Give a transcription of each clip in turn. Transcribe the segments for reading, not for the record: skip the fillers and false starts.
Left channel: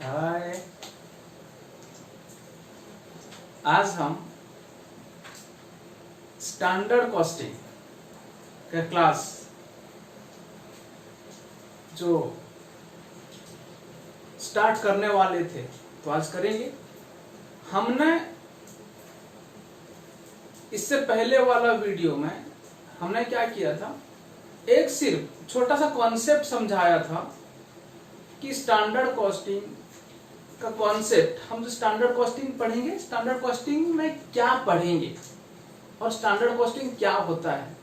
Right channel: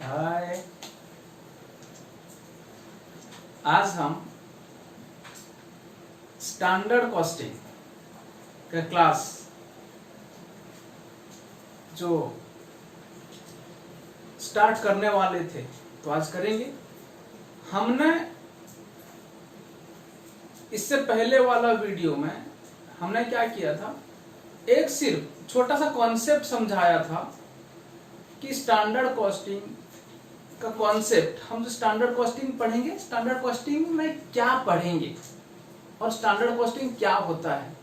हाय, आज हम standard costing का क्लास जो स्टार्ट करने वाले थे तो आज करेंगे। हमने इससे पहले वाला वीडियो में हमने क्या किया था, एक सिर्फ छोटा सा कॉन्सेप्ट समझाया था कि स्टैंडर्ड कॉस्टिंग का कॉन्सेप्ट, हम जो स्टैंडर्ड कॉस्टिंग पढ़ेंगे, स्टैंडर्ड कॉस्टिंग में क्या पढ़ेंगे और स्टैंडर्ड कॉस्टिंग क्या होता है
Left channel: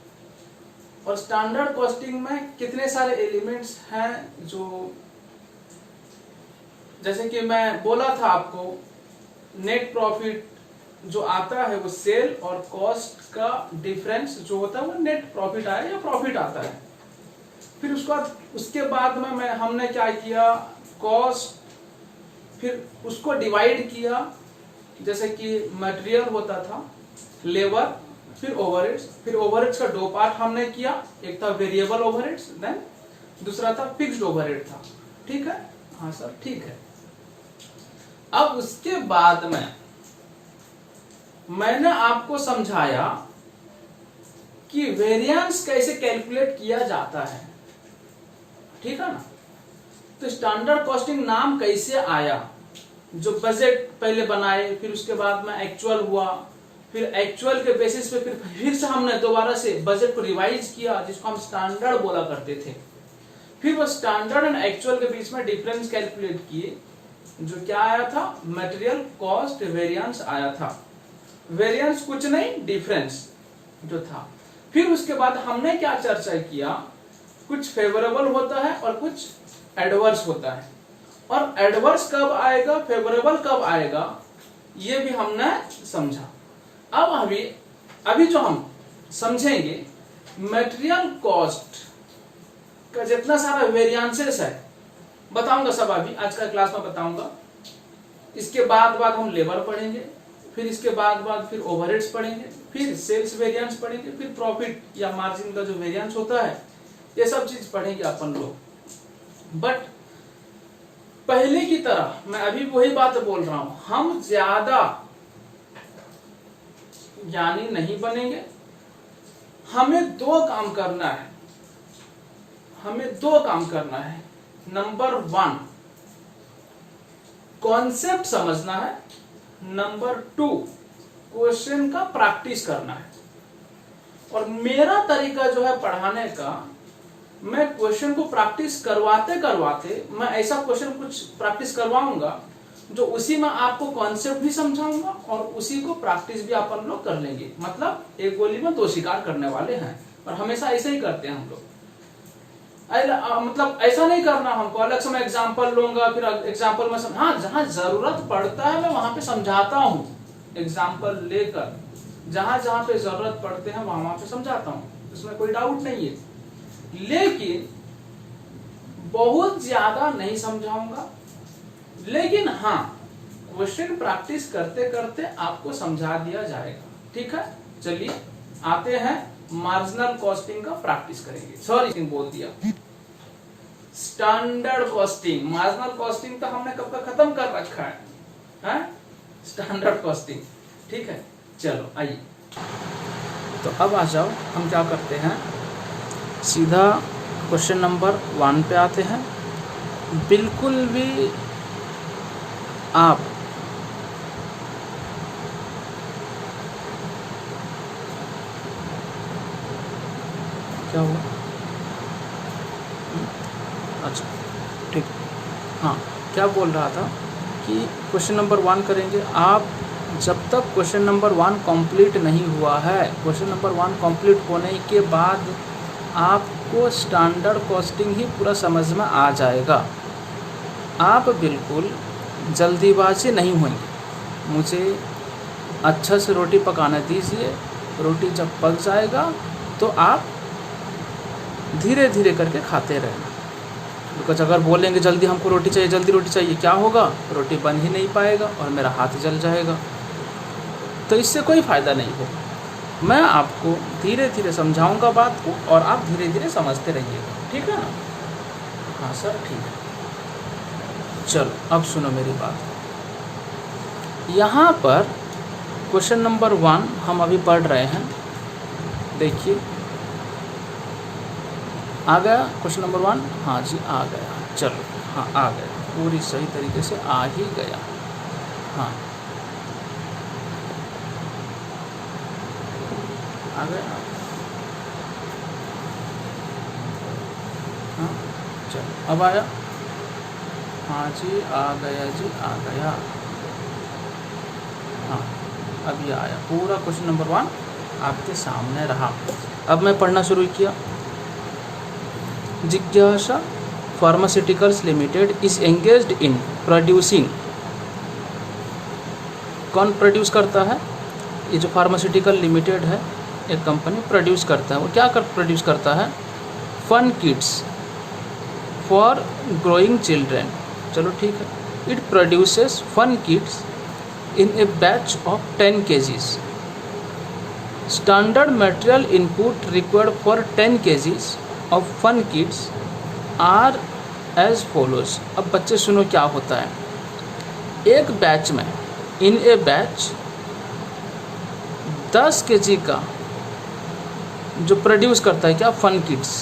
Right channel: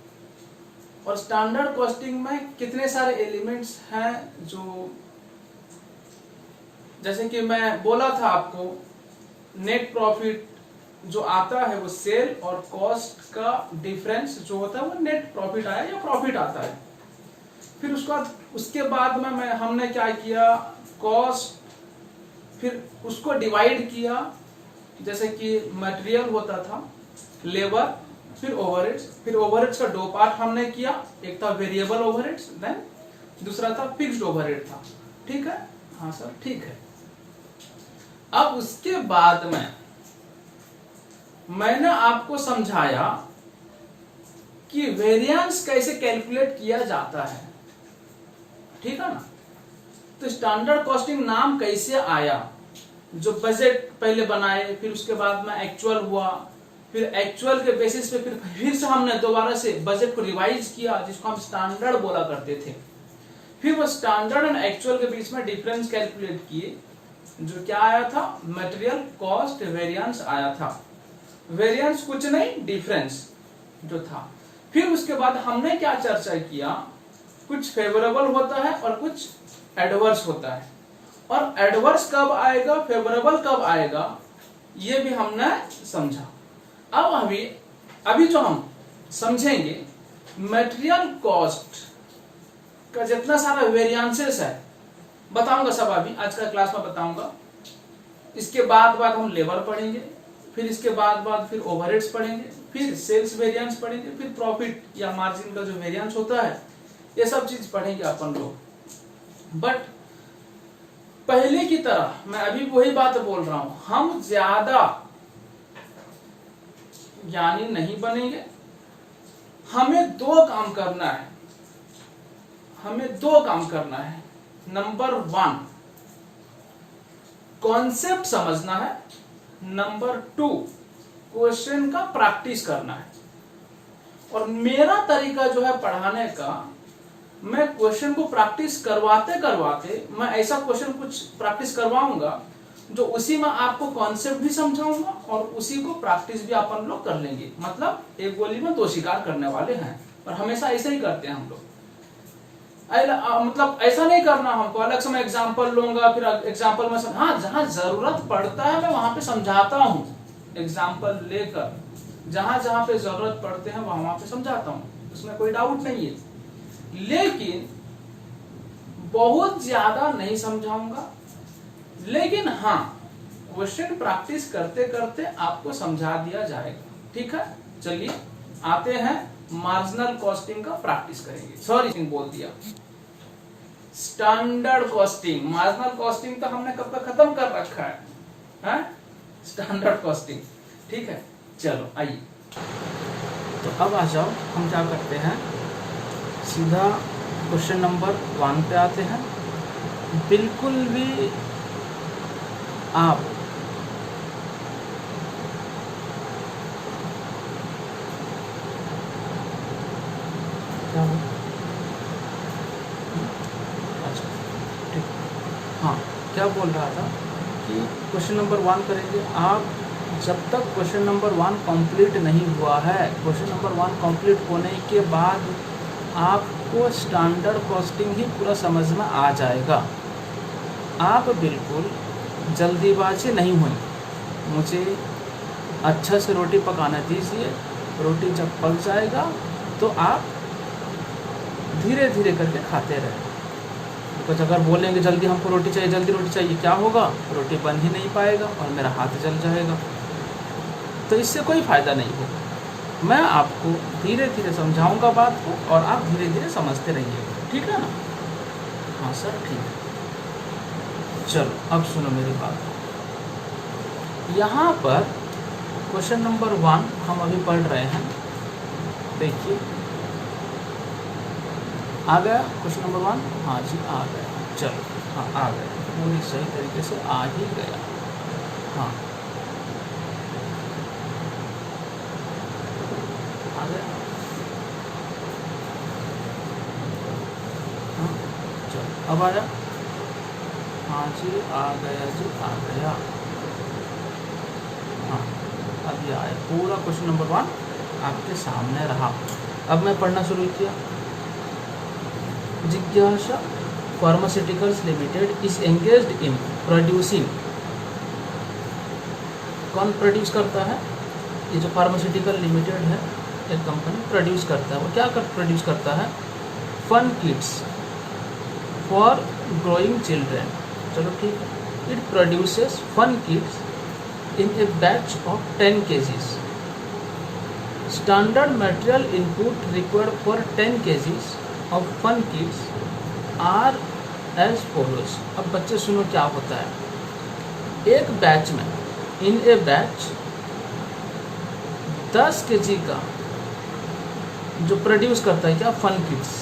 और स्टैंडर्ड कॉस्टिंग में कितने सारे एलिमेंट्स हैं। जो जैसे कि मैं बोला था आपको, नेट प्रॉफिट जो आता है वो सेल और कॉस्ट का डिफरेंस जो होता है वो नेट प्रॉफिट आया या प्रॉफिट आता है। फिर उसके बाद में हमने क्या किया, कॉस्ट, फिर उसको डिवाइड किया, जैसे कि मटेरियल होता था, लेबर, फिर ओवरहेड्स। फिर ओवरहेड्स का दो पार्ट हमने किया, एक था वेरिएबल ओवरहेड्स, देन दूसरा था फिक्स्ड ओवरहेड था। ठीक है, हाँ सर ठीक है। अब उसके बाद में मैंने आपको समझाया कि वेरिएंस कैसे कैलकुलेट किया जाता है, ठीक है ना। तो स्टैंडर्ड कॉस्टिंग नाम कैसे आया, जो बजट पहले बनाए, फिर उसके बाद में एक्चुअल हुआ, फिर एक्चुअल के बेसिस पे फिर से हमने दोबारा से बजट को रिवाइज किया, जिसको हम स्टैंडर्ड बोला करते थे। फिर वो स्टैंडर्ड एंड एक्चुअल के बीच में डिफरेंस कैलकुलेट किए, जो क्या आया था, मटेरियल कॉस्ट वेरिएंस आया था। वेरिएंस कुछ नहीं, डिफरेंस जो था। फिर उसके बाद हमने क्या चर्चा किया, कुछ फेवरेबल होता है और कुछ एडवर्स होता है, और एडवर्स कब आएगा, फेवरेबल कब आएगा, ये भी हमने समझा। अब अभी जो हम समझेंगे, मटेरियल कॉस्ट का जितना सारा वेरिएंसेस है बताऊंगा, सब अभी आज का क्लास में बताऊंगा। इसके बाद हम लेबर पढ़ेंगे, फिर इसके बाद फिर ओवरहेड्स पढ़ेंगे, फिर सेल्स वेरिएंस पढ़ेंगे, फिर प्रॉफिट या मार्जिन का जो वेरिएंस होता है, ये सब चीज पढ़ेंगे अपन लोग। बट पहले की तरह मैं अभी वही बात बोल रहा हूं, हम ज्यादा ज्ञानी नहीं बनेंगे। हमें दो काम करना है। नंबर 1 कॉन्सेप्ट समझना है, नंबर 2 क्वेश्चन का प्रैक्टिस करना है। और मेरा तरीका जो है पढ़ाने का, मैं क्वेश्चन को प्रैक्टिस करवाते करवाते मैं ऐसा क्वेश्चन कुछ प्रैक्टिस करवाऊंगा जो उसी में आपको कॉन्सेप्ट भी समझाऊंगा और उसी को प्रैक्टिस भी अपन लोग कर लेंगे। मतलब एक गोली में दो शिकार करने वाले हैं, और हमेशा ऐसे ही करते हैं हम लोग। मतलब ऐसा नहीं करना हमको, अलग से मैं एग्जाम्पल लूंगा, फिर एग्जाम्पल में हाँ जहां जरूरत पड़ता है मैं वहां पे समझाता हूँ, एग्जाम्पल लेकर जहां पे जरूरत पड़ते हैं वहां पे समझाता हूँ, इसमें कोई डाउट नहीं है। लेकिन बहुत ज्यादा नहीं समझाऊंगा, लेकिन हाँ क्वेश्चन प्रैक्टिस करते करते आपको समझा दिया जाएगा। ठीक है, चलिए आते हैं मार्जिनल कॉस्टिंग का प्रैक्टिस करेंगे। सॉरी बोल दिया, स्टैंडर्ड कॉस्टिंग। मार्जिनल कॉस्टिंग तो हमने कब का खत्म कर रखा है, स्टैंडर्ड कॉस्टिंग। ठीक है, चलो आइए। तो अब आ जाओ, हम क्या करते हैं, सीधा क्वेश्चन नंबर 1 पे आते हैं। बिल्कुल भी आप क्या हुआ, अच्छा ठीक, हाँ क्या बोल रहा था कि क्वेश्चन नंबर 1 करेंगे। आप जब तक क्वेश्चन नंबर 1 कंप्लीट नहीं हुआ है, क्वेश्चन नंबर 1 कंप्लीट होने के बाद आपको स्टैंडर्ड कॉस्टिंग ही पूरा समझ में आ जाएगा। आप बिल्कुल जल्दीबाजी नहीं हुई, मुझे अच्छा से रोटी पकाने दीजिए। रोटी जब पक जाएगा तो आप धीरे धीरे करके खाते रहें। बिकॉज अगर बोलेंगे जल्दी हमको रोटी चाहिए, जल्दी रोटी चाहिए, क्या होगा, रोटी बन ही नहीं पाएगा और मेरा हाथ जल जाएगा, तो इससे कोई फ़ायदा नहीं है। मैं आपको धीरे धीरे समझाऊंगा बात को, और आप धीरे धीरे समझते रहिएगा। ठीक है ना, हाँ सर ठीक है। चलो अब सुनो मेरी बात। यहाँ पर क्वेश्चन नंबर 1 हम अभी पढ़ रहे हैं। देखिए आ गया क्वेश्चन नंबर 1? हाँ जी आ गया। चलो हाँ आ गया, पूरी सही तरीके से आ ही गया। हाँ आ गया। हाँ चलो अब आया। हाँ जी आ गया जी आ गया। हाँ अभी आया, पूरा क्वेश्चन नंबर 1 आपके सामने रहा। अब मैं पढ़ना शुरू किया। जिज्ञासा pharmaceuticals limited is engaged in producing. कौन प्रोड्यूस करता है? ये जो फार्मास्यूटिकल लिमिटेड है, एक कंपनी प्रोड्यूस करता है। वो क्या प्रोड्यूस करता है? Fun kits for growing children. चलो ठीक है। It produces fun kits in a batch of 10 kgs. Standard material input required for 10 kgs of fun kits are as follows. अब बच्चे सुनो क्या होता है। एक बैच में, इन ए बैच 10 kg का जो प्रोड्यूस करता है क्या? Fun kits.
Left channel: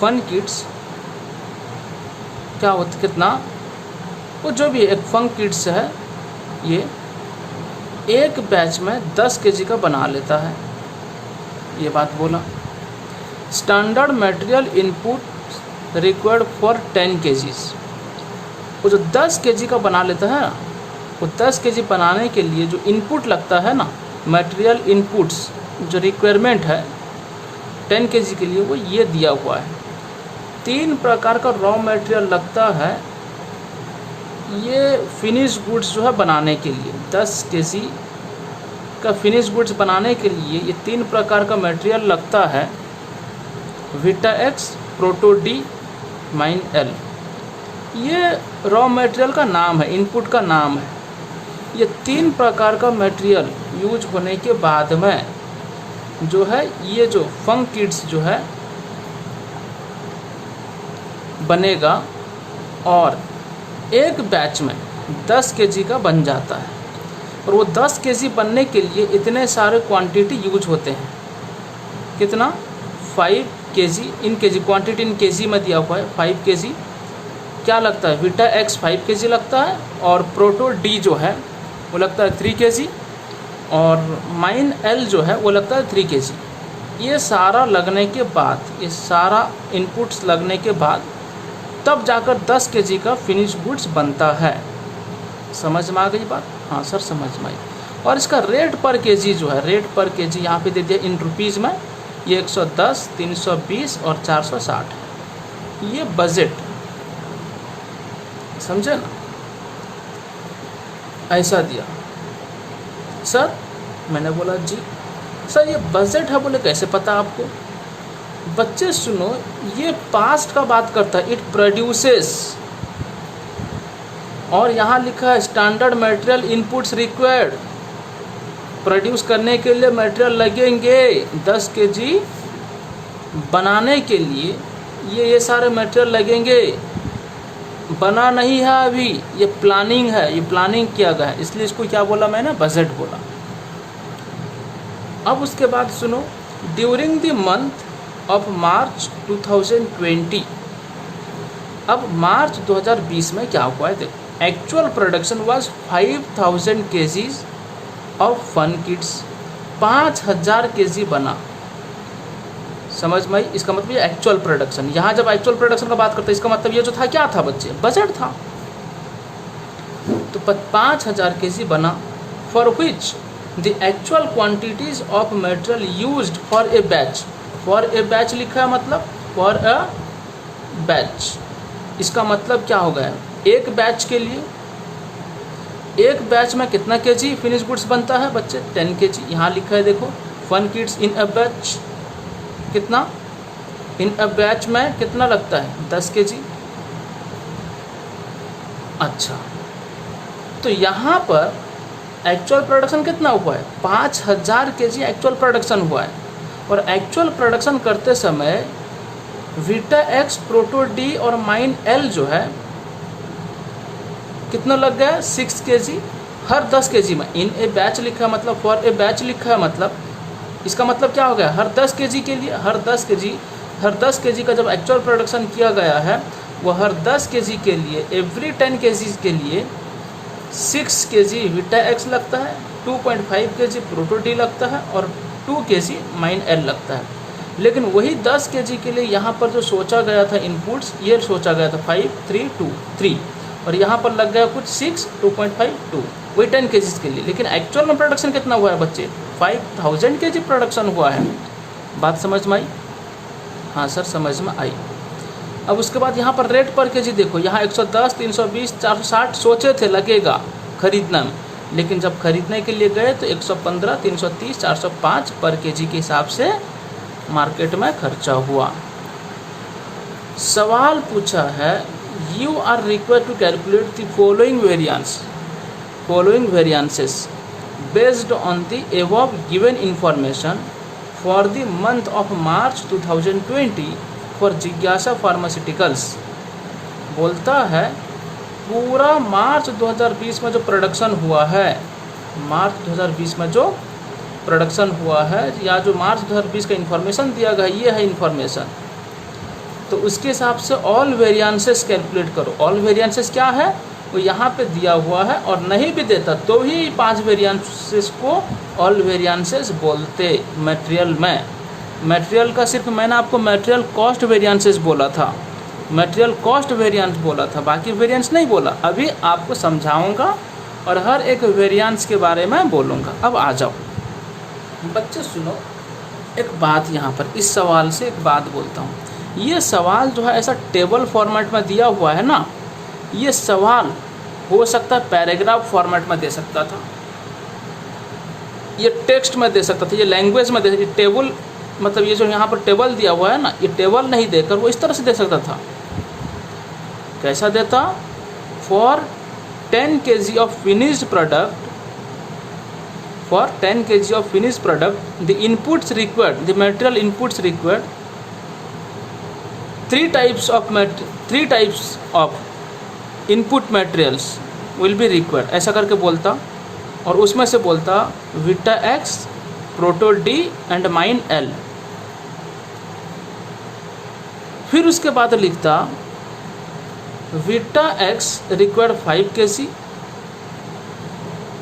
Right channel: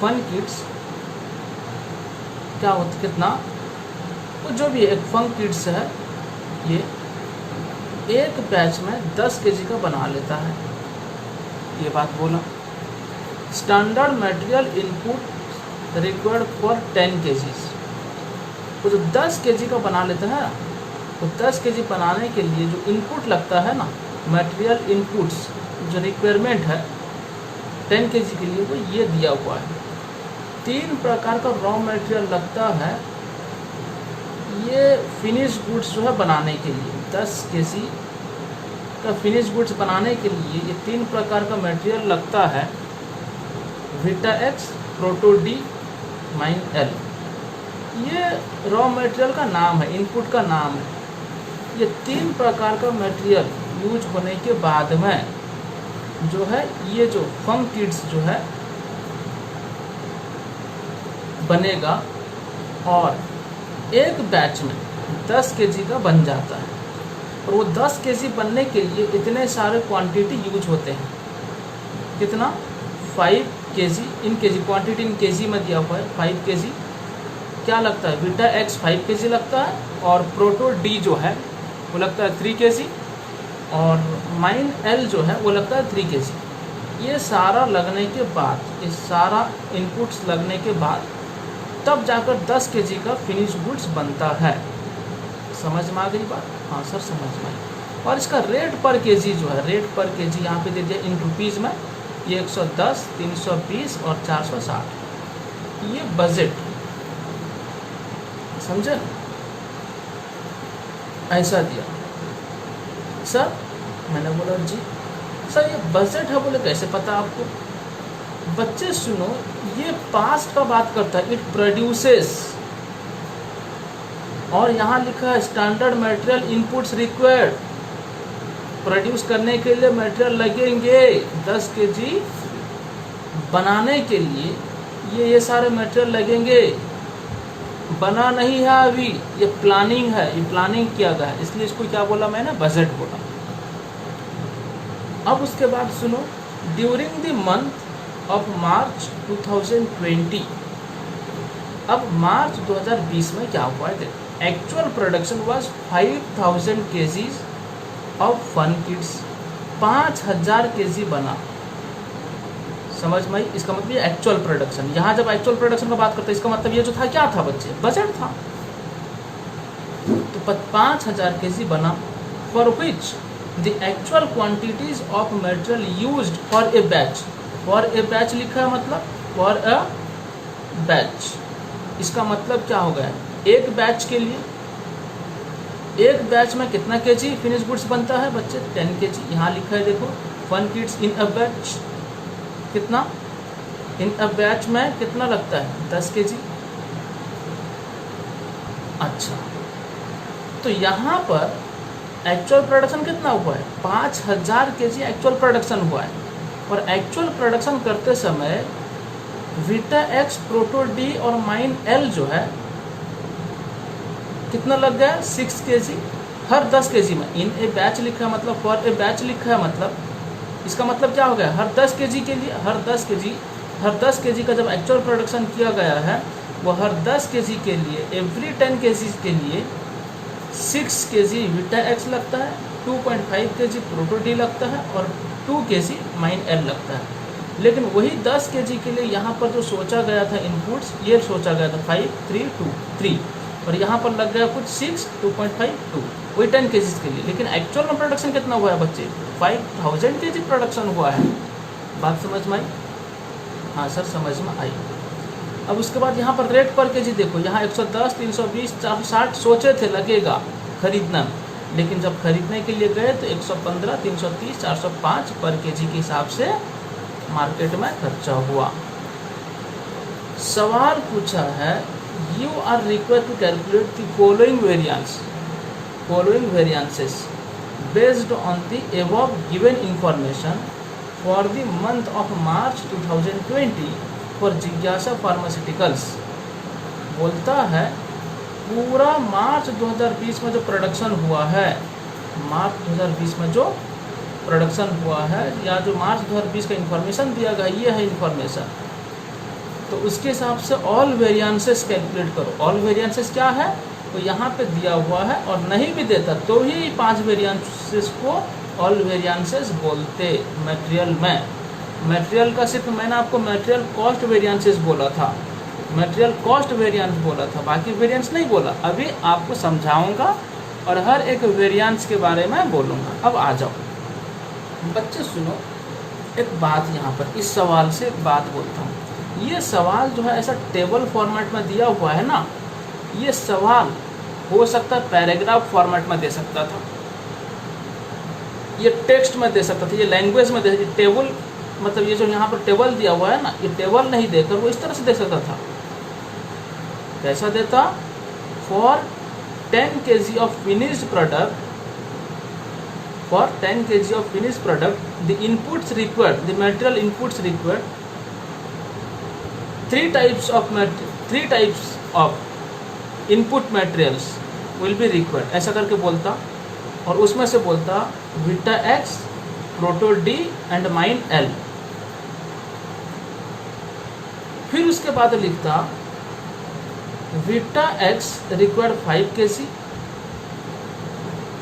फन किट्स क्या होता, कितना? वो जो भी एक फन किट्स है, ये एक बैच में 10 kg का बना लेता है। ये बात बोला। Standard material input required for 10 kgs। वो जो 10 kg का बना लेता है, वो 10 kg बनाने के लिए जो इनपुट लगता है ना, मटेरियल इनपुट्स जो रिक्वायरमेंट है 10 kg के लिए, वो ये दिया हुआ है। 3 प्रकार का रॉ मटेरियल लगता है ये फिनिश गुड्स जो है बनाने के लिए। 10 kg का फिनिश गुड्स बनाने के लिए ये 3 प्रकार का मटेरियल लगता है। Vita X, Proto D, Mine L, ये रॉ मटेरियल का नाम है, इनपुट का नाम है। ये 3 प्रकार का मटेरियल यूज होने के बाद में जो है ये जो फन किट्स जो है बनेगा, और एक बैच में 10 kg का बन जाता है। और वो 10 kg बनने के लिए इतने सारे क्वांटिटी यूज होते हैं। कितना? 5 kg in kg, quantity in kg में दिया हुआ है 5 kg। क्या लगता है? विटा एक्स 5 kg लगता है, और प्रोटो डी जो है वो लगता है 3 kg, और माइन एल जो है वो लगता है 3 kg। ये सारा लगने के बाद, ये सारा इनपुट्स लगने के बाद तब जाकर 10 kg का फिनिश गुड्स बनता है। समझ में आ गई बात? हाँ सर समझ में आई। और इसका रेट पर केजी जो है, रेट पर केजी यहाँ पे दे दिया इन रुपीज़ में। ये 110, 320 और 460। ये बजट, समझे? ऐसा दिया। सर मैंने बोला जी सर ये बजट है। बोले कैसे पता आपको? बच्चे सुनो, ये पास्ट का बात करता है। इट प्रोड्यूसेस, और यहाँ लिखा है standard material inputs required. Produce करने के लिए मटेरियल लगेंगे 10 kg बनाने के लिए, ये सारे मटेरियल लगेंगे। बना नहीं है अभी, ये प्लानिंग है, ये प्लानिंग किया गया है, इसलिए इसको क्या बोला मैंने? बजट बोला। अब उसके बाद सुनो, during the month of March 2020, अब मार्च 2020 में क्या हुआ है देखो। Actual production was 5000 kgs of fun kits. 5000 kg बना। समझ में आई? इसका मतलब ये एक्चुअल प्रोडक्शन। यहाँ जब एक्चुअल प्रोडक्शन का बात करते हैं, इसका मतलब ये जो था क्या था बच्चे? बजट था। तो 5000 kg बना, for which the actual quantities of material used for a batch. For a batch लिखा है, मतलब फॉर अ बैच। इसका मतलब क्या हो गया? एक बैच के लिए, एक बैच में कितना केजी फिनिश गुड्स बनता है बच्चे? 10 kg। यहाँ लिखा है देखो, fun kits in a batch कितना? इन अ बैच में कितना लगता है? 10 kg। अच्छा, तो यहाँ पर एक्चुअल प्रोडक्शन कितना हुआ है? 5000 kg एक्चुअल प्रोडक्शन हुआ है। और एक्चुअल प्रोडक्शन करते समय विटा एक्स, प्रोटो डी और माइन एल जो है कितना लग गया 6 kg हर 10 kg में। इन ए बैच लिखा है मतलब फॉर ए बैच लिखा है मतलब इसका मतलब क्या हो गया, हर 10 kg के लिए, हर 10 kg का जब एक्चुअल प्रोडक्शन किया गया है वो हर 10 kg के लिए, एवरी 10 kg के लिए 6 kg विटा एक्स लगता है, 2.5 kg प्रोटो डी लगता है और 2 kg माइन एल लगता है। लेकिन वही 10 kg के लिए यहाँ पर जो सोचा गया था इनपुट्स, ये सोचा गया था 5 3 2 3 और यहाँ पर लग गया कुछ 6 2.5 2, वही 10 kg के लिए। लेकिन एक्चुअल में प्रोडक्शन कितना हुआ है बच्चे, 5000 kg प्रोडक्शन हुआ है। बात समझ में आई? हाँ सर समझ में आई। अब उसके बाद यहाँ पर रेट पर केजी देखो, यहाँ 110 320 460 सोचे थे लगेगा खरीदना में, लेकिन जब खरीदने के लिए गए तो 115 330 405 पर केजी के हिसाब से मार्केट में खर्चा हुआ। सवाल पूछा है you are required to calculate the following variances based on the above given information for the month of March 2020 for जिज्ञासा फार्मास्यूटिकल्स। बोलता है पूरा मार्च 2020 में जो प्रोडक्शन हुआ है, मार्च 2020 में जो प्रोडक्शन हुआ है या जो मार्च 2020 का इन्फॉर्मेशन दिया गया, ये है इन्फॉर्मेशन, तो उसके हिसाब से ऑल वेरिएंसेस कैलकुलेट करो। ऑल वेरिएंसेस क्या है, तो यहाँ पे दिया हुआ है, और नहीं भी देता तो ही 5 वेरिएंसेस को ऑल वेरिएंसेस बोलते मटेरियल में। मटेरियल का सिर्फ मैंने आपको मटेरियल कॉस्ट वेरिएंसेस बोला था, मटेरियल कॉस्ट वेरिएंस बोला था, बाकी वेरिएंस नहीं बोला। अभी आपको समझाऊंगा और हर एक वेरिएंस के बारे में बोलूँगा। अब आ जाओ बच्चे सुनो एक बात, यहाँ पर इस सवाल से एक बात बोलता हूँ। ये सवाल जो है ऐसा टेबल फॉर्मेट में दिया हुआ है ना, ये सवाल हो सकता है पैराग्राफ फॉर्मेट में दे सकता था, ये टेक्स्ट में दे सकता था, ये लैंग्वेज में दे सकता था। टेबल मतलब ये जो यहाँ पर टेबल दिया हुआ है ना, ये टेबल नहीं देकर वो इस तरह से दे सकता था। कैसा देता, for 10 kg of finished product, for 10 kg of finished product, the inputs required, the material inputs required, three types of input materials will be required, ऐसा करके बोलता, और उसमें से बोलता Vita X, Proto D and Mine L. फिर उसके बाद लिखता Vita X required 5 kg,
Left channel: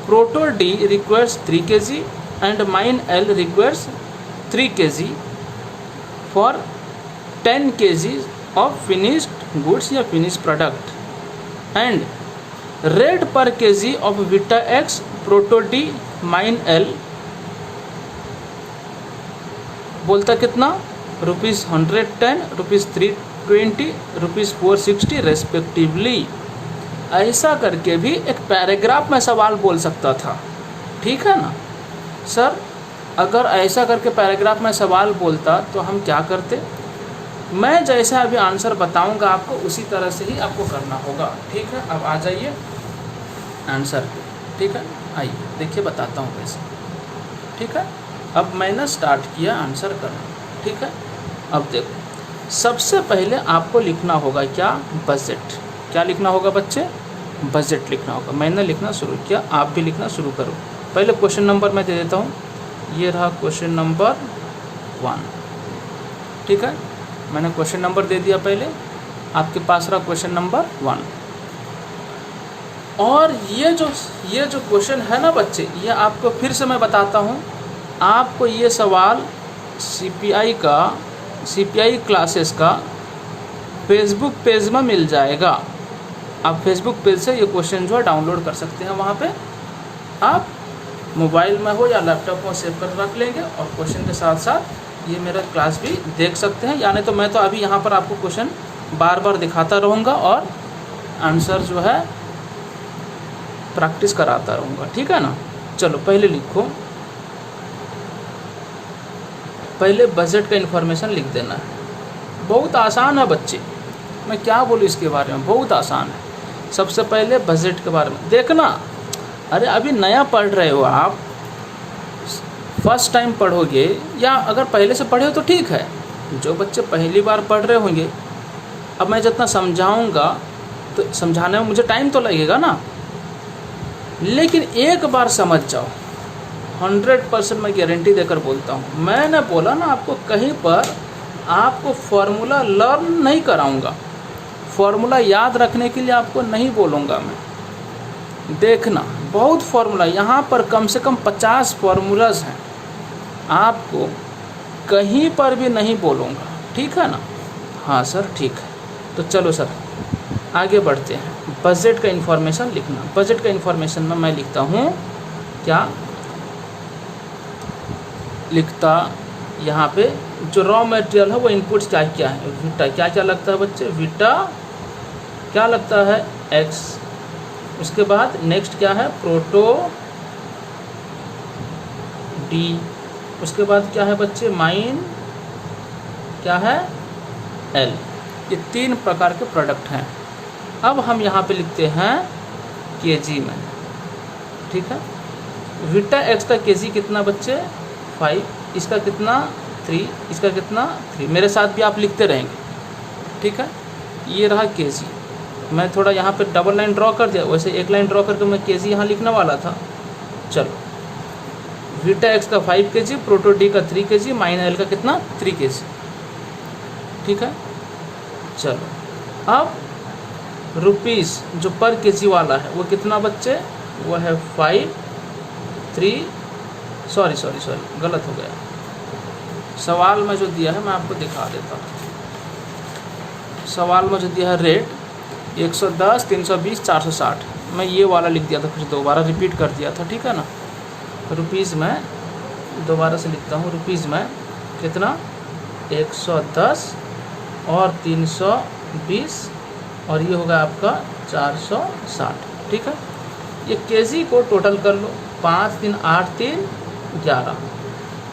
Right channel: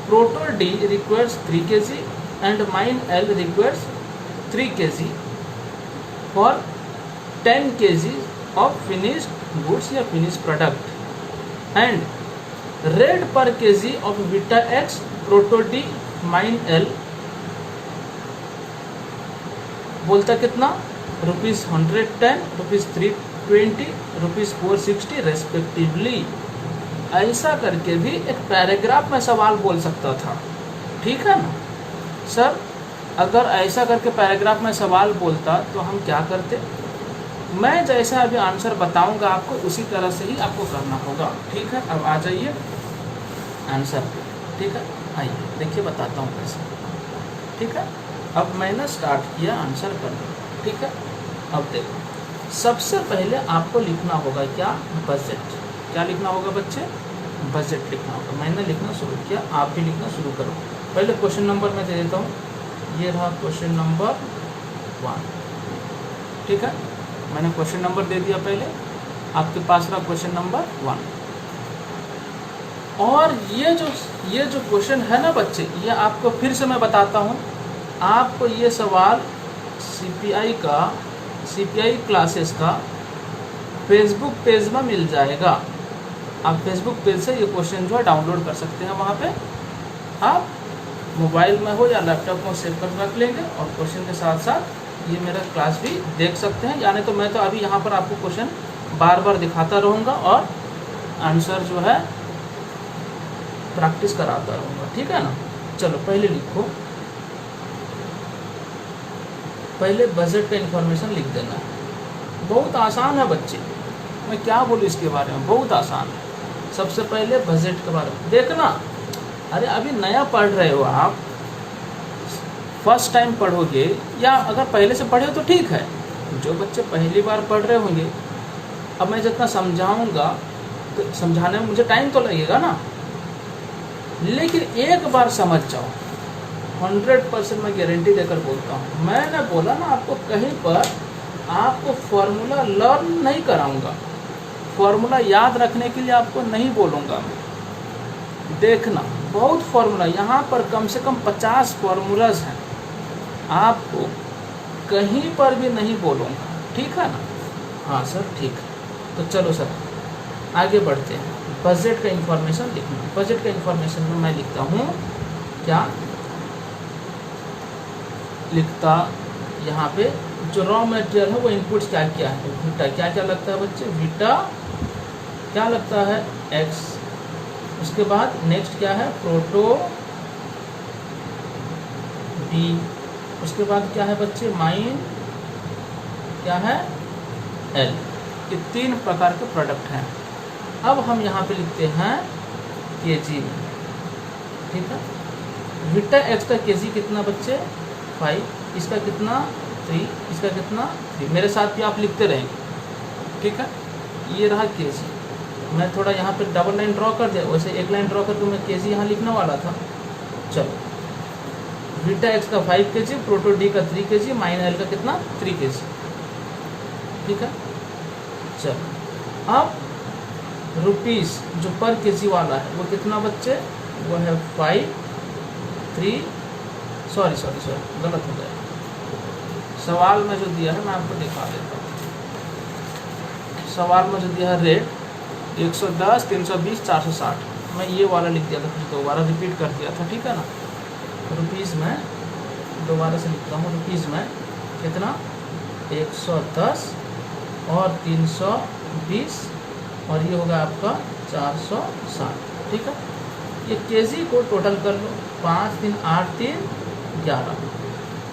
Proto D requires 3 kg and Mine L requires 3 kg for 10 kg of finished goods या finished product, and rate per kg of Vita X, Proto D, Mine L बोलता कितना, ₹110, ₹320, ₹460 respectively. ऐसा करके भी एक paragraph में सवाल बोल सकता था, ठीक है ना सर। अगर ऐसा करके पैराग्राफ में सवाल बोलता तो हम क्या करते, मैं जैसा अभी आंसर बताऊंगा आपको उसी तरह से ही आपको करना होगा, ठीक है। अब आ जाइए आंसर, ठीक है, आइए देखिए बताता हूँ कैसे, ठीक है। अब मैंने स्टार्ट किया आंसर करना, ठीक है। अब देखो सबसे पहले आपको लिखना होगा क्या, बजट। क्या लिखना होगा बच्चे, बजट लिखना होगा। मैंने लिखना शुरू किया, आप भी लिखना शुरू करो। पहले क्वेश्चन नंबर मैं दे देता हूँ, ये रहा क्वेश्चन नंबर 1, ठीक है। मैंने क्वेश्चन नंबर दे दिया पहले, आपके पास रहा क्वेश्चन नंबर 1। और ये जो क्वेश्चन है ना बच्चे, ये आपको फिर से मैं बताता हूँ, आपको ये सवाल सीपीआई क्लासेस का फेसबुक पेज में मिल जाएगा। आप फेसबुक पेज से ये क्वेश्चन जो है डाउनलोड कर सकते हैं, वहाँ पे आप मोबाइल में हो या लैपटॉप में सेव कर रख लेंगे, और क्वेश्चन के साथ साथ ये मेरा क्लास भी देख सकते हैं। यानी तो मैं तो अभी यहाँ पर आपको क्वेश्चन बार बार दिखाता रहूँगा और आंसर जो है प्रैक्टिस कराता रहूँगा, ठीक है ना। चलो पहले लिखो, पहले बजट का इन्फॉर्मेशन लिख देना है। बहुत आसान है बच्चे, मैं क्या बोलूँ इसके बारे में, बहुत आसान है। सबसे पहले बजट के बारे में देखना। अरे अभी नया पढ़ रहे हो आप, फर्स्ट टाइम पढ़ोगे, या अगर पहले से पढ़े हो तो ठीक है। जो बच्चे पहली बार पढ़ रहे होंगे, अब मैं जितना समझाऊंगा तो समझाने में मुझे टाइम तो लगेगा ना, लेकिन एक बार समझ जाओ, 100% मैं गारंटी देकर बोलता हूँ। मैंने बोला ना आपको, कहीं पर आपको फॉर्मूला लर्न नहीं कराऊंगा, फॉर्मूला याद रखने के लिए आपको नहीं बोलूँगा मैं। देखना बहुत फॉर्मूला, यहाँ पर कम से कम 50 फार्मूलाज हैं, आपको कहीं पर भी नहीं बोलूँगा, ठीक है ना। हाँ सर ठीक है, तो चलो सर आगे बढ़ते हैं। बजट का इन्फॉर्मेशन लिखना, बजट का इन्फॉर्मेशन में मैं लिखता हूँ क्या लिखता, यहाँ पे जो रॉ मटेरियल है वो इनपुट्स क्या क्या है, वीटा क्या क्या लगता है बच्चे, वीटा क्या लगता है एक्स, उसके बाद नेक्स्ट क्या है प्रोटो डी, उसके बाद क्या है बच्चे माइन क्या है एल। ये 3 प्रकार के प्रोडक्ट हैं। अब हम यहाँ पे लिखते हैं केजी में, ठीक है। वीटा एक्स का केजी कितना बच्चे 5, इसका कितना 3, इसका कितना 3, मेरे साथ भी आप लिखते रहेंगे, ठीक है। ये रहा केजी, मैं थोड़ा यहाँ पे डबल लाइन ड्रॉ कर दिया, वैसे एक लाइन ड्रॉ करके मैं केजी यहाँ लिखने वाला था। चलो वीटा एक्स का 5 kg, प्रोटो डी का 3 kg, माइन एल का कितना 3 kg, ठीक है। चलो अब रुपीस जो पर केजी वाला है वो कितना बच्चे, वो है 5 3 सॉरी गलत हो गया, सवाल में जो दिया है मैं आपको दिखा देता हूँ। सवाल में जो दिया है रेट 110 320 460, मैं ये वाला लिख दिया था, फिर दोबारा रिपीट कर दिया था, ठीक है ना। रुपीज़ में दोबारा से लिखता हूँ, रुपीज़ में कितना 110 और 320 और ये होगा आपका 460, ठीक है। ये केजी को टोटल कर लो, 5 3 8 3 11,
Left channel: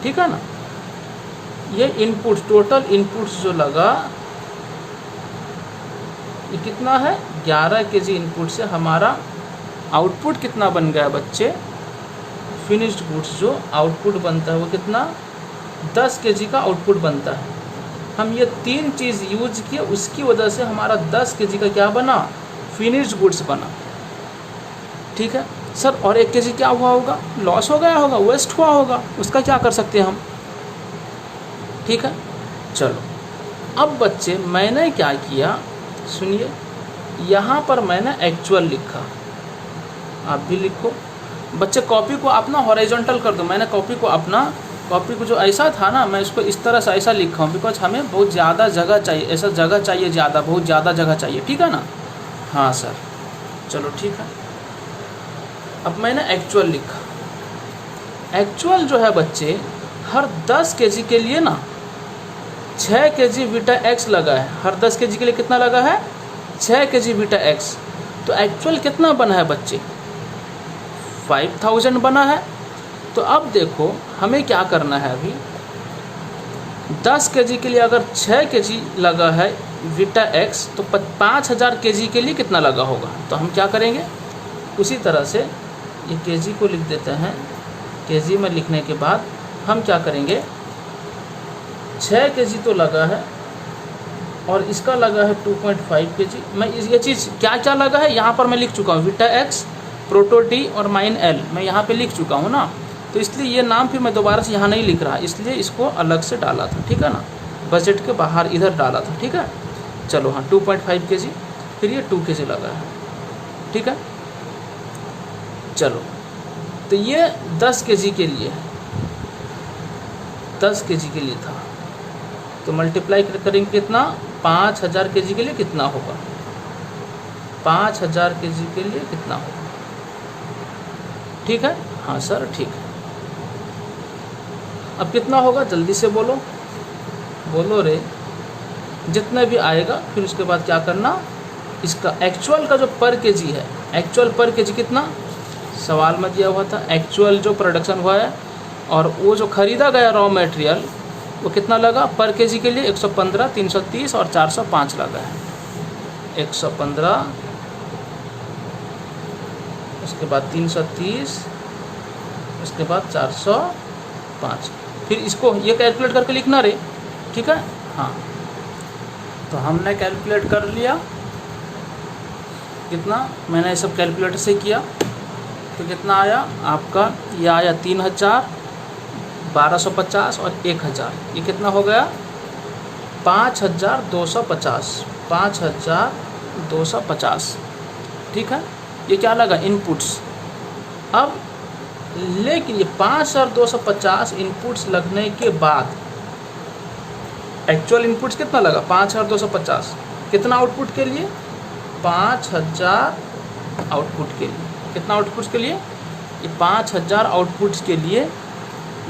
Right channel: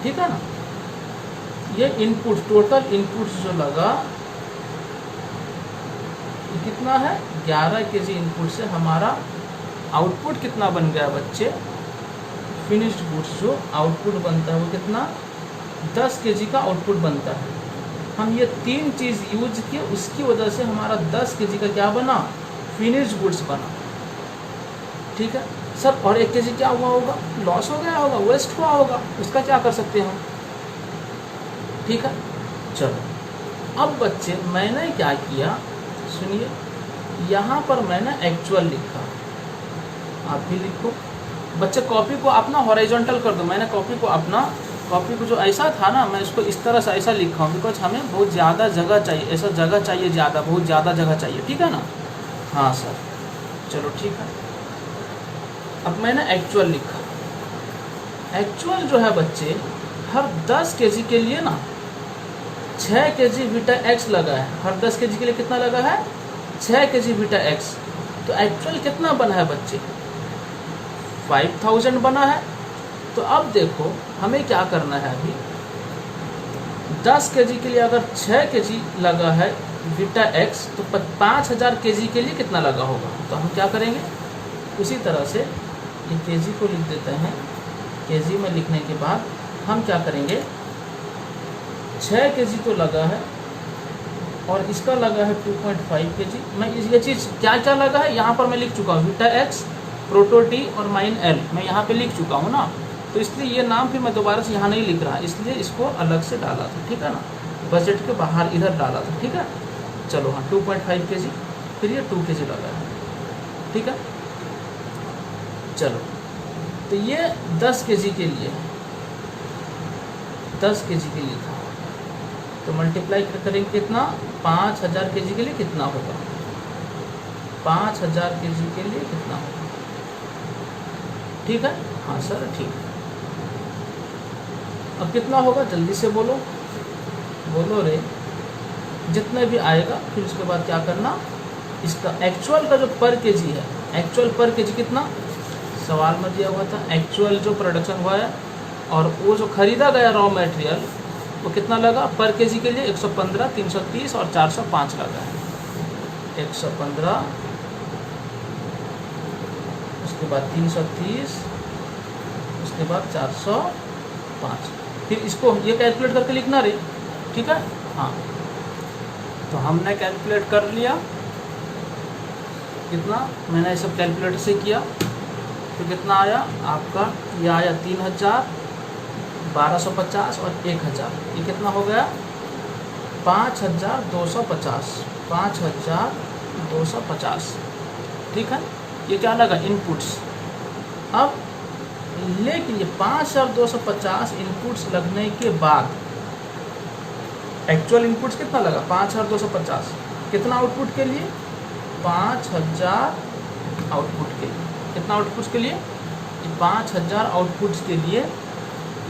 ठीक है ना। ये इनपुट टोटल इनपुट्स जो लगा ये कितना है 11 kg इनपुट से हमारा आउटपुट कितना बन गया बच्चे, फिनिश्ड गुड्स जो आउटपुट बनता है वो कितना 10 kg का आउटपुट बनता है। हम ये 3 चीज़ यूज किए, उसकी वजह से हमारा 10 kg का क्या बना फिनिश्ड गुड्स बना, ठीक है सर। और 1 kg क्या हुआ होगा, लॉस हो गया होगा, वेस्ट हुआ होगा, उसका क्या कर सकते हैं हम, ठीक है। चलो अब बच्चे मैंने क्या किया सुनिए, यहाँ पर मैंने एक्चुअल लिखा, आप भी लिखो बच्चे। कॉपी को अपना हॉरिजॉन्टल कर दो, मैंने कॉपी को जो ऐसा था ना, मैं इसको इस तरह से ऐसा लिखा हूँ, बिकॉज हमें बहुत ज़्यादा जगह चाहिए, ऐसा जगह चाहिए ज़्यादा, बहुत ज़्यादा जगह चाहिए, ठीक है ना। हाँ सर चलो ठीक है। अब मैंने एक्चुअल लिखा, एक्चुअल जो है बच्चे हर 10 kg के लिए ना 6 kg वीटा एक्स लगा है, हर 10 kg के लिए कितना लगा है 6 kg वीटा एक्स। तो एक्चुअल कितना बना है बच्चे 5000 बना है। तो अब देखो हमें क्या करना है, अभी 10 kg के लिए अगर 6 kg लगा है वीटा एक्स तो 5000 kg के लिए कितना लगा होगा। तो हम क्या करेंगे, उसी तरह से ये kg को लिख देते हैं, kg में लिखने के बाद हम क्या करेंगे 6 kg तो लगा है और इसका लगा है 2.5 kg। मैं ये चीज़ क्या क्या लगा है यहाँ पर मैं लिख चुका हूँ, वीटा एक्स प्रोटो डी और माइन एल मैं यहाँ पे लिख चुका हूँ ना, तो इसलिए ये नाम फिर मैं दोबारा से यहाँ नहीं लिख रहा, इसलिए इसको अलग से डाला था, ठीक है ना, बजट के बाहर इधर डाला था, ठीक है। चलो हाँ 2.5 kg, फिर ये 2 kg लगा है, ठीक है। चलो तो ये 10 kg के लिए 10 kg के लिए था, तो मल्टीप्लाई करेंगे कितना 5000 kg के लिए कितना होगा, 5000 kg के लिए कितना होगा, ठीक है। हाँ सर ठीक है। अब कितना होगा जल्दी से बोलो, बोलो रे, जितना भी आएगा फिर उसके बाद क्या करना, इसका एक्चुअल का जो पर केजी है, एक्चुअल पर केजी कितना सवाल में दिया हुआ था, एक्चुअल जो प्रोडक्शन हुआ है और वो जो खरीदा गया रॉ मटेरियल वो कितना लगा पर केजी के लिए 115 330 और 405 लगा है, 115 उसके बाद 330 उसके बाद 405, फिर इसको ये कैलकुलेट करके लिखना रे, ठीक है। हाँ तो हमने कैलकुलेट कर लिया, कितना, मैंने ये सब कैलकुलेटर से किया तो कितना आया आपका, ये आया 3000, 1250 और 1000, ये कितना हो गया 5250, 5250। ठीक है, ये क्या लगा इनपुट्स। अब लेकिन ये 5250 इनपुट्स लगने के बाद एक्चुअल इनपुट्स कितना लगा 5250, कितना आउटपुट के लिए 5000 आउटपुट के लिए, कितना आउटपुट के लिए, ये 5000 आउटपुट्स के लिए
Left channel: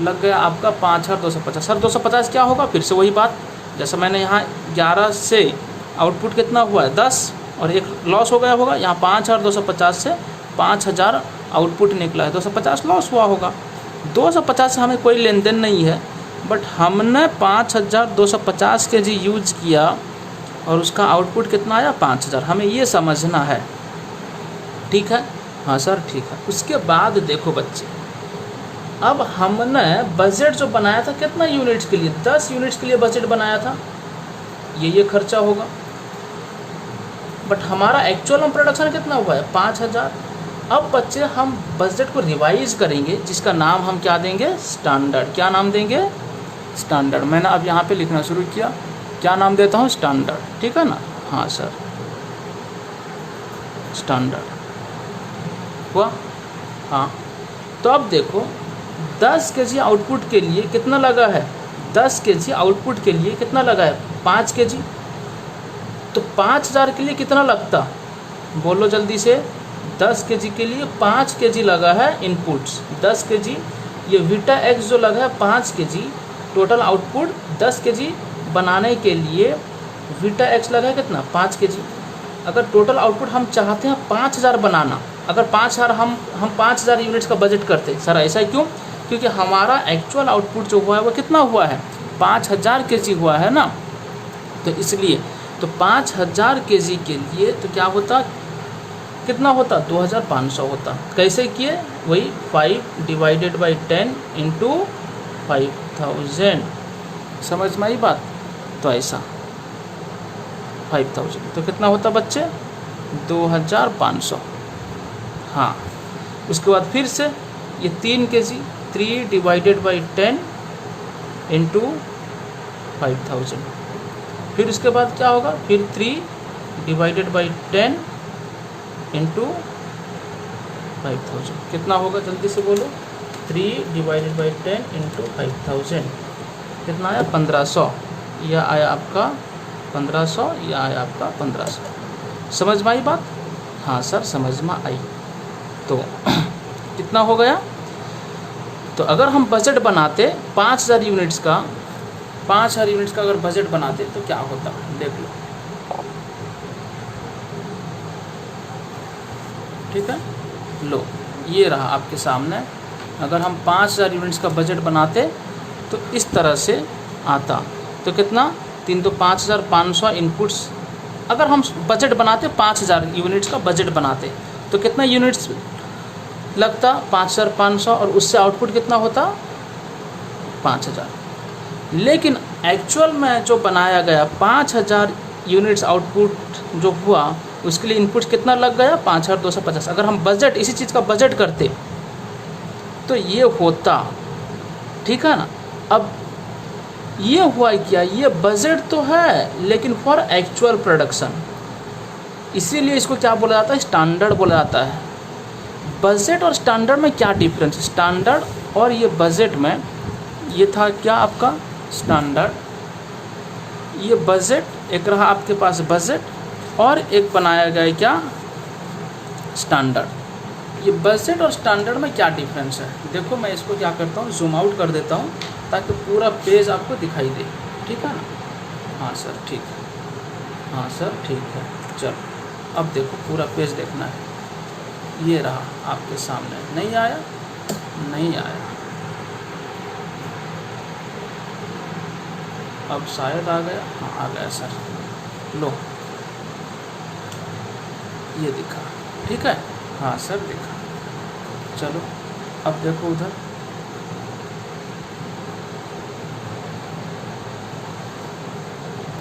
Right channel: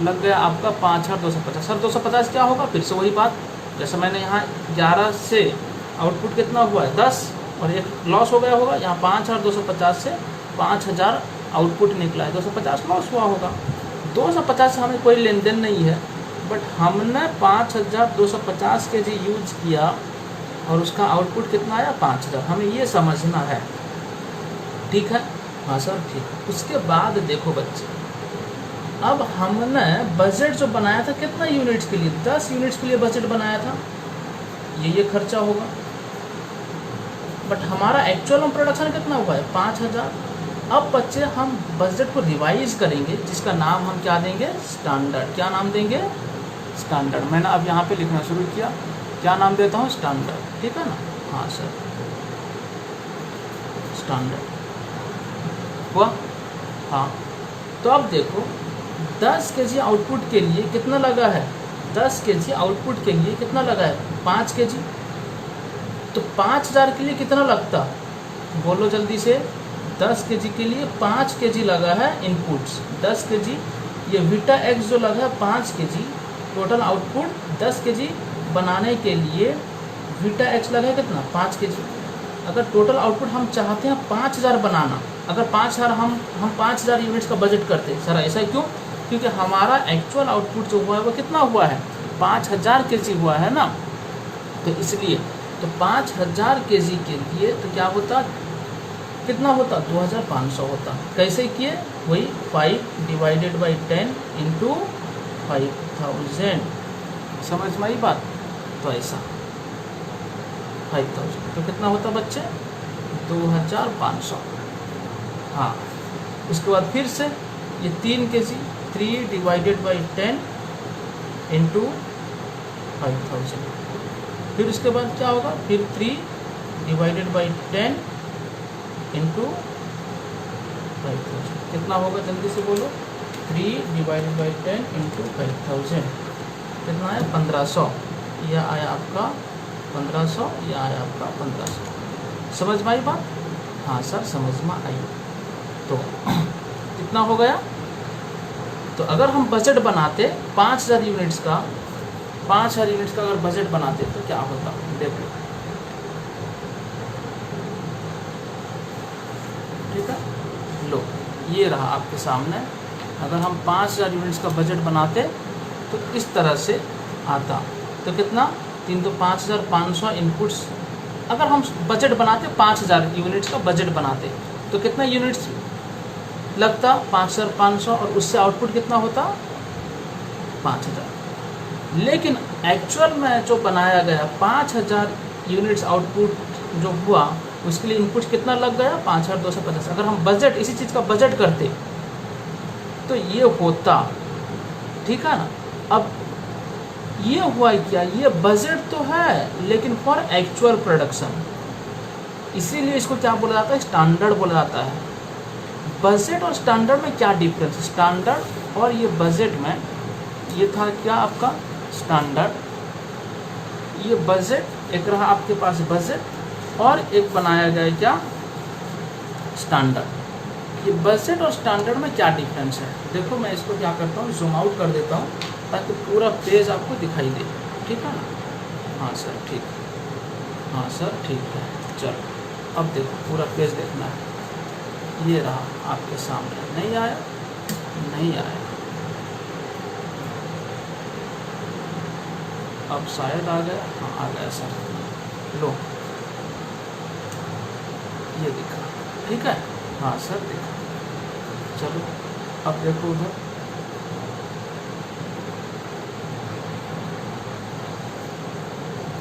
लग गया आपका 5250। सर 250 क्या होगा, फिर से वही बात, जैसे मैंने यहाँ 11 से आउटपुट कितना हुआ है 10 और एक लॉस हो गया होगा, यहाँ 5250 से 5000 आउटपुट निकला है, 250 लॉस हुआ होगा। 250 से हमें कोई लेन देन नहीं है, बट हमने 5250 के जी यूज किया और उसका आउटपुट कितना आया 5000, हमें ये समझना है। ठीक है, हाँ सर ठीक है। उसके बाद देखो बच्चे, अब हमने बजट जो बनाया था कितना यूनिट्स के लिए, 10 यूनिट्स के लिए बजट बनाया था, ये खर्चा होगा, बट हमारा एक्चुअल में प्रोडक्शन कितना हुआ है 5000। अब बच्चे हम बजट को रिवाइज करेंगे, जिसका नाम हम क्या देंगे, स्टैंडर्ड। क्या नाम देंगे, स्टैंडर्ड। मैंने अब यहाँ पे लिखना शुरू किया, क्या नाम देता हूँ, स्टैंडर्ड। ठीक है ना, हाँ सर स्टैंडर्ड हुआ। हाँ, तो अब देखो 10 kg आउटपुट के लिए कितना लगा है, 10 kg आउटपुट के लिए कितना लगा है 5 kg, तो 5000 के लिए कितना लगता, बोलो जल्दी से। 10 kg के लिए 5 kg लगा है इनपुट्स, 10 kg, ये वीटा एक्स जो लगा है 5 kg, टोटल आउटपुट 10 kg बनाने के लिए वीटा एक्स लगा है कितना 5 kg। अगर टोटल आउटपुट हम चाहते हैं 5000 बनाना, अगर 5000 हम 5000 यूनिट्स का बजट करते, सर ऐसा क्यों, क्योंकि हमारा एक्चुअल आउटपुट जो हुआ है वो कितना हुआ है 5000 kg हुआ है ना, तो इसलिए तो 5000 kg के लिए तो क्या होता, कितना होता 2500 होता। कैसे किए, वही 5 डिवाइडेड बाई 10 इंटू 5000, समझ में आई बात, तो ऐसा 5000 तो कितना होता बच्चे 2500। हाँ, उसके बाद फिर से ये 3 kg, 3 डिवाइडेड बाई 10 इंटू 5000, फिर उसके बाद क्या होगा, फिर 3 डिवाइडेड बाई 10 इंटू 5000, कितना होगा जल्दी से बोलो, 3 डिवाइडेड बाई 10 इंटू 5000, कितना आया 1500, यह आया आपका 1500, यह आया आपका 1500। समझ में आई बात, हाँ सर समझ में आई। तो कितना हो गया, तो अगर हम बजट बनाते 5000 यूनिट्स का, 5000 यूनिट्स का अगर बजट बनाते तो क्या होता, देखो। ठीक है, लो ये रहा आपके सामने, अगर हम 5000 यूनिट्स का बजट बनाते तो इस तरह से आता, तो कितना 3 तो 5500 इनपुट्स, अगर हम बजट बनाते 5000 यूनिट्स का बजट बनाते तो कितना यूनिट्स लगता 5500, और उससे आउटपुट कितना होता 5000। लेकिन एक्चुअल में जो बनाया गया 5000 यूनिट्स आउटपुट जो हुआ, उसके लिए इनपुट कितना लग गया 5250। अगर हम बजट इसी चीज़ का बजट करते तो ये होता, ठीक है ना। अब ये हुआ क्या, ये बजट तो है लेकिन फॉर एक्चुअल प्रोडक्शन, इसीलिए इसको क्या बोला जाता है, स्टैंडर्ड बोला जाता है। बजट और स्टैंडर्ड में क्या डिफरेंस, स्टैंडर्ड और ये बजट में, ये था क्या आपका स्टैंडर्ड, ये बजट, एक रहा आपके पास बजट और एक बनाया गया क्या स्टैंडर्ड। ये बजट और स्टैंडर्ड में क्या डिफरेंस है, देखो मैं इसको क्या करता हूँ, जूम आउट कर देता हूँ ताकि पूरा पेज आपको दिखाई दे, ठीक है ना। हाँ सर ठीक है, हाँ सर ठीक है, चलो अब देखो पूरा पेज देखना है, ये रहा आपके सामने, नहीं आया, नहीं आया, अब शायद आ गया, हाँ आ गया सर, लो ये दिखा, ठीक है, हाँ सर दिखा। चलो अब देखो उधर,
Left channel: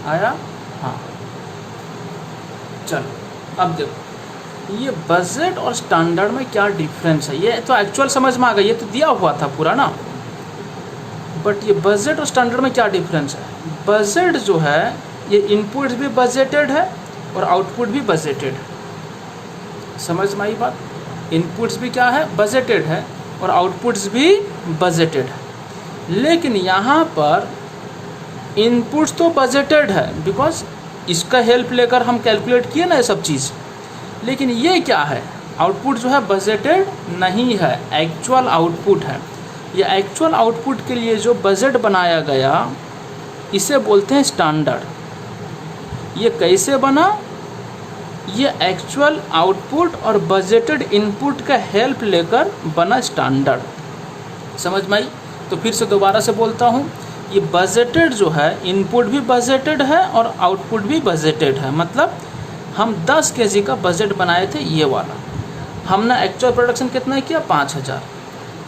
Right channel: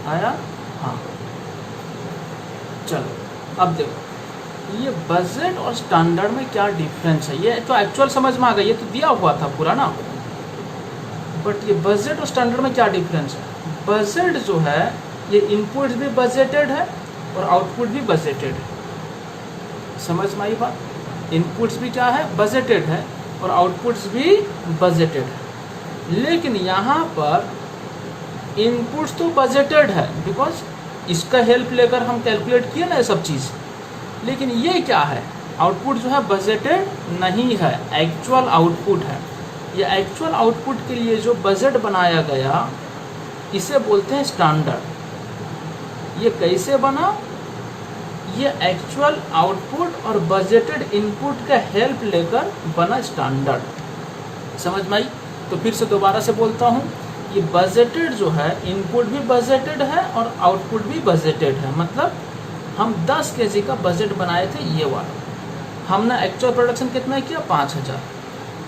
आया, हाँ चलो अब देखो ये बजट और स्टैंडर्ड में क्या डिफरेंस है, ये तो एक्चुअल समझ में आ गई, ये तो दिया हुआ था पूरा ना, बट ये बजट और स्टैंडर्ड में क्या डिफरेंस है। बजट जो है ये इनपुट भी बजटेड है और आउटपुट भी बजटेड है। समझ में आई बात, इनपुट्स भी क्या है, बजटेड है और आउटपुट्स भी बजटेड है। लेकिन यहाँ पर इनपुट्स तो बजटेड है बिकॉज इसका हेल्प लेकर हम कैलकुलेट किए ना ये सब चीज़, लेकिन ये क्या है, आउटपुट जो है बजटेड नहीं है, एक्चुअल आउटपुट है। ये एक्चुअल आउटपुट के लिए जो बजट बनाया गया इसे बोलते हैं स्टैंडर्ड। ये कैसे बना, ये एक्चुअल आउटपुट और बजटेड इनपुट का हेल्प लेकर बना स्टैंडर्ड। समझ में आई। तो फिर से दोबारा से बोलता हूँ, ये बजटेड जो है इनपुट भी बजटेड है और आउटपुट भी बजटेड है। मतलब हम 10 kg का बजट बनाए थे ये वाला, हमने एक्चुअल प्रोडक्शन कितना किया 5000,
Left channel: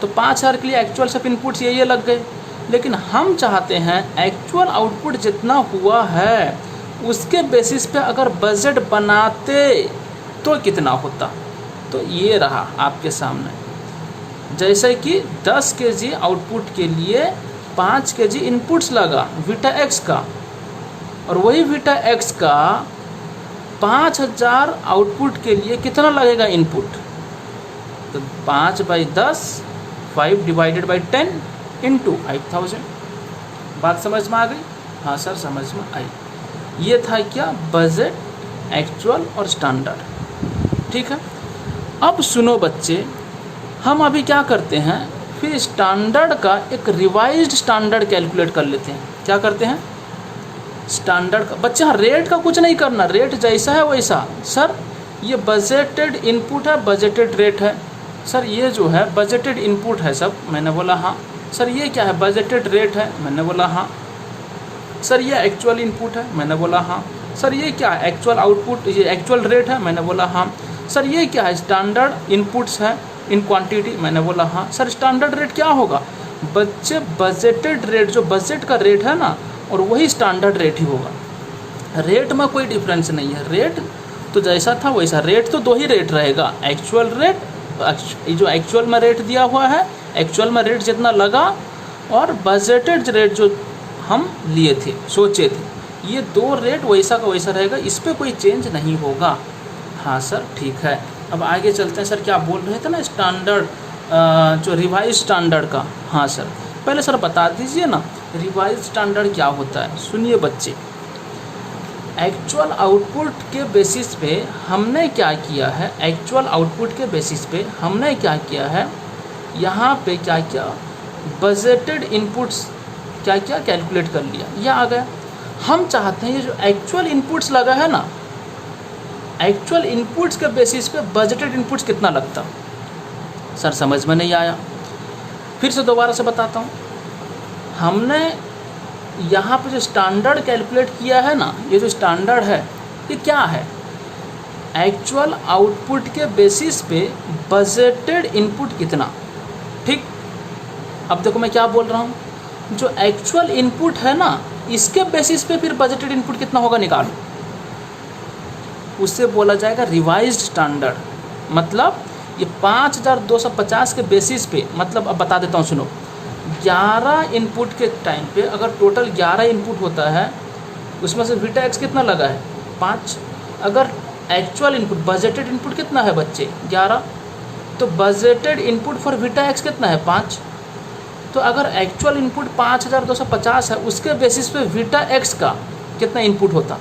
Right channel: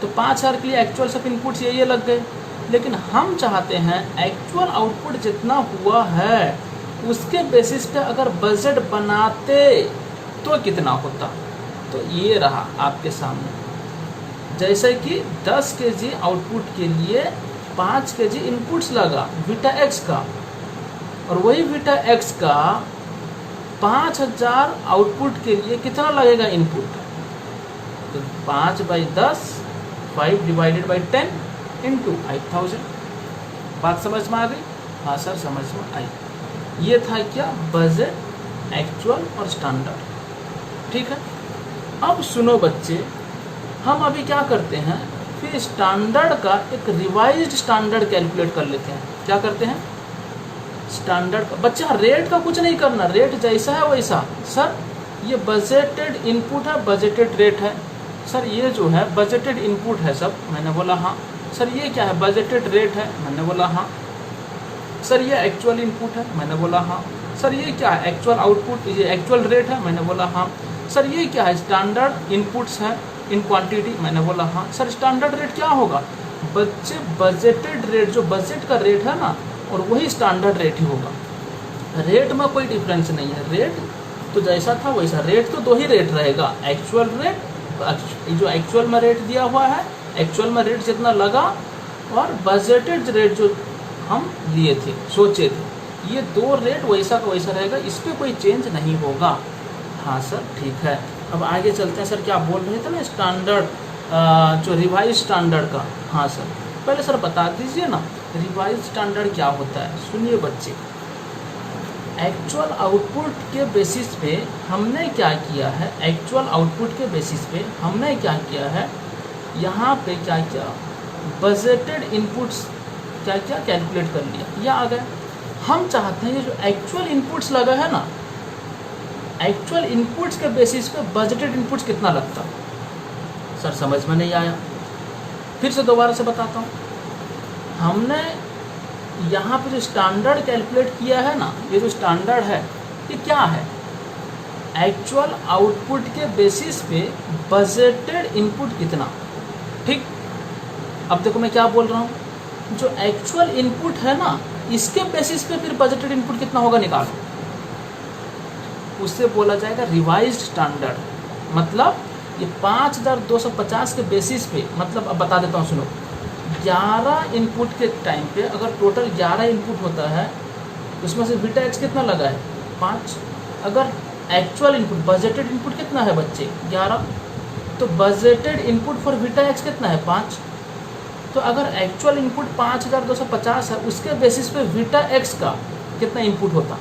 तो 5000 के लिए एक्चुअल सब इनपुट्स ये लग गए। लेकिन हम चाहते हैं एक्चुअल आउटपुट जितना हुआ है उसके बेसिस पे अगर बजट बनाते तो कितना होता, तो ये रहा आपके सामने। जैसे कि 10 kg आउटपुट के लिए 5 kg इनपुट्स लगा वीटा एक्स का, और वही वीटा एक्स का 5000 आउटपुट के लिए कितना लगेगा इनपुट, तो 5/10 5 डिवाइडेड बाई 10 इंटू 5000। बात समझ में आ गई। हाँ सर समझ में आई। ये था क्या, बजट, एक्चुअल और स्टैंडर्ड। ठीक है, अब सुनो बच्चे, हम अभी क्या करते हैं, फिर स्टैंडर्ड का एक रिवाइज्ड स्टैंडर्ड कैलकुलेट कर लेते हैं। क्या करते हैं, स्टैंडर्ड का। बच्चे हाँ, रेट का कुछ नहीं करना, रेट जैसा है वैसा। सर ये बजटेड इनपुट है, बजटेड रेट है। सर ये जो है बजटेड इनपुट है सब, मैंने बोला हाँ। सर ये क्या है, बजटेड रेट है, मैंने बोला हाँ। सर ये एक्चुअल इनपुट है, मैंने बोला हाँ। सर ये क्या है, एक्चुअल आउटपुट, ये एक्चुअल रेट है, मैंने बोला हाँ। सर ये क्या है, स्टैंडर्ड इनपुट्स है इन क्वांटिटी, मैंने बोला हाँ। सर स्टैंडर्ड रेट क्या होगा, बच्चे बजटेड रेट, जो बजट का रेट है ना, और वही स्टैंडर्ड रेट ही होगा। रेट में कोई डिफरेंस नहीं है, रेट तो जैसा था वैसा। रेट तो दो ही रेट रहेगा, एक्चुअल रेट, जो एक्चुअल में रेट दिया हुआ है, एक्चुअल में रेट जितना लगा, और बजटेड रेट जो हम लिए थे, सोचे थे, ये दो रेट वैसा का वैसा रहेगा, इस पर कोई चेंज नहीं होगा। हाँ सर ठीक है, अब आगे चलते हैं। सर क्या बोल रहे थे ना, स्टैंडर्ड, जो रिवाइज स्टैंडर्ड का। हाँ सर, पहले सर बता दीजिए ना रिवाइज स्टैंडर्ड क्या होता है। सुनिए बच्चे, एक्चुअल आउटपुट के बेसिस पे हमने क्या किया है, एक्चुअल आउटपुट के बेसिस पे हमने क्या किया है, यहाँ पे क्या किया, बजटेड इनपुट्स क्या क्या कैलकुलेट कर लिया, यह आ गया। हम चाहते हैं ये जो एक्चुअल इनपुट्स लगा है ना, एक्चुअल इनपुट्स के बेसिस पे बजटेड इनपुट्स कितना लगता। सर समझ में नहीं आया, फिर से दोबारा से बताता हूँ। हमने यहाँ पे जो स्टैंडर्ड कैलकुलेट किया है ना, ये जो स्टैंडर्ड है ये क्या है, एक्चुअल आउटपुट के बेसिस पे बजटेड इनपुट कितना। ठीक, अब देखो मैं क्या बोल रहा हूँ, जो एक्चुअल इनपुट है ना, इसके बेसिस पे फिर बजटेड इनपुट कितना होगा निकालो, उससे बोला जाएगा रिवाइज्ड स्टैंडर्ड। मतलब ये 5250 के बेसिस पे, मतलब अब बता देता हूँ सुनो, 11 इनपुट के टाइम पे अगर टोटल 11 इनपुट होता है, उसमें से बीटा एक्स कितना लगा है 5। अगर एक्चुअल इनपुट, बजटेड इनपुट कितना है बच्चे 11, तो budgeted input for beta x कितना है 5। तो अगर एक्चुअल इनपुट 5250 है, उसके बेसिस पे बीटा एक्स का कितना इनपुट होता।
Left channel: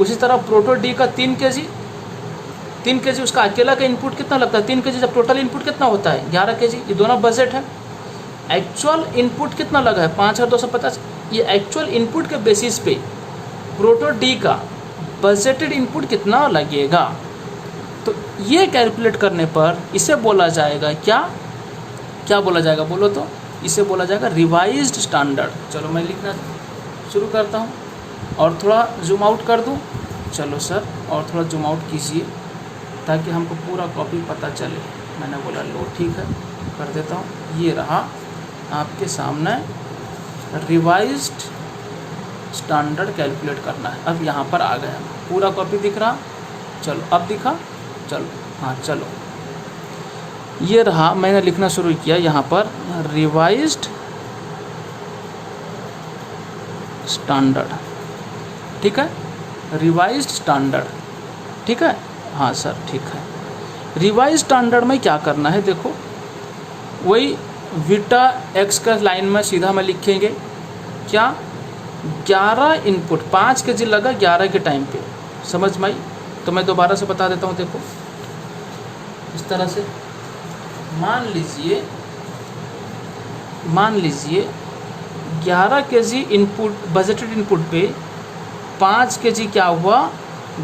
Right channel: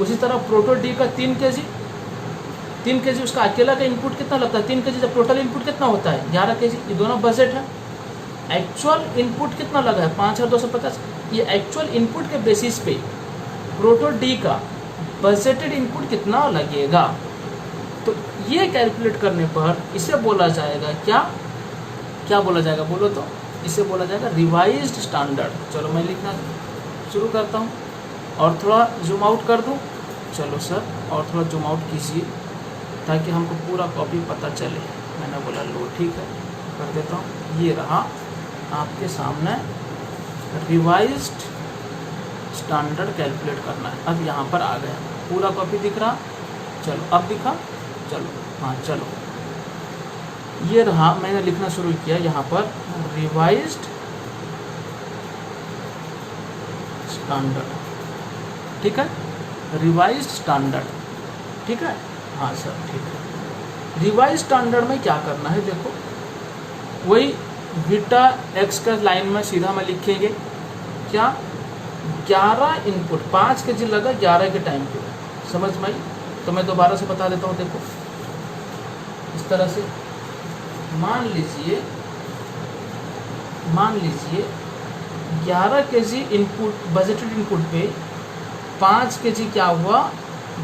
उसी तरह प्रोटो डी का 3 kg उसका अकेला का इनपुट कितना लगता है 3 kg, जब टोटल इनपुट कितना होता है 11 kg। ये दोनों बजट है। एक्चुअल इनपुट कितना लगा है 5250, ये एक्चुअल इनपुट के बेसिस पे प्रोटो डी का बजटेड इनपुट कितना लगेगा। तो ये कैलकुलेट करने पर इसे बोला जाएगा क्या बोला जाएगा बोलो तो, इसे बोला जाएगा रिवाइज्ड स्टैंडर्ड। चलो मैं लिखना शुरू करता हूँ और थोड़ा जूम आउट कर दूँ। चलो सर और थोड़ा जूम आउट कीजिए ताकि हमको पूरा कॉपी पता चले। मैंने बोला लो ठीक है, कर देता हूँ। ये रहा आपके सामने रिवाइज्ड स्टैंडर्ड कैलकुलेट करना है। अब यहाँ पर आ गया, पूरा कॉपी दिख रहा। चलो अब दिखा, चलो हाँ चलो, ये रहा, मैंने लिखना शुरू किया यहाँ पर रिवाइज्ड स्टैंडर्ड, ठीक है, रिवाइज्ड स्टैंडर्ड, ठीक है, हाँ सर ठीक है। रिवाइज स्टैंडर्ड में क्या करना है, देखो वही बीटा एक्स का लाइन में सीधा में लिखेंगे क्या, 11 इनपुट 5 kg लगा 11 के टाइम पे, समझ में आई? तो मैं दोबारा से बता देता हूँ, देखो इस तरह से मान लीजिए 11 kg इनपुट बजटेड इनपुट पे 5 kg क्या हुआ,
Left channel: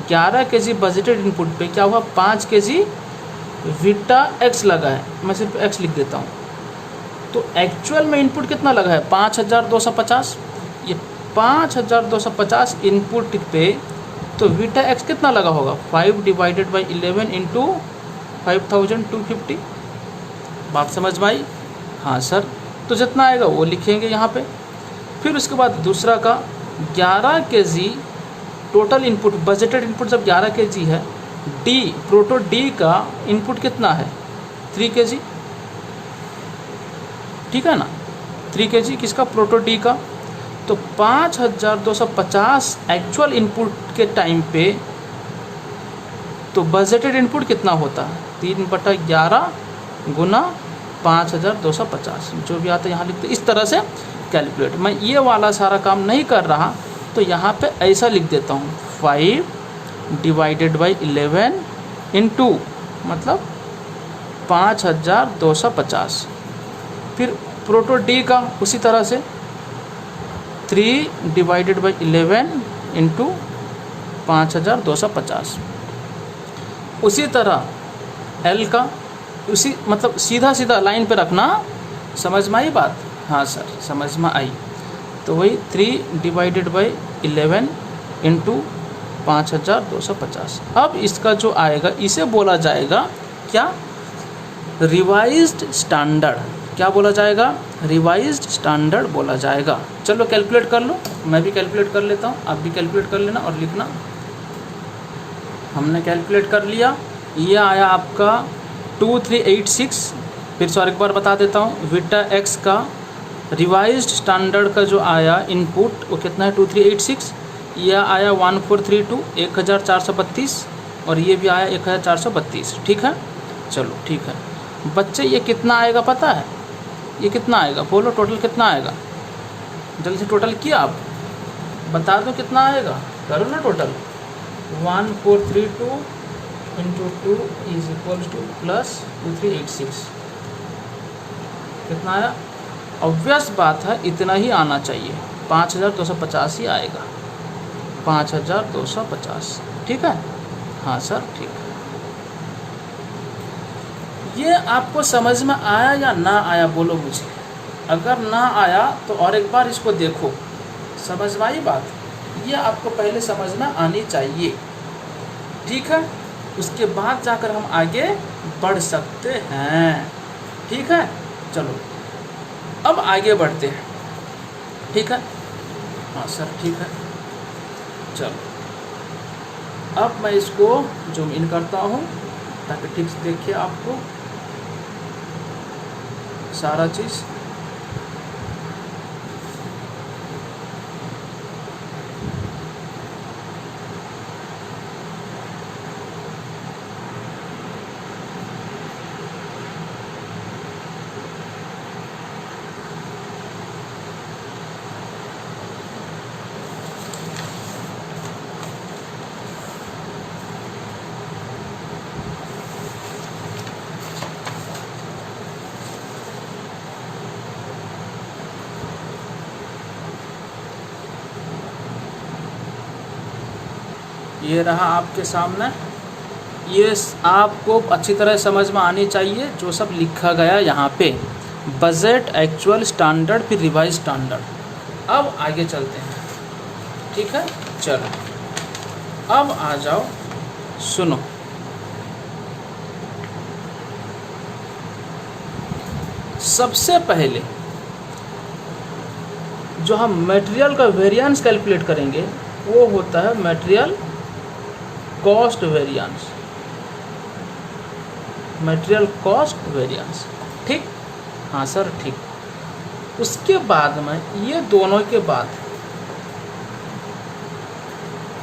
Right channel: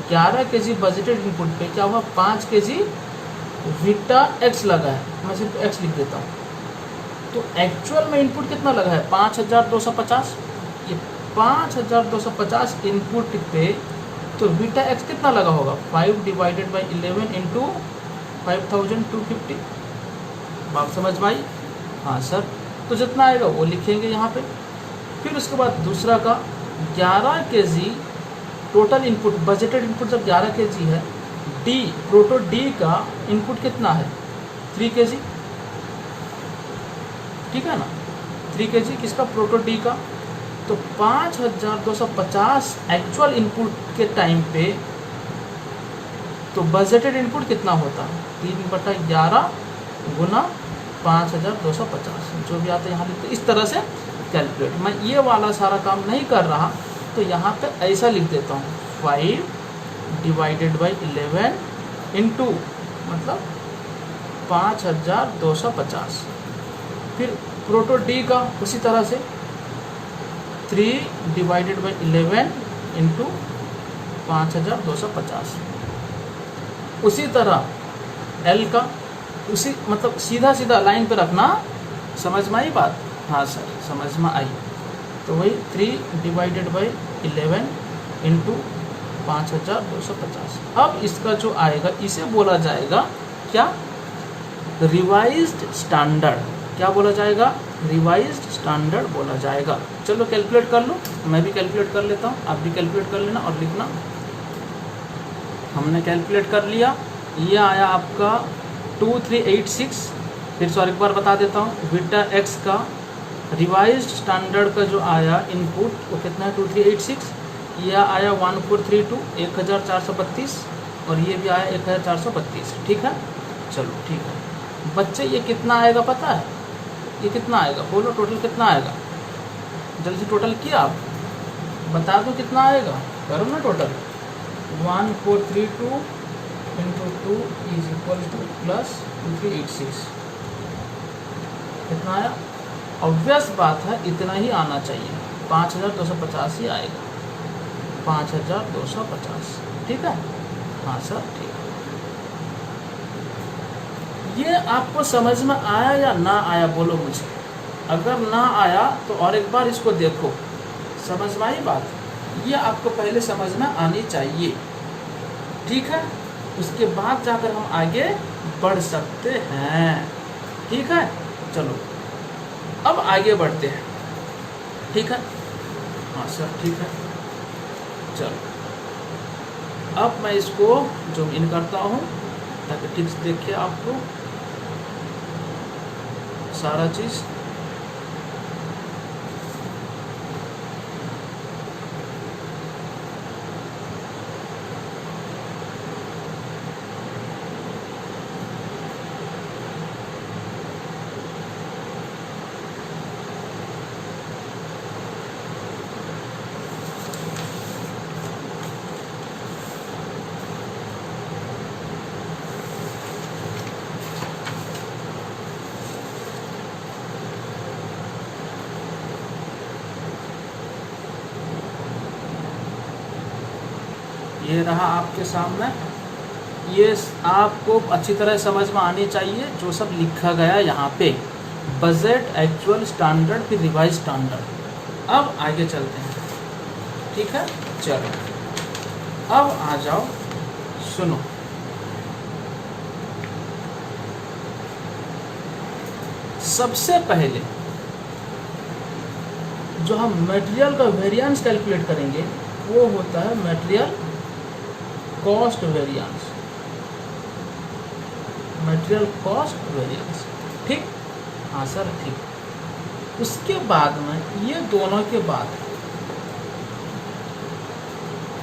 11 kg बजटेड इनपुट पे क्या हुआ, 5 kg बीटा एक्स लगा है, मैं सिर्फ एक्स लिख देता हूँ। तो एक्चुअल में इनपुट कितना लगा है 5250, ये 5250 इनपुट पे तो बीटा एक्स कितना लगा होगा 5 डिवाइडेड बाई 11 इंटू 5250, बात समझ में आई? हाँ सर, तो जितना आएगा वो लिखेंगे यहाँ पे। फिर उसके बाद दूसरा का 11 kg total input budgeted input जब 11 kg है, डी प्रोटो डी का इनपुट कितना है 3 kg, ठीक है ना, 3 kg किसका, प्रोटो डी का। तो 5250 एक्चुअल इनपुट के टाइम पे तो बजटेड इनपुट कितना होता है 3/11 गुना 5250, जो भी आता है यहाँ लिखते, इस तरह से कैलकुलेट। मैं ये वाला सारा काम नहीं कर रहा, तो यहाँ पे ऐसा लिख देता हूँ 5 डिवाइडेड बाई 11 इंटू मतलब 5250। फिर प्रोटो डी का उसी तरह से 3 डिवाइडेड बाई 11 इंटू 5250। उसी तरह एल का उसी मतलब सीधा सीधा लाइन पे रखना, समझ में आई बात? हाँ सर समझ में आई। तो वही 3 डिवाइडेड बाई 11 इंटू 5250। अब इसका जो आएगा इसे बोला जाएगा क्या, रिवाइज्ड स्टैंडर्ड। क्या बोला जाएगा, रिवाइज्ड स्टैंडर्ड बोला जाएगा। चलो कैलकुलेट कर लो, मैं भी कैलकुलेट कर लेता हूँ, आप भी कैलकुलेट कर लेना और लिखना। हमने कैलकुलेट कर लिया, ये आया आपका 2386। फिर से और एक बार बता देता हूँ, बीटा एक्स का रिवाइज्ड स्टैंडर्ड का जो आया इनपुट वो कितना है 2386, यह आया 1432 1432 और ये भी आया 1432, ठीक है। चलो ठीक है बच्चे, ये कितना आएगा पता है, ये कितना आएगा बोलो, टोटल कितना आएगा, जल्दी से टोटल किया आप बता दो कितना आएगा, करो ना total. 1432 into 2 is equal two plus 2386, कितना आया? ऑब्वियस बात है इतना ही आना चाहिए, 5250 ही आएगा, 5250, ठीक है। हाँ सर ठीक है। ये आपको समझ में आया या ना आया बोलो मुझे, अगर ना आया तो और एक बार इसको देखो, समझ में आई बात? ये आपको पहले समझ में आनी चाहिए, ठीक है, उसके बाद जाकर हम आगे बढ़ सकते हैं, ठीक है। चलो अब आगे बढ़ते हैं, ठीक है। हाँ सर ठीक है। चलो अब मैं इसको जूम इन करता हूँ ताकि ठीक से देखिए आपको सारा चीज़। ये रहा आपके सामने, ये आपको अच्छी तरह समझ में आनी चाहिए जो सब लिखा गया यहाँ पे, बजट, एक्चुअल, स्टैंडर्ड, फिर रिवाइज स्टैंडर्ड। अब आगे चलते हैं, ठीक है। चलो अब आ जाओ, सुनो, सबसे पहले जो हम मटेरियल का वेरिएंस कैलकुलेट करेंगे वो होता है material cost variance. Material cost variance. ठीक, हाँ सर ठीक। उसके बाद में ये दोनों के बाद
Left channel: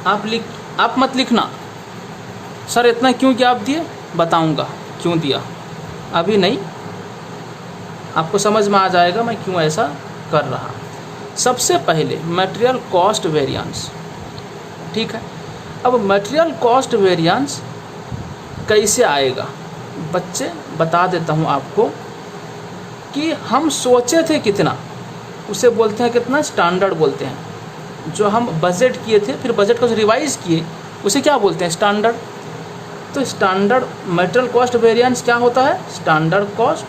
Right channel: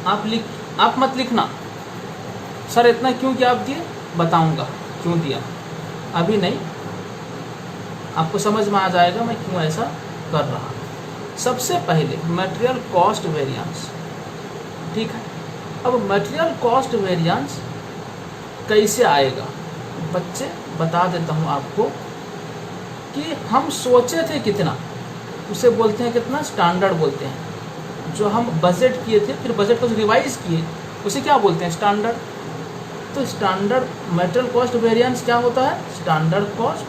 आप मत लिखना सर इतना क्यों गैप दिए, बताऊंगा क्यों दिया, अभी नहीं, आपको समझ में आ जाएगा मैं क्यों ऐसा कर रहा हूँ। सबसे पहले मटेरियल कॉस्ट वेरिएंस, ठीक है। अब मटेरियल कॉस्ट वेरिएंस कैसे आएगा बच्चे, बता देता हूँ आपको कि हम सोचे थे कितना, उसे बोलते हैं कितना, स्टैंडर्ड बोलते हैं। जो हम बजट किए थे फिर बजट को रिवाइज किए उसे क्या बोलते हैं, स्टैंडर्ड। तो स्टैंडर्ड मटेरियल कॉस्ट वेरिएंस क्या होता है, standard cost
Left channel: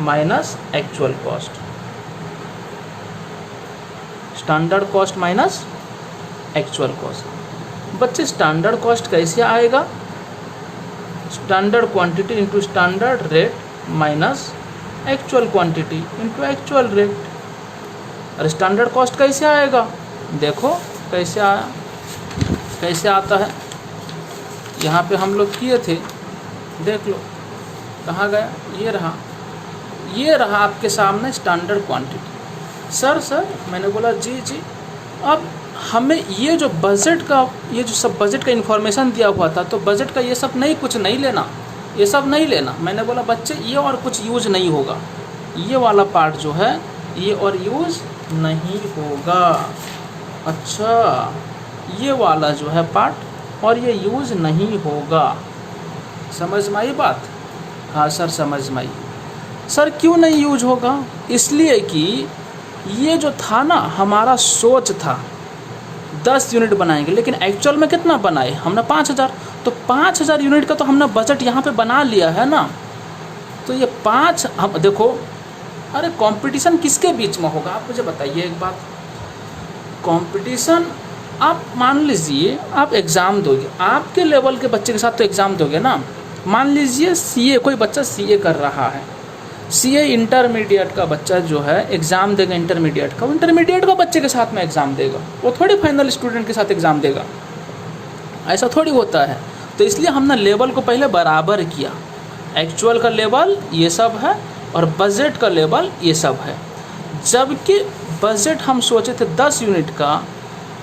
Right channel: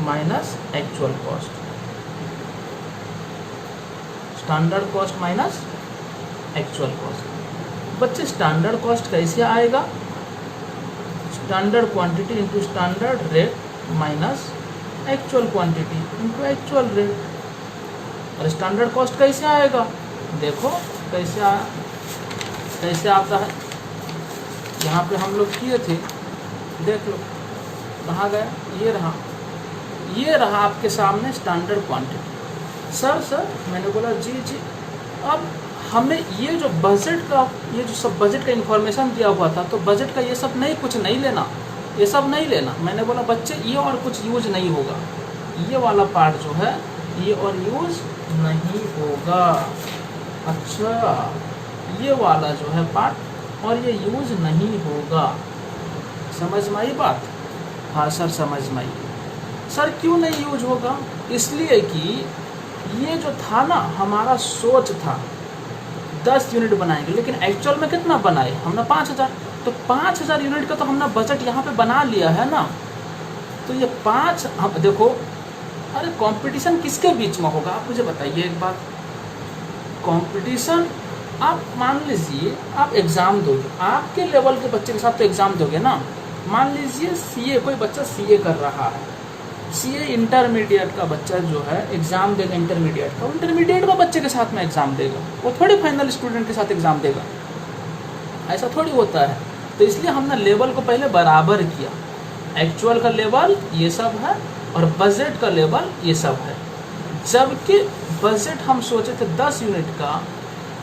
minus actual cost, standard cost minus actual cost. बच्चे स्टैंडर्ड कॉस्ट कैसे आएगा, standard quantity into standard rate minus actual quantity into actual rate. और स्टैंडर्ड कॉस्ट कैसे आएगा, देखो कैसे आता है, यहाँ पे हम लोग किए थे, देख लो कहाँ गया, ये रहा आपके सामने स्टैंडर्ड क्वांटिटी। सर मैंने बोला जी। अब हमें ये जो बजट का, ये जो सब बजट का इन्फॉर्मेशन दिया हुआ था, तो बजट का ये सब नहीं, कुछ नहीं लेना, ये सब नहीं लेना। मैंने बोला बच्चे ये और कुछ यूज नहीं होगा, ये वाला पार्ट जो है ये और यूज नहीं होगा। अच्छा, ये वाला जो है पार्ट और ये यूज नहीं होगा, समझ में आई बात? हाँ सर समझ में आई। सर क्यों नहीं यूज होगा, इसलिए कि ये जो था ना हमारा सोच था 10 यूनिट बनाएंगे, लेकिन एक्चुअल में कितना बनाए हमने 5000, तो 5000 यूनिट का तो हमने बजट यहाँ पे बना लिया है ना। तो ये 5 हम देखो, अरे कंपटीशन किसके बीच में होगा आप मुझे बताइए एक बात। कंपटीशन, आप मान लीजिए आप एग्ज़ाम दोगे, आपके लेवल के बच्चे के साथ तो एग्ज़ाम दोगे ना। मान लीजिए सीए, कोई बच्चा सीए कर रहा है, सीए इंटरमीडिएट का बच्चा जो है एग्ज़ाम देगा इंटरमीडिएट का, इंटरमीडिएट का बच्चे के साथ में एग्ज़ाम देगा, वो थोड़ी फाइनल स्टूडेंट के साथ एग्ज़ाम देगा, ऐसा थोड़ी होता है। तो इसलिए हमने लेवल को पहले बराबर किया, एक्चुअल का लेवल ये सब है और बजट का लेवल ये सब है। जबकि बजट हम सोचे थे 10 यूनिट का,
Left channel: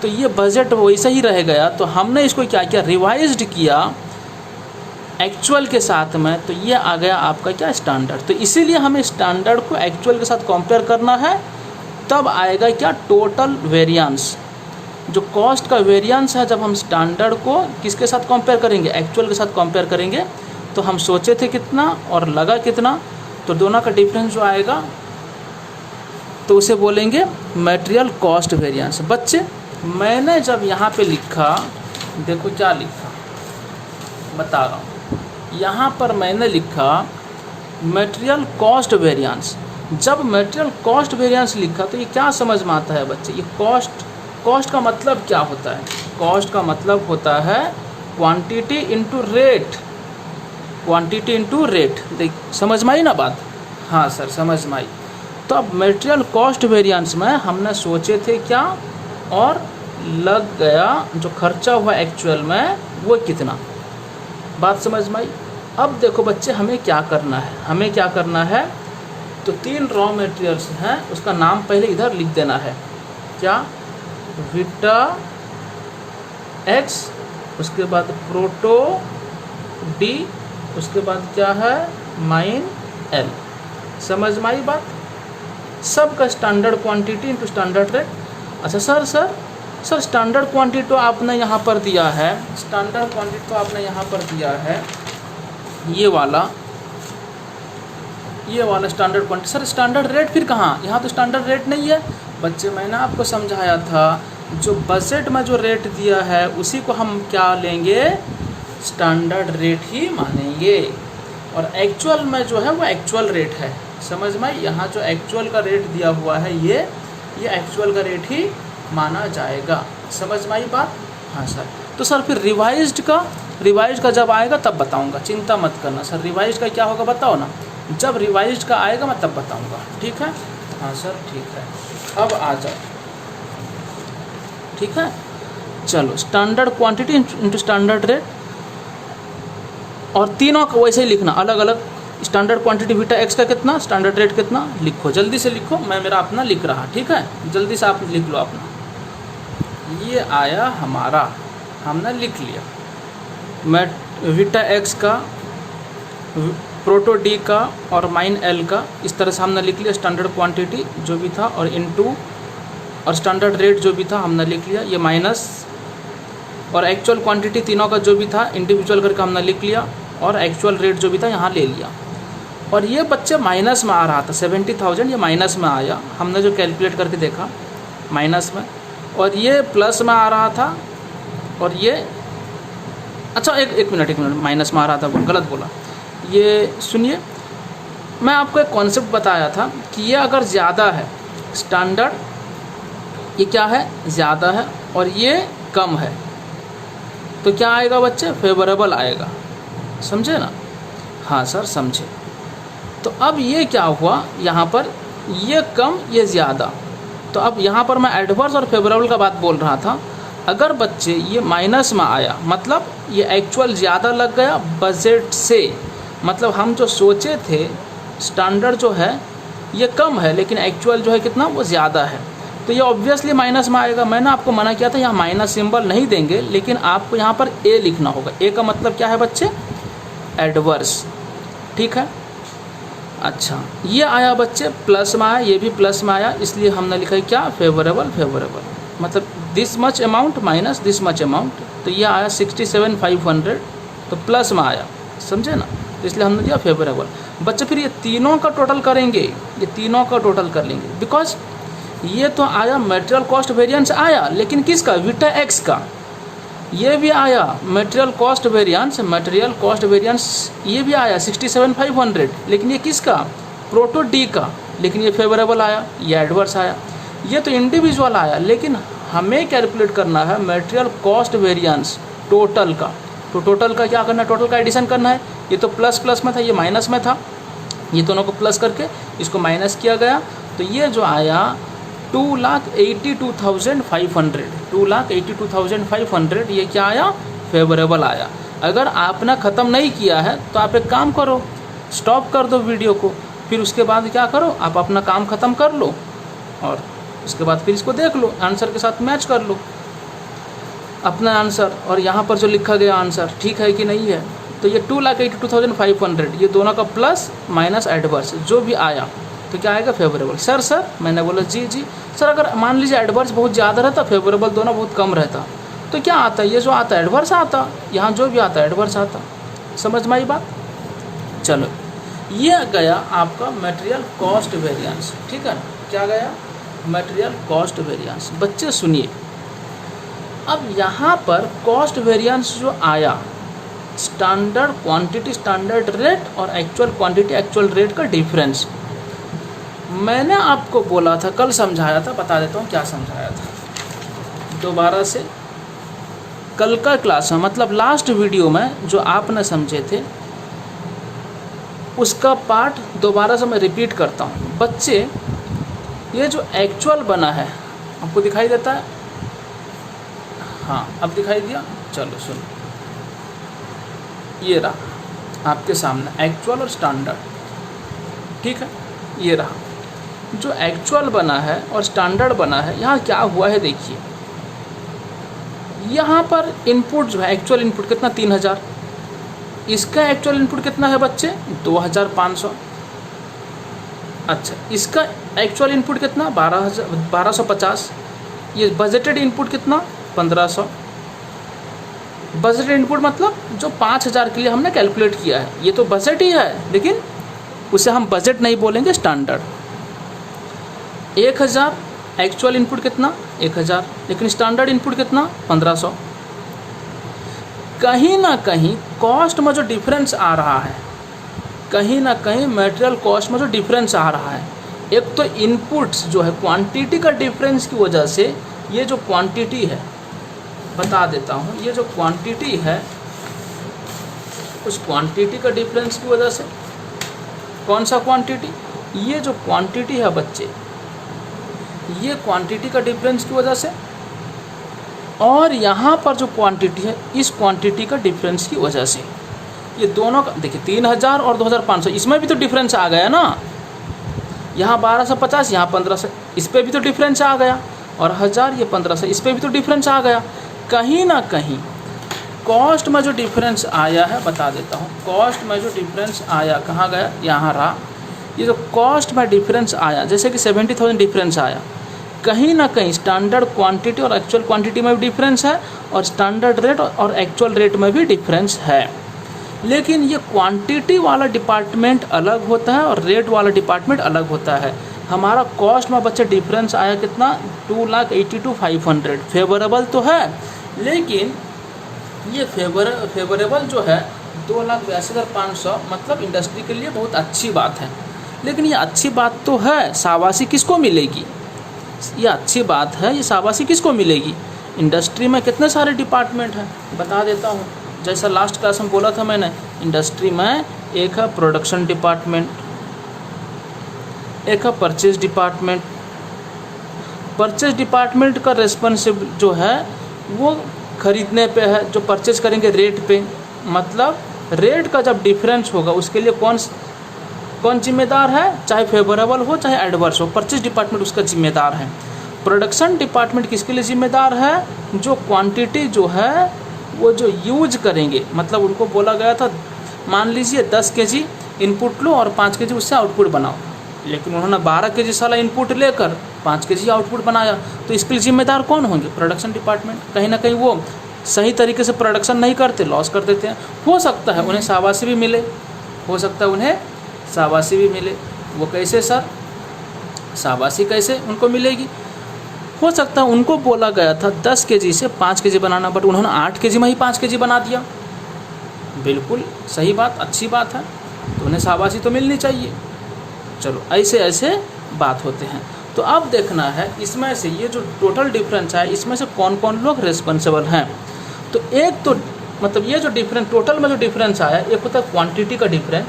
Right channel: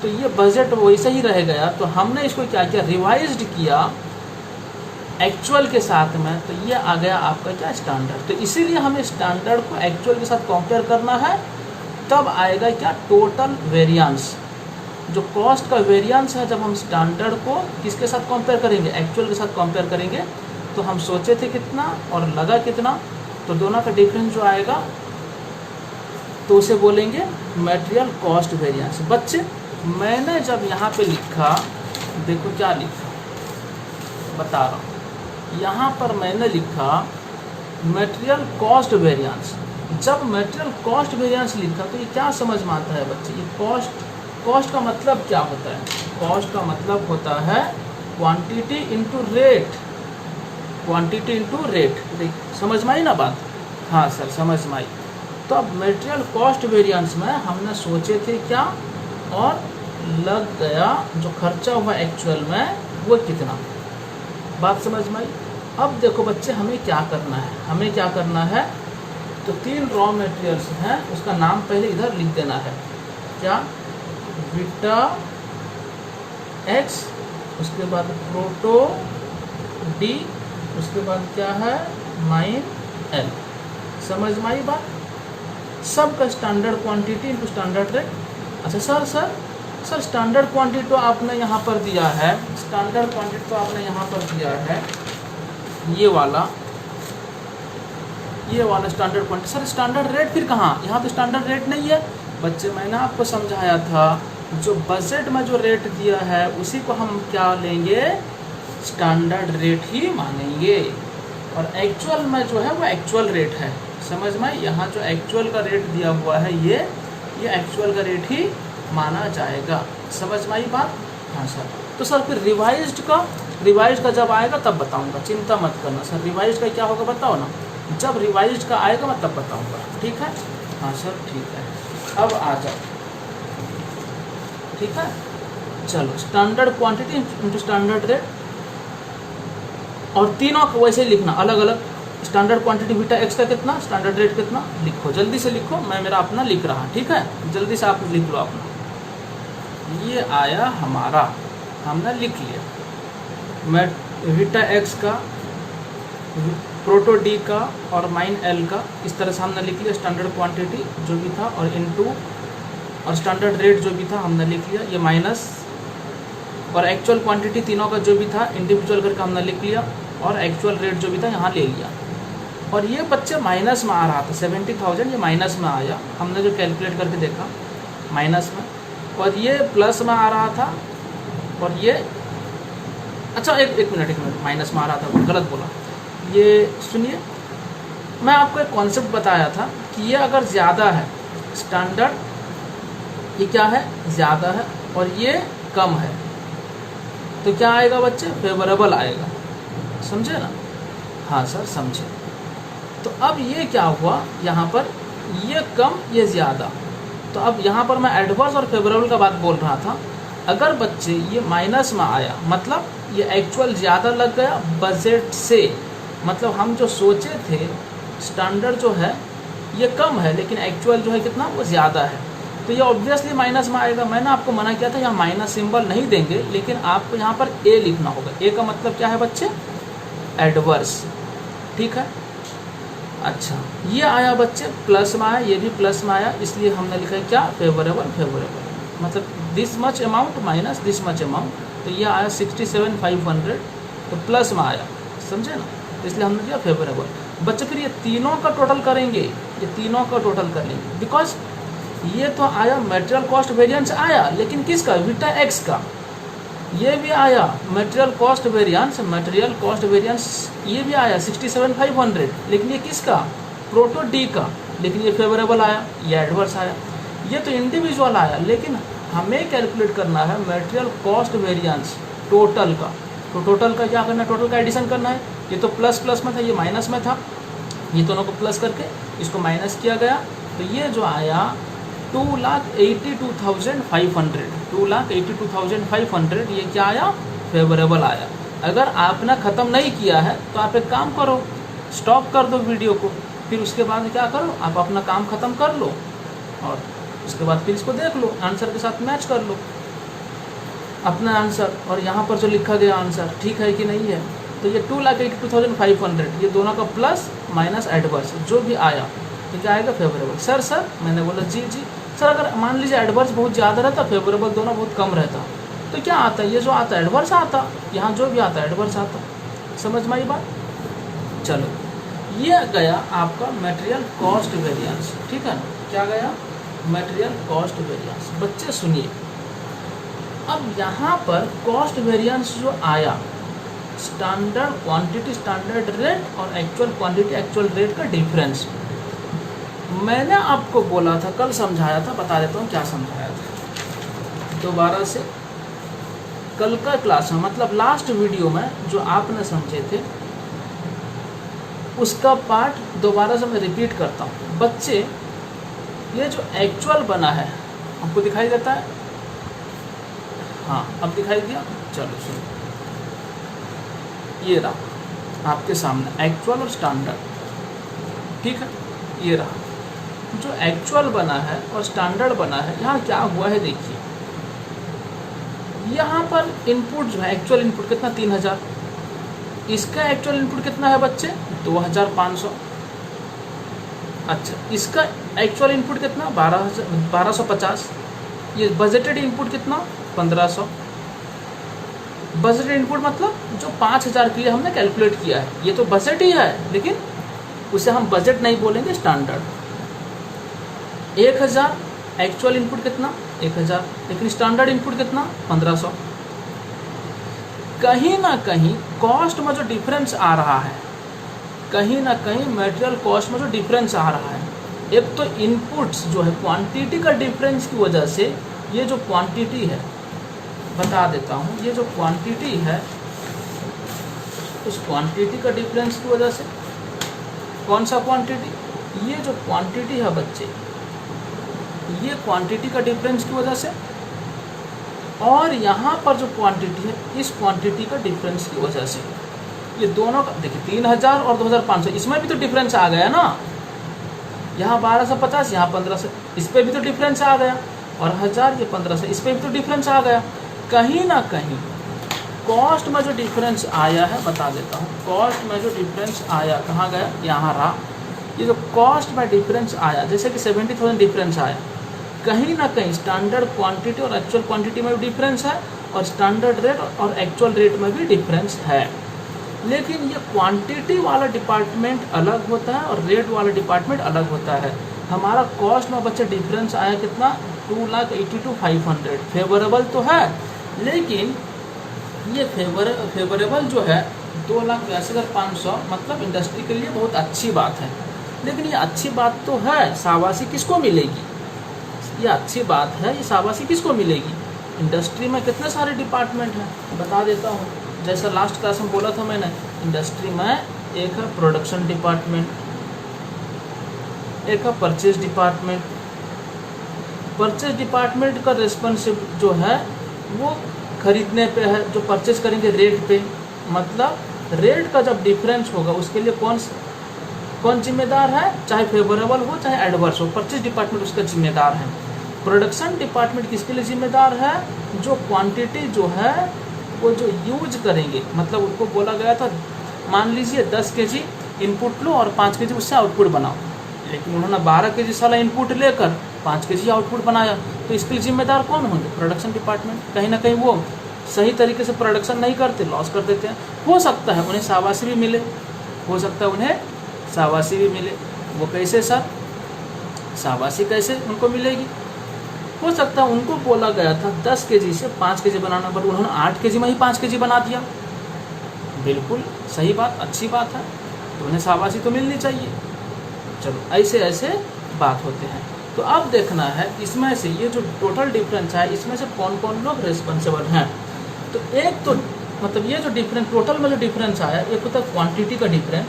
तो ये बजट वैसा ही रह गया, तो हमने इसको क्या किया, रिवाइज्ड किया एक्चुअल के साथ में, तो ये आ गया आपका क्या, स्टैंडर्ड। तो इसीलिए हमें स्टैंडर्ड को एक्चुअल के साथ कंपेयर करना है, तब आएगा क्या, टोटल वेरिएंस। जो कॉस्ट का वेरिएंस है, जब हम स्टैंडर्ड को किसके साथ कंपेयर करेंगे, एक्चुअल के साथ कंपेयर करेंगे, तो हम सोचे थे कितना और लगा कितना, तो दोनों का डिफरेंस जो आएगा तो उसे बोलेंगे मटेरियल कॉस्ट वेरिएंस। बच्चे मैंने जब यहाँ पे लिखा, देखो क्या लिखा बता रहा हूँ, यहाँ पर मैंने लिखा मटेरियल कॉस्ट वेरिएंस। जब मटेरियल कॉस्ट वेरिएंस लिखा तो ये क्या समझ में आता है बच्चे, ये कॉस्ट का मतलब क्या होता है, कॉस्ट का मतलब होता है quantity into rate, quantity into rate. देख समझ में आई ना बात? हाँ सर समझ में आई। तो अब मटेरियल कॉस्ट वेरिएंस में हमने सोचे थे क्या और लग गया, जो खर्चा हुआ एक्चुअल में वो कितना, बात समझ में आई। अब देखो बच्चे हमें क्या करना है, तो 3 रॉ मटेरियल्स हैं, उसका नाम पहले इधर लिख देना है, क्या, विटा एक्स, उसके बाद प्रोटो डी, उसके बाद क्या है, माइन एल। समझ में आई बात? सब का standard quantity into standard rate. अच्छा सर स्टैंडर्ड क्वांटिटी तो आपने यहाँ पर दिया है, स्टैंडर्ड क्वांटिटी तो आपने यहाँ पर दिया है, ये वाला standard quantity. Sir standard rate फिर कहाँ, यहाँ तो स्टैंडर्ड रेट नहीं है। बच्चे मैंने आपको समझाया था, जो बजट में जो रेट दिया है उसी को हम क्या लेंगे, स्टैंडर्ड रेट ही मानेंगे, और एक्चुअल में जो है वो एक्चुअल रेट है। समझ में? यहाँ जो एक्चुअल का रेट दिया हुआ है ये एक्चुअल का रेट ही माना जाएगा। समझ में आई बात? हाँ सर। तो सर फिर रिवाइज्ड का जब आएगा तब बताऊंगा, चिंता मत करना सर। रिवाइज्ड का क्या होगा बताओ ना, जब रिवाइज्ड का आएगा मैं तब बताऊंगा, ठीक है? हाँ सर ठीक है। अब आ जाओ, ठीक है, चलो standard quantity into standard rate. और तीनों को वैसे ही लिखना अलग अलग। स्टैंडर्ड क्वांटिटी बीटा एक्स का कितना, स्टैंडर्ड रेट कितना, लिखो जल्दी से लिखो, मैं मेरा अपना लिख रहा, ठीक है, जल्दी से आप लिख लो अपना। ये आया हमारा, हमने लिख लिया, मैं बीटा एक्स का, प्रोटो डी का और माइन एल का, इस तरह से हमने लिख लिया स्टैंडर्ड क्वांटिटी जो भी था, और इनटू और स्टैंडर्ड रेट जो भी था हमने लिख लिया, ये माइनस और एक्चुअल क्वांटिटी तीनों का जो भी था इंडिविजुअल करके हमने लिख लिया, और एक्चुअल रेट जो भी था यहाँ ले लिया। और ये बच्चे माइनस में आ रहा था 70,000, ये माइनस में आया, हमने जो कैलकुलेट करके देखा माइनस में, और ये प्लस में आ रहा था, और ये अच्छा एक मिनट माइनस में आ रहा था, गलत बोला। ये सुनिए, मैं आपको एक कॉन्सेप्ट बताया था कि ये अगर ज़्यादा है स्टैंडर्ड, ये क्या है ज़्यादा है, और ये कम है, तो क्या आएगा बच्चे, फेवरेबल आएगा, समझे ना। हाँ सर समझे। तो अब ये क्या हुआ यहाँ पर, ये कम ये ज़्यादा, तो अब यहाँ पर मैं एडवर्स और फेवरेबल का बात बोल रहा था। अगर बच्चे ये माइनस में आया, मतलब ये एक्चुअल ज़्यादा लग गया बजट से, मतलब हम जो सोचे थे स्टैंडर्ड जो है ये कम है, लेकिन एक्चुअल जो है कितना, वो ज़्यादा है, तो ये ऑब्वियसली माइनस में आएगा। मैंने आपको मना किया था यहाँ माइनस सिंबल नहीं देंगे, लेकिन आपको यहाँ पर ए लिखना होगा। ए का मतलब क्या है बच्चे, एडवर्स, ठीक है। अच्छा, ये आया बच्चे प्लस में आया, ये भी प्लस में आया, इसलिए हमने लिखा है क्या, फेवरेबल, फेवरेबल मतलब this much amount minus this much amount, तो ये आया 67,500, तो प्लस में आया, समझे ना, इसलिए हमने दिया फेवरेबल। बच्चे फिर ये तीनों का टोटल करेंगे, ये तीनों का टोटल कर लेंगे, बिकॉज ये तो आया मटेरियल कॉस्ट वेरिएंस आया, लेकिन किसका, बीटा एक्स का। ये भी आया मटेरियल कॉस्ट वेरिएंस, ये भी आया 67,500, लेकिन ये किसका, प्रोटो डी का, लेकिन ये फेवरेबल आया, ये एडवर्स आया। ये तो इंडिविजुअल आया, लेकिन हमें कैलकुलेट करना है मटेरियल कॉस्ट वेरिएंस टोटल का। तो टोटल का क्या करना है, टोटल का एडिशन करना है। ये तो प्लस प्लस में था, ये माइनस में था, ये दोनों को प्लस करके इसको माइनस किया गया, तो ये जो आया 2,82,500, 2,82,500, ये क्या आया, फेवरेबल आया। अगर आपने ख़त्म नहीं किया है तो आप एक काम करो, स्टॉप कर दो वीडियो को, फिर उसके बाद क्या करो, आप अपना काम ख़त्म कर लो, और उसके बाद फिर इसको देख लो, आंसर के साथ मैच कर लो अपना आंसर, और यहाँ पर जो लिखा गया आंसर ठीक है कि नहीं है। तो ये 2,82,500, ये दोनों का प्लस माइनस एडवर्स जो भी आया, तो क्या आएगा, फेवरेबल। सर मैंने बोला जी सर, अगर मान लीजिए एडवर्स बहुत ज़्यादा रहता, फेवरेबल दोनों बहुत कम रहता, तो क्या आता, ये जो आता एडवर्स आता, यहाँ जो भी आता एडवर्स आता। समझ में आई बात। चलो, ये गया आपका मटेरियल कॉस्ट वेरिएंस, ठीक है ना, क्या गया, मटेरियल कॉस्ट वेरिएंस। बच्चे सुनिए, अब यहाँ पर कॉस्ट वेरिएंस जो आया, स्टैंडर्ड क्वांटिटी स्टैंडर्ड रेट और एक्चुअल क्वांटिटी एक्चुअल रेट का डिफरेंस, मैंने आपको बोला था, कल समझाया था, बता देता हूँ क्या समझाया था दोबारा से। कल का क्लास में, मतलब लास्ट वीडियो में जो आपने समझे थे, उसका पार्ट दोबारा से मैं रिपीट करता हूँ। बच्चे, ये जो एक्चुअल बना है आपको दिखाई देता है, हाँ अब दिखाई दिया, चलो सुनो, ये रहा आपके सामने एक्चुअल और स्टैंडर्ड, ठीक है, ये रहा जो एक्चुअल बना है और स्टैंडर्ड बना है। यहाँ क्या हुआ है देखिए, यहाँ पर इनपुट जो है, एक्चुअल इनपुट कितना, 3,000, इसका एक्चुअल इनपुट कितना है बच्चे, 2,500। अच्छा, इसका एक्चुअल इनपुट कितना, 1250। ये बजटेड इनपुट कितना, 1500। बजटेड इनपुट मतलब जो 5,000 के लिए हमने कैलकुलेट किया है, ये तो बजट ही है, लेकिन उसे हम बजट नहीं बोलेंगे, स्टैंडर्ड। 1,000 एक्चुअल इनपुट कितना, 1,000, लेकिन स्टैंडर्ड इनपुट कितना, 1500। कहीं ना कहीं कॉस्ट में जो डिफरेंस आ रहा है, कहीं ना कहीं मटेरियल कॉस्ट में जो डिफरेंस आ रहा है, एक तो इनपुट्स जो है क्वांटिटी का डिफरेंस की वजह से, ये जो क्वांटिटी है, बता देता हूँ, ये जो क्वांटिटी है, उस क्वांटिटी का डिफरेंस की वजह से, कौन सा क्वांटिटी, ये जो क्वांटिटी है बच्चे, ये क्वांटिटी का डिफरेंस की वजह से, और यहाँ पर जो क्वांटिटी है, इस क्वांटिटी का डिफरेंस की वजह से, ये दोनों का देखिए 3000 और 2500, इसमें भी तो डिफरेंस आ गया ना। यहाँ 1250, यहाँ 1500, इस पर भी तो डिफरेंस आ गया। और 1000, ये 1500, इस पर भी तो डिफरेंस आ गया। कहीं ना कहीं कॉस्ट में जो डिफरेंस आया है, बता देता हूँ, कॉस्ट में जो डिफरेंस आया कहाँ गया, यहाँ रहा। ये जो कॉस्ट में डिफरेंस आया, जैसे कि 70,000 डिफरेंस आया, कहीं ना कहीं स्टैंडर्ड क्वांटिटी और एक्चुअल क्वांटिटी में भी डिफरेंस है, और स्टैंडर्ड रेट और एक्चुअल रेट में भी डिफरेंस है। लेकिन ये क्वांटिटी वाला डिपार्टमेंट अलग होता है और रेट वाला डिपार्टमेंट अलग होता है। हमारा कॉस्ट में बच्चे डिफरेंस आया कितना, 2,82,500, फेवरेबल तो है, लेकिन ये फेवरेबल जो है 2,82,500, मतलब इंडस्ट्री के लिए बहुत अच्छी बात है। लेकिन ये अच्छी बात तो है, शाबाशी किसको मिलेगी, ये अच्छी बात है, ये शाबाशी किसको मिलेगी। इंडस्ट्री में कितने सारे डिपार्टमेंट हैं, बता देता हूँ। जैसा लास्ट क्लास में बोला था मैंने, इंडस्ट्री में एक है प्रोडक्शन डिपार्टमेंट, एक है परचेज डिपार्टमेंट। परचेज डिपार्टमेंट का रेस्पॉन्सिबल जो है वो खरीदने पे है, जो परचेज करेंगे रेट पे, मतलब रेट का जब डिफरेंस होगा उसके लिए कौन जिम्मेदार है, चाहे फेवरेबल हो चाहे एडवर्स हो, परचेज डिपार्टमेंट उसका जिम्मेदार है। प्रोडक्शन डिपार्टमेंट किसके लिए जिम्मेदार है, जो क्वांटिटी जो है वो जो यूज करेंगे, मतलब उनको बोला गया था मान लीजिए 10 kg इनपुट लो और 5 kg उससे आउटपुट बनाओ, लेकिन उन्होंने 12 kg साला इनपुट लेकर 5 kg आउटपुट बनाया, तो इसके लिए जिम्मेदार कौन होंगे, प्रोडक्शन डिपार्टमेंट। कहीं ना कहीं वो सही तरीके से प्रोडक्शन नहीं करते, लॉस कर देते हैं। हो सकता है उन्हें शाबाशी भी मिले, हो सकता है उन्हें शाबाशी भी मिले। वो कैसे सर, शाबाशी कैसे उनको मिलेगी, हो सकता है उनको बोला गया था 10 kg से 5 kg बनाना, बट उन्होंने 8 kg में ही 5 kg बना दिया। बिल्कुल सही बात, अच्छी बात है, तो उन्हें शाबाशी तो मिलनी चाहिए। चलो ऐसे ऐसे बात होते हैं। तो अब देखना है इसमें से ये जो टोटल डिफरेंस है इसमें से कौन कौन लोग रिस्पॉन्सिबल हैं। तो एक तो मतलब ये जो डिफरेंस टोटल में जो डिफरेंस आया, एक होता है क्वांटिटी का डिफरेंस,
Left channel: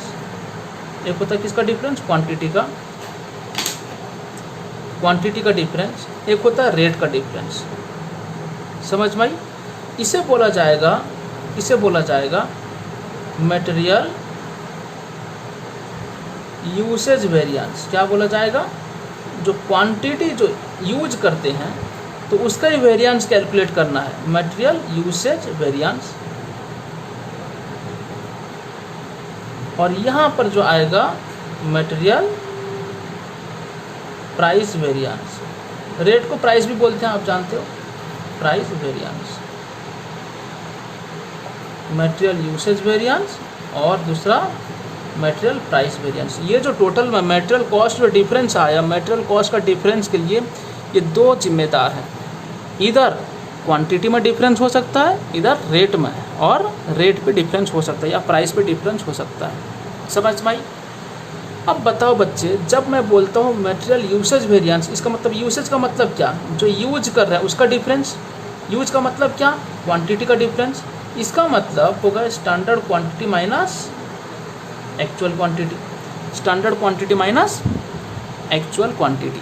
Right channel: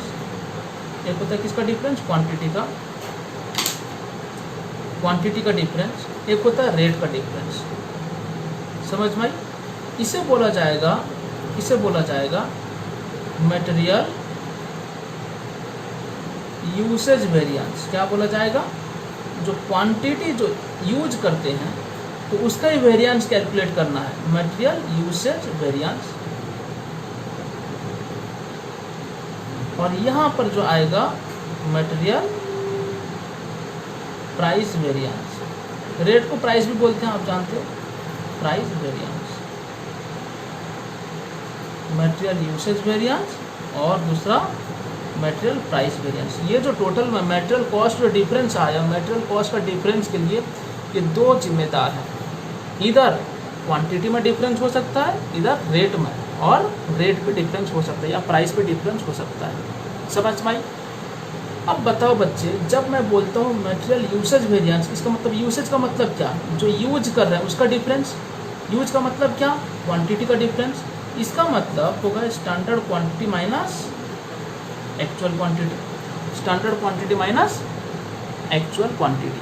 एक होता है किसका डिफरेंस, क्वांटिटी का डिफरेंस, एक होता है रेट का डिफरेंस। समझ में आई। इसे बोला जाएगा मटेरियल यूसेज वेरिएंस। क्या बोला जाएगा, जो क्वांटिटी जो यूज करते हैं तो उसका ही वेरिएंस कैलकुलेट करना है, मटेरियल यूसेज वेरिएंस। और यहाँ पर जो आएगा मटेरियल प्राइस वेरिएंस। रेट को प्राइस भी बोलते हैं, आप जानते हो, price variance, material usage variance और दूसरा मटेरियल प्राइस वेरिएंस। ये जो टोटल में मटेरियल कॉस्ट जो डिफरेंस आया, मटेरियल कॉस्ट का डिफरेंस के लिए ये दो जिम्मेदार है, इधर क्वांटिटी में डिफरेंस हो सकता है, इधर रेट में, और रेट पे डिफरेंस हो सकता है या प्राइस पे डिफरेंस हो सकता है। समझ में आई। अब बताओ बच्चे, जब मैं बोलता हूँ मटेरियल यूसेज वेरिएंस, इसका मतलब यूसेज का मतलब क्या, जो यूज कर रहा है उसका डिफरेंस। यूज का मतलब क्या, क्वांटिटी का डिफरेंस। इसका मतलब होगा standard quantity minus actual quantity, standard quantity minus actual quantity.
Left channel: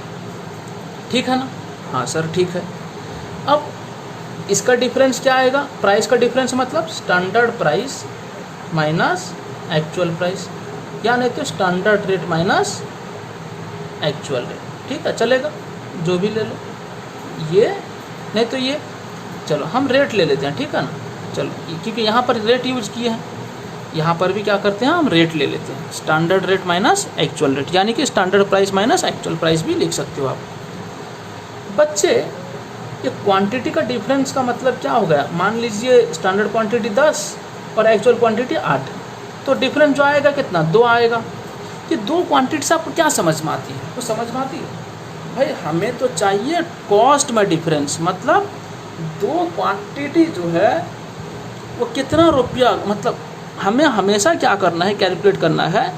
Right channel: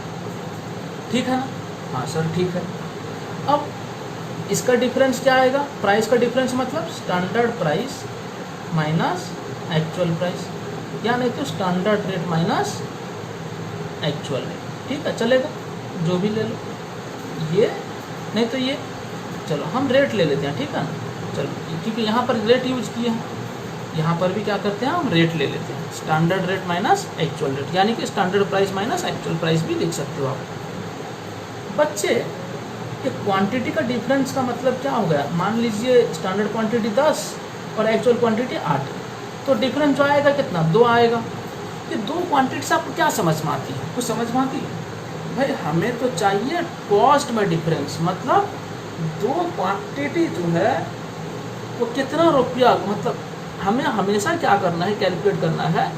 ठीक है ना, हाँ सर ठीक है। अब इसका डिफरेंस क्या आएगा, प्राइस का डिफरेंस मतलब standard price minus actual price, या नहीं तो standard rate minus actual rate. ठीक है, चलेगा, जो भी ले लो, ये नहीं तो ये। चलो हम रेट ले लेते हैं, ठीक है ना। चलो, क्योंकि यहाँ पर रेट यूज किए हैं, यहाँ पर भी क्या करते हैं, हम रेट ले लेते हैं, standard rate minus actual rate, यानी कि standard price minus actual price भी लिख सकते हो आप। बच्चे, ये क्वांटिटी का डिफरेंस का मतलब क्या हो गया, मान लीजिए स्टैंडर्ड क्वांटिटी 10 और एक्चुअल क्वांटिटी 8, तो डिफरेंस जो आएगा कितना, 2 आएगा। ये दो क्वांटिटी से आपको क्या समझ में आती है, कुछ समझ में आती है भाई, हमें तो चाहिए कॉस्ट में डिफरेंस, मतलब दो क्वांटिटी जो है वो कितना रुपया, मतलब हमें हमेशा क्या करना है, कैलकुलेट करना है,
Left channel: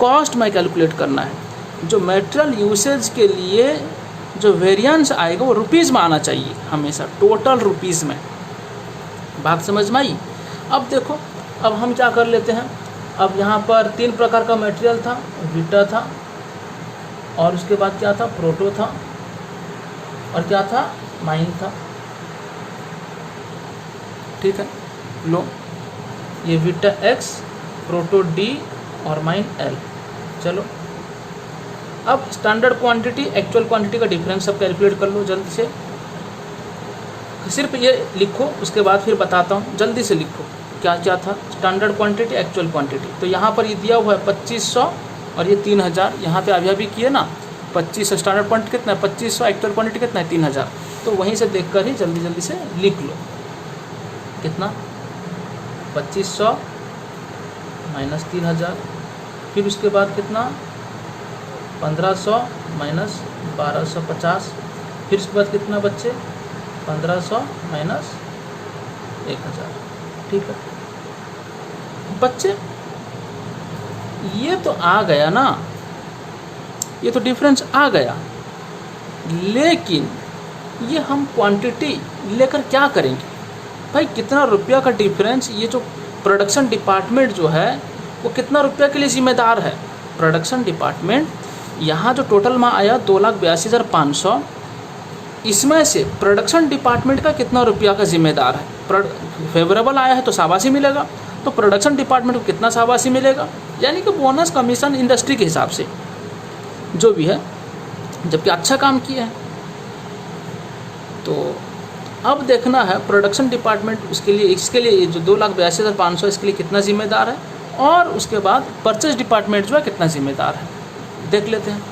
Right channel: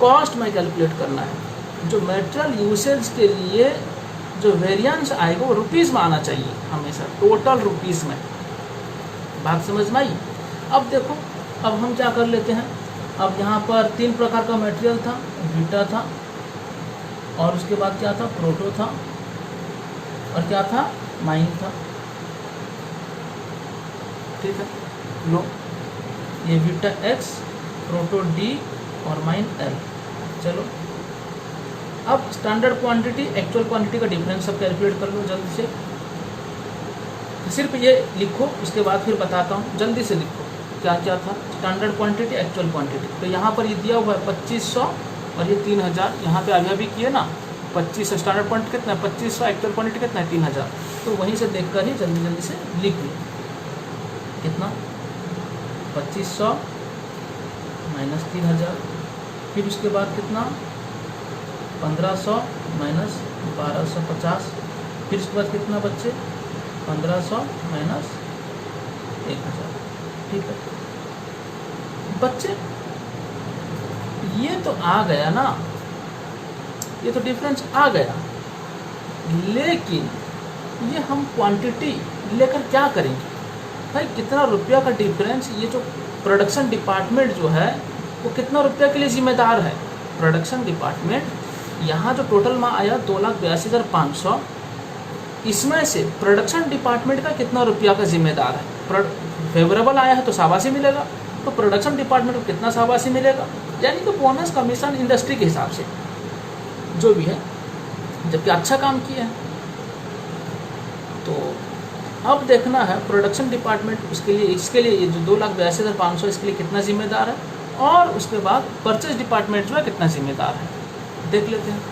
कॉस्ट में कैलकुलेट करना है। जो मटेरियल यूसेज के लिए जो वेरिएंस आएगा वो रुपीज़ में आना चाहिए हमेशा, टोटल रुपीज़ में। बात समझ में आई। अब देखो, अब हम क्या कर लेते हैं, अब यहाँ पर 3 प्रकार का मटेरियल था, विटा था, और उसके बाद क्या था, प्रोटो था, और क्या था, माइन था। ठीक है, लो, ये विटा एक्स प्रोटो डी और माइन एल। चलो अब स्टैंडर्ड क्वांटिटी एक्चुअल क्वांटिटी का डिफरेंस सब कैलकुलेट कर लो जल्दी से। सिर्फ ये लिखो, उसके बाद फिर बताता हूँ। जल्दी से लिखो क्या क्या था। स्टैंडर्ड क्वांटिटी एक्चुअल क्वांटिटी, तो यहाँ पर ये दिया हुआ है 2500 और ये 3000। यहाँ पे अभी अभी किए ना 2500 स्टैंडर्ड क्वांटिटी कितना है 2500, एक्चुअल क्वांटिटी कितना है 3000। तो वहीं से देखकर ही जल्दी जल्दी से लिख लो कितना 2500 माइनस 3000, फिर उसके बाद कितना 1500 माइनस 1250, फिर उसके बाद कितना बच्चे 1500 माइनस 1000। ठीक है बच्चे, ये तो आ गया ना, ये तो डिफरेंस आ गया। लेकिन ये हम क्वांटिटी लेकर क्या करेंगे भाई? कितना रुपया का डिफरेंस, ये जो प्रोडक्शन डिपार्टमेंट जो है वो कितना रुपया के लिए जिम्मेदार है? प्रोडक्शन डिपार्टमेंट यहाँ जो टोटल में आया 2,82,500, इसमें से प्रोडक्शन डिपार्टमेंट का कितना रुपया का जिम्मेदार है? फेवरेबल आया है तो शाबाशी मिलेगा, तो प्रोडक्शन डिपार्टमेंट को कितना शाबाशी मिलेगा? यानी कि बोनस कमीशन इंडस्ट्री के हिसाब से जो भी है, जबकि अच्छा काम किया है। तो अब देखना है प्रोडक्शन डिपार्टमेंट उसके लिए, इसके लिए जो 2,82,500 इसके लिए कितना जिम्मेदार है, और उसके बाद परचेज डिपार्टमेंट जो है कितना जिम्मेदार है, देख लेते हैं।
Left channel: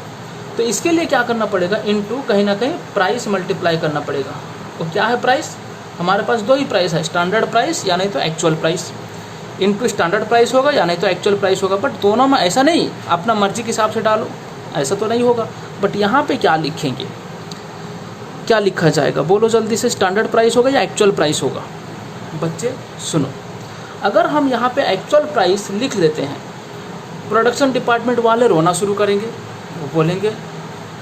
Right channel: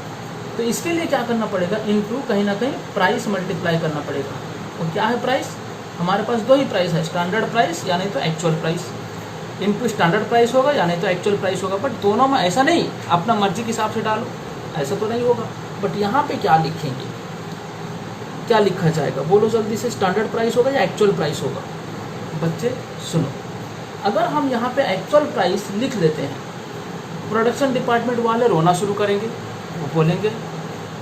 तो इसके लिए क्या करना पड़ेगा, इनटू कहीं ना कहीं प्राइस मल्टीप्लाई करना पड़ेगा। तो क्या है प्राइस? हमारे पास दो ही प्राइस है, स्टैंडर्ड प्राइस या नहीं तो actual price. Into standard price होगा या नहीं तो एक्चुअल प्राइस होगा। बट दोनों में ऐसा नहीं अपना मर्जी के हिसाब से डालो, ऐसा तो नहीं होगा। बट यहाँ पे क्या लिखेंगे, क्या लिखा जाएगा बोलो जल्दी से? स्टैंडर्ड प्राइस होगा या एक्चुअल प्राइस होगा? बच्चे सुनो, अगर हम यहाँ पे एक्चुअल प्राइस लिख देते हैं, प्रोडक्शन डिपार्टमेंट वाले रोना शुरू करेंगे। वो बोलेंगे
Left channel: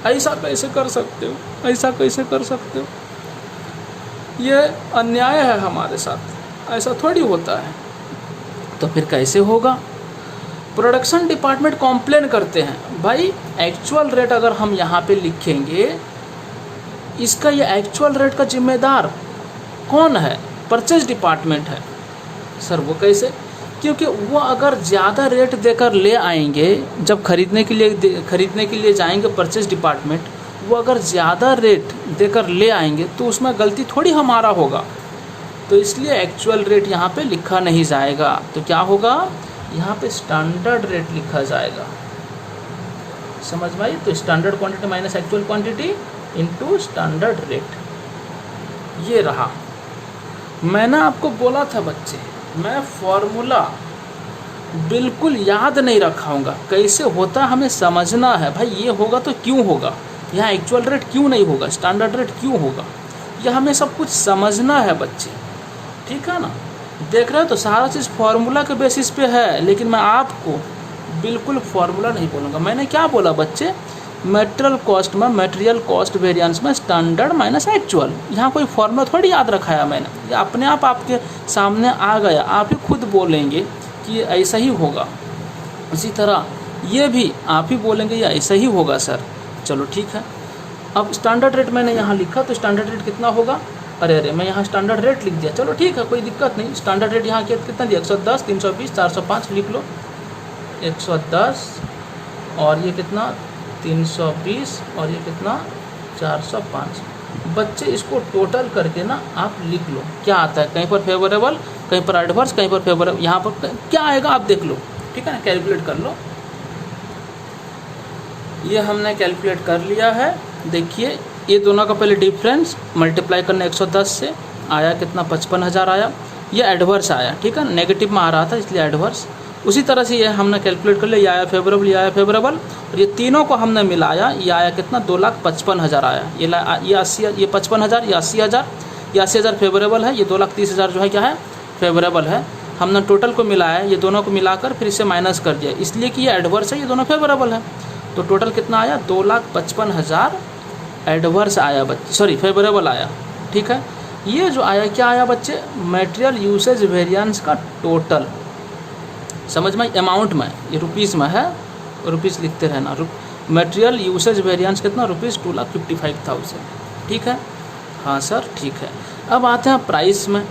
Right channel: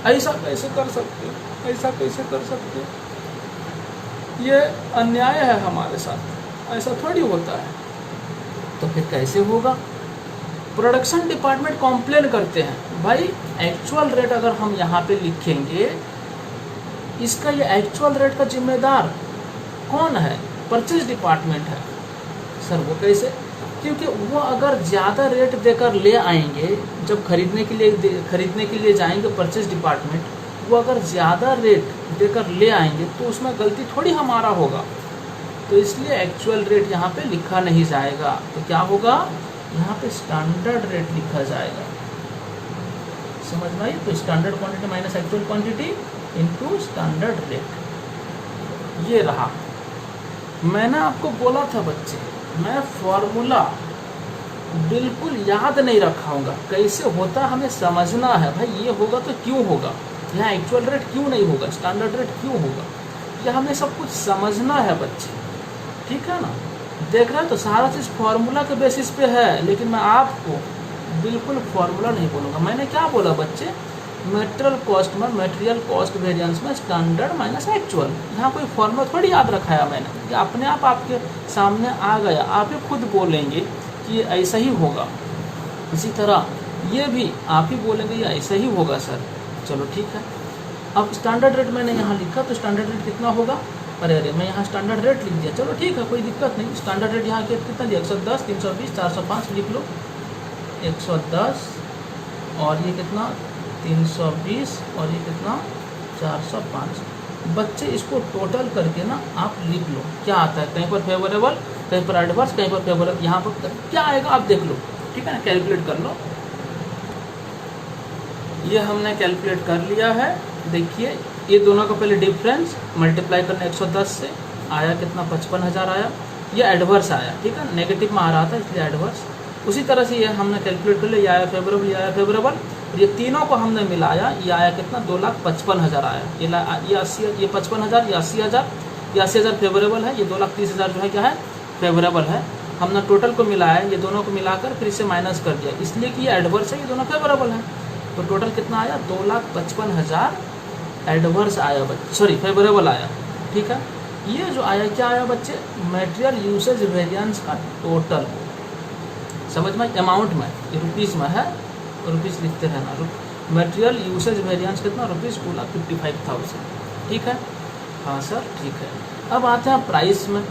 ऐसा कैसे कर सकते हो, ऐसा कैसे कर सकते हो, ये अन्याय है हमारे साथ, ऐसा थोड़ी होता है। तो फिर कैसे होगा? प्रोडक्शन डिपार्टमेंट कॉम्प्लेन करते हैं, भाई एक्चुअल रेट अगर हम यहाँ पे लिखेंगे, इसका ये एक्चुअल रेट का जिम्मेदार कौन है? परचेज डिपार्टमेंट है। सर वो कैसे? क्योंकि वो अगर ज़्यादा रेट देकर ले आएंगे, जब खरीदने के लिए जाएंगे परचेज डिपार्टमेंट, वो अगर ज़्यादा रेट देकर ले आएंगे तो उसमें गलती थोड़ी हमारा होगा। तो इसलिए एक्चुअल रेट यहाँ पे लिखा नहीं जाएगा। तो क्या होगा, यहाँ पे स्टैंडर्ड रेट लिखा जाएगा। समझ भाई? तो standard quantity minus actual quantity into standard rate. ये रहा। मैंने आपको बोला था बच्चे, मैं फॉर्मूला बिल्कुल याद नहीं रखाऊंगा, कैसे होता हमें समझना है। भाई ये होगा तो क्यों होगा, यहाँ एक्चुअल रेट क्यों नहीं होगा, स्टैंडर्ड रेट क्यों होगा, यह हमें सब कुछ समझना है बच्चे। ठीक है ना? देख रहे हो तो सारा चीज़ फार्मूला के बेसिस पे है, लेकिन मैं आपको बिल्कुल फार्मूला नहीं बोलूँगा। मैंने क्या बोला बच्चे, मटेरियल कॉस्ट वेरिएंस में स्टैंडर्ड माइनस एक्चुअल। यहाँ कोई फॉर्मूला थोड़ी याद रखाया मैंने, ये अपने आप आपके सामने आ गया। आप ही खुद बोलेंगे कि ऐसा ही होगा। इसी तरह ये भी आप ही बोलेंगे ये ऐसा ही होगा सर। चलो ठीक है। अब स्टैंडर्ड रेट मैंने यहाँ लिखा, तो स्टैंडर्ड रेट कितना होगा? अरे मैं यहाँ स्टैंडर्ड रेट लिख दिया। चलो ठीक है, कोई दिक्कत नहीं। स्टैंडर्ड रेट यहाँ कितना दिया? 110, 320, 405 लिख लो। 110 और ये कितना 320 और ये कितना 405। बच्चे इसको टोटल करके ना आप लिख लो क्या आता है। कहीं पर फेवरेबल, कहीं पर एडवर्स, कहीं पर फेवरेबल, यहाँ पर क्या आएगा आप देख लो। ठीक है ना, कैलकुलेट कर लो। ये हमने कैलकुलेट कर लिया है। देखिए ये दोनों का पहले डिफरेंस मल्टीप्लाई करना 110 से आया कितना 55,000 आया। ये एडवर्स आया, ठीक है, नेगेटिव में आ रहा था इसलिए एडवर्स। उसी तरह से ये हमने कैलकुलेट कर लिया, ये आया फेवरेबल, ये आया फेवरेबल। ये तीनों को हमने मिलाया, ये आया कितना 2,55,000 आया। ये 80, ये 55,000, ये 80,000, ये 80,000 फेवरेबल है, ये 2,30,000 जो है क्या है फेवरेबल है। हमने टोटल को मिलाया, ये दोनों को मिलाकर फिर इसे माइनस कर दिया, इसलिए कि ये एडवर्स है, ये दोनों फेवरेबल है। तो टोटल कितना आया 2,55,000 एडवर्स आया बच्चे, सॉरी फेवरेबल आया। ठीक है, ये जो आया क्या आया बच्चे, मटेरियल यूसेज वेरिएंस का टोटल। समझ में? अमाउंट में, ये रुपीज़ में है, रुपीज़ लिखते रहना। मटेरियल यूसेज वेरिएंस कितना रुपीज़ 2,55,000। ठीक है, हाँ सर ठीक है। अब आते हैं प्राइस में।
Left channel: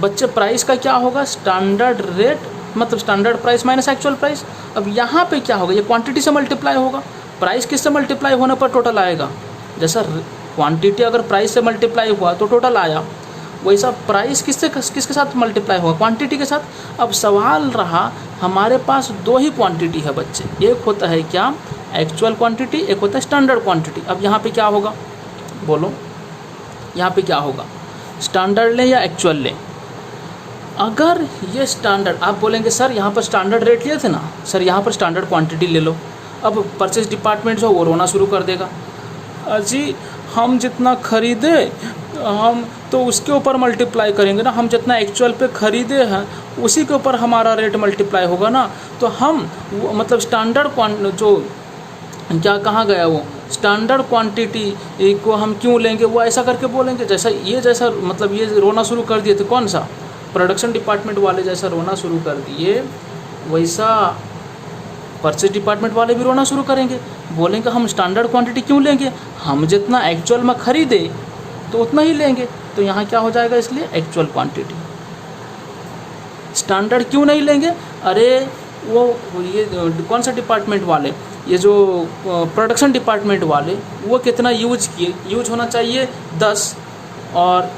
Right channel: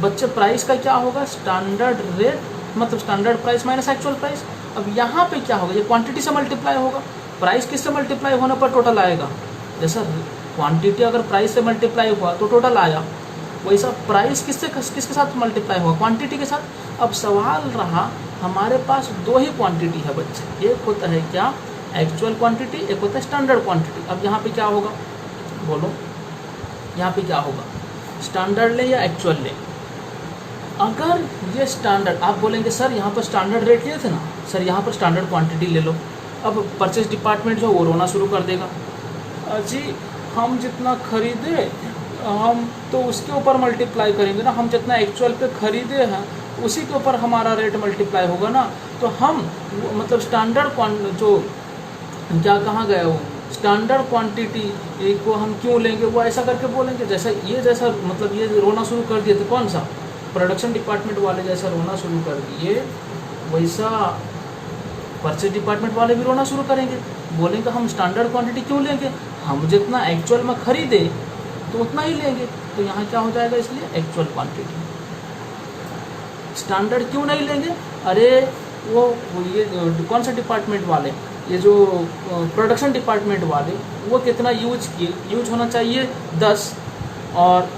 बच्चे प्राइस का क्या होगा, स्टैंडर्ड रेट मतलब standard price minus actual price. अब यहाँ पे क्या होगा, ये क्वांटिटी से मल्टीप्लाई होगा, प्राइस किससे मल्टीप्लाई होने पर टोटल आएगा। जैसा क्वांटिटी अगर प्राइस से मल्टीप्लाई हुआ तो टोटल आया, वैसा प्राइस किसके साथ मल्टीप्लाई होगा, क्वांटिटी के साथ। अब सवाल रहा हमारे पास दो ही क्वांटिटी है बच्चे, एक होता है क्या एक्चुअल क्वांटिटी, एक होता है स्टैंडर्ड क्वांटिटी। अब यहाँ पे क्या होगा बोलो, यहाँ पे क्या होगा, स्टैंडर्ड लें या एक्चुअल लें। अगर ये स्टैंडर्ड, आप बोलेंगे सर यहाँ पर स्टैंडर्ड रेट लिए थे ना, सर यहाँ पर स्टैंडर्ड क्वांटिटी ले लो। अब परचेज डिपार्टमेंट जो वो रोना शुरू कर देगा, अजी हम जितना खरीदे हम तो उसके ऊपर मल्टीप्लाई करेंगे ना, हम जितना एक्चुअल पे खरीदे हैं उसी के ऊपर हमारा रेट मल्टीप्लाई होगा ना, तो हम मतलब स्टैंडर्ड जो क्या कहाँ गया वो स्टैंडर्ड क्वांटिटी को हम क्यों लेंगे, वो ऐसा करके बोलेंगे। जैसा मतलब ये रोना शुरू कर दिए थे, कौन सा प्रोडक्शन डिपार्टमेंट वाले जैसा रोना शुरू कर दिए, वैसा परचेज डिपार्टमेंट वाले भी रोना शुरू करेंगे, बोलेंगे हम स्टैंडर्ड क्वांटिटी क्यों लेंगे, हम जितना एक्चुअल में खरीदे तो उतना ही लेंगे। तो यहाँ क्या हो जाएगा, इसलिए एक्चुअल क्वांटिटी। स्टैंडर्ड क्यों नहीं लेंगे, अरे वो ये कौन सा डिपार्टमेंट वाले, ये जो प्रोडक्शन डिपार्टमेंट वाले वो कितना यूज किए, यूज होना चाहिए 10 और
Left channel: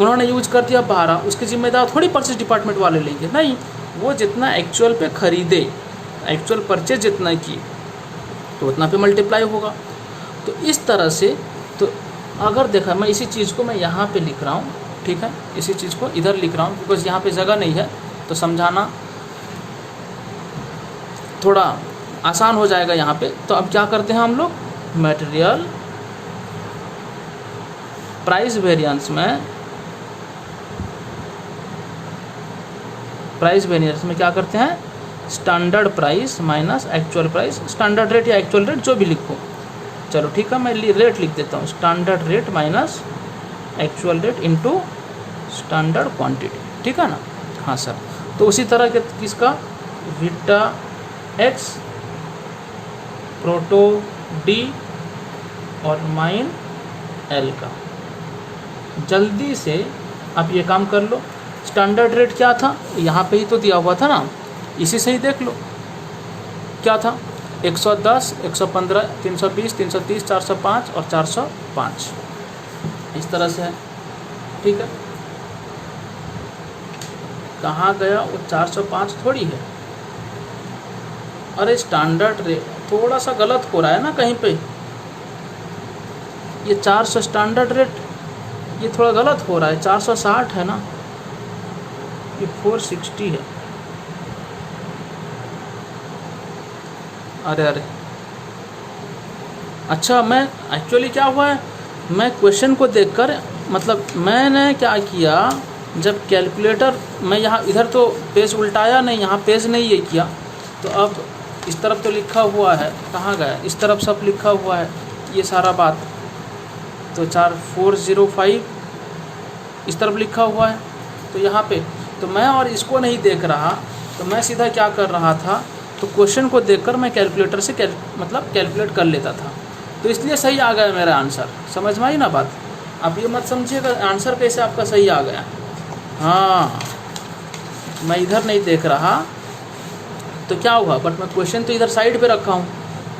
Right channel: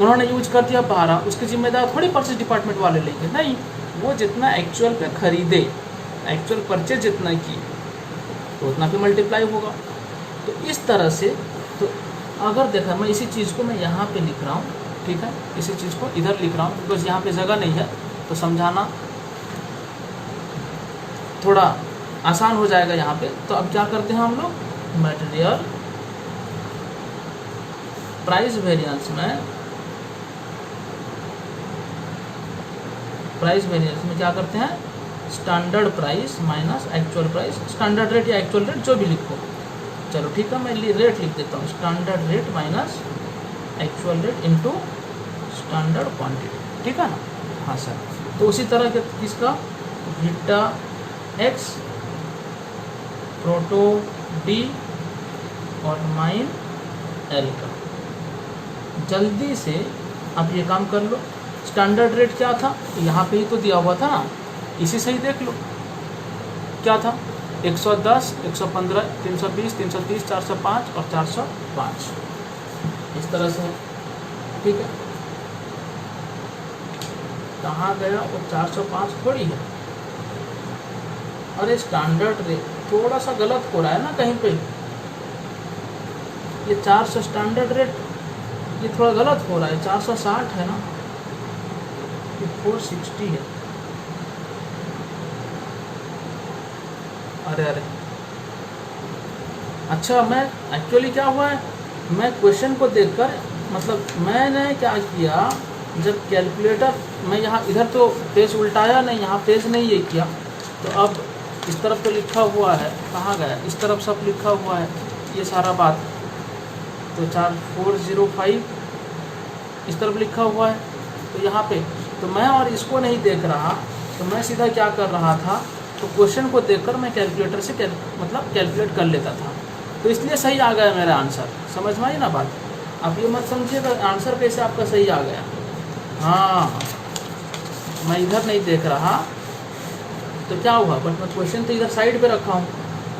उन्होंने यूज कर दिया 12, उसकी जिम्मेदार थोड़ी परचेज डिपार्टमेंट वाले लेंगे, नहीं, वो जितना एक्चुअल पे खरीदे, एक्चुअल परचेज जितना की तो उतना पे मल्टीप्लाई होगा। तो इस तरह से, तो अगर देखा मैं इसी चीज़ को मैं यहाँ पे लिख रहा हूँ, ठीक है, इसी चीज़ को इधर लिख रहा हूँ, बस यहाँ पे जगह नहीं है तो समझाना थोड़ा आसान हो जाएगा यहाँ पे। तो अब क्या करते हैं हम लोग, मटेरियल प्राइस वेरिएंस में क्या करते हैं, standard price minus actual price, standard rate या एक्चुअल रेट जो भी लिखो, चलो ठीक है, मैं रेट लिख देता हूँ, standard rate minus actual rate into standard quantity, ठीक है ना। हाँ सर, तो उसी तरह के किसका, वीटा एक्स, प्रोटो डी और माइन एल का। जल्दी से आप ये काम कर लो, स्टैंडर्ड रेट क्या था, यहाँ पे ही तो दिया हुआ था ना, इसी से ही देख लो क्या था, 110, 115, 320, 330, 405 और 405, इस तरह से है, ठीक है। कहाँ गया वो 405 थोड़ी है, अरे स्टैंडर्ड रेट थोड़ा सा गलत हो रहा है ना कहीं पे, ये 400 स्टैंडर्ड रेट ये थोड़ा गलत हो रहा है, 460 है ना, ये 460 है, अरे अच्छा, मैं एक्चुअली क्या हुआ है, मैं क्वेश्चन को देखकर, मतलब मैंने क्या किया, जब कैलकुलेटर मैं यहाँ इधर तो पेज उल्टाया नहीं, यहाँ पेज नहीं ये किया, तो अब इस तरफ तो लिखा हुआ है, कहाँ गया, इस तरफ सब लिखा हुआ है ये सारा बात, तो 4405 इस तरफ लिखा हुआ है, तो यहाँ पे तो मैं और इसको नहीं देख रहा, तो मैं सीधा क्या कर रहा था, तो क्वेश्चन को देखकर मैं कैलकुलेटर से मतलब कैलकुलेट कर लेता था, तो इसलिए सही आ गया मेरा आंसर। समझ में आई ना बात, आप ये मत समझिएगा आंसर कैसे आपका सही आ गया, हाँ मैं इधर नहीं देख रहा तो क्या हुआ, बट मैं क्वेश्चन तो इधर साइड पे रखा हूँ,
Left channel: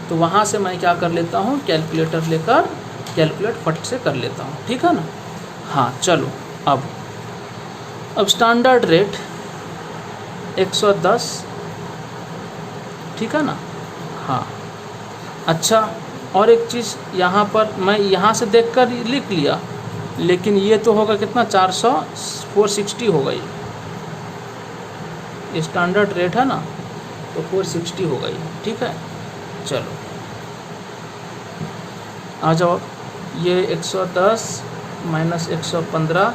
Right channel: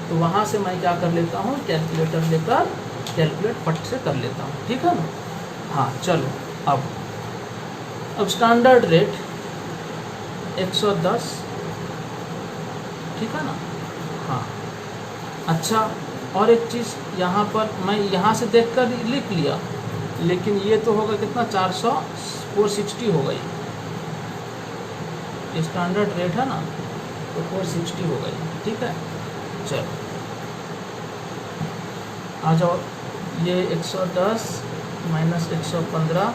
तो वहाँ से मैं क्या कर लेता हूँ, कैलकुलेटर लेकर कैलकुलेट फट से कर लेता हूँ, ठीक है ना। हाँ चलो, अब स्टैंडर्ड रेट 110, ठीक है ना। हाँ अच्छा, और एक चीज़ यहाँ पर मैं यहाँ से देखकर लिख लिया, लेकिन ये तो होगा कितना, 460 होगा, ये स्टैंडर्ड रेट है ना, तो 460 होगा ये, ठीक है। चलो आ जाओ, ये 110 माइनस 115,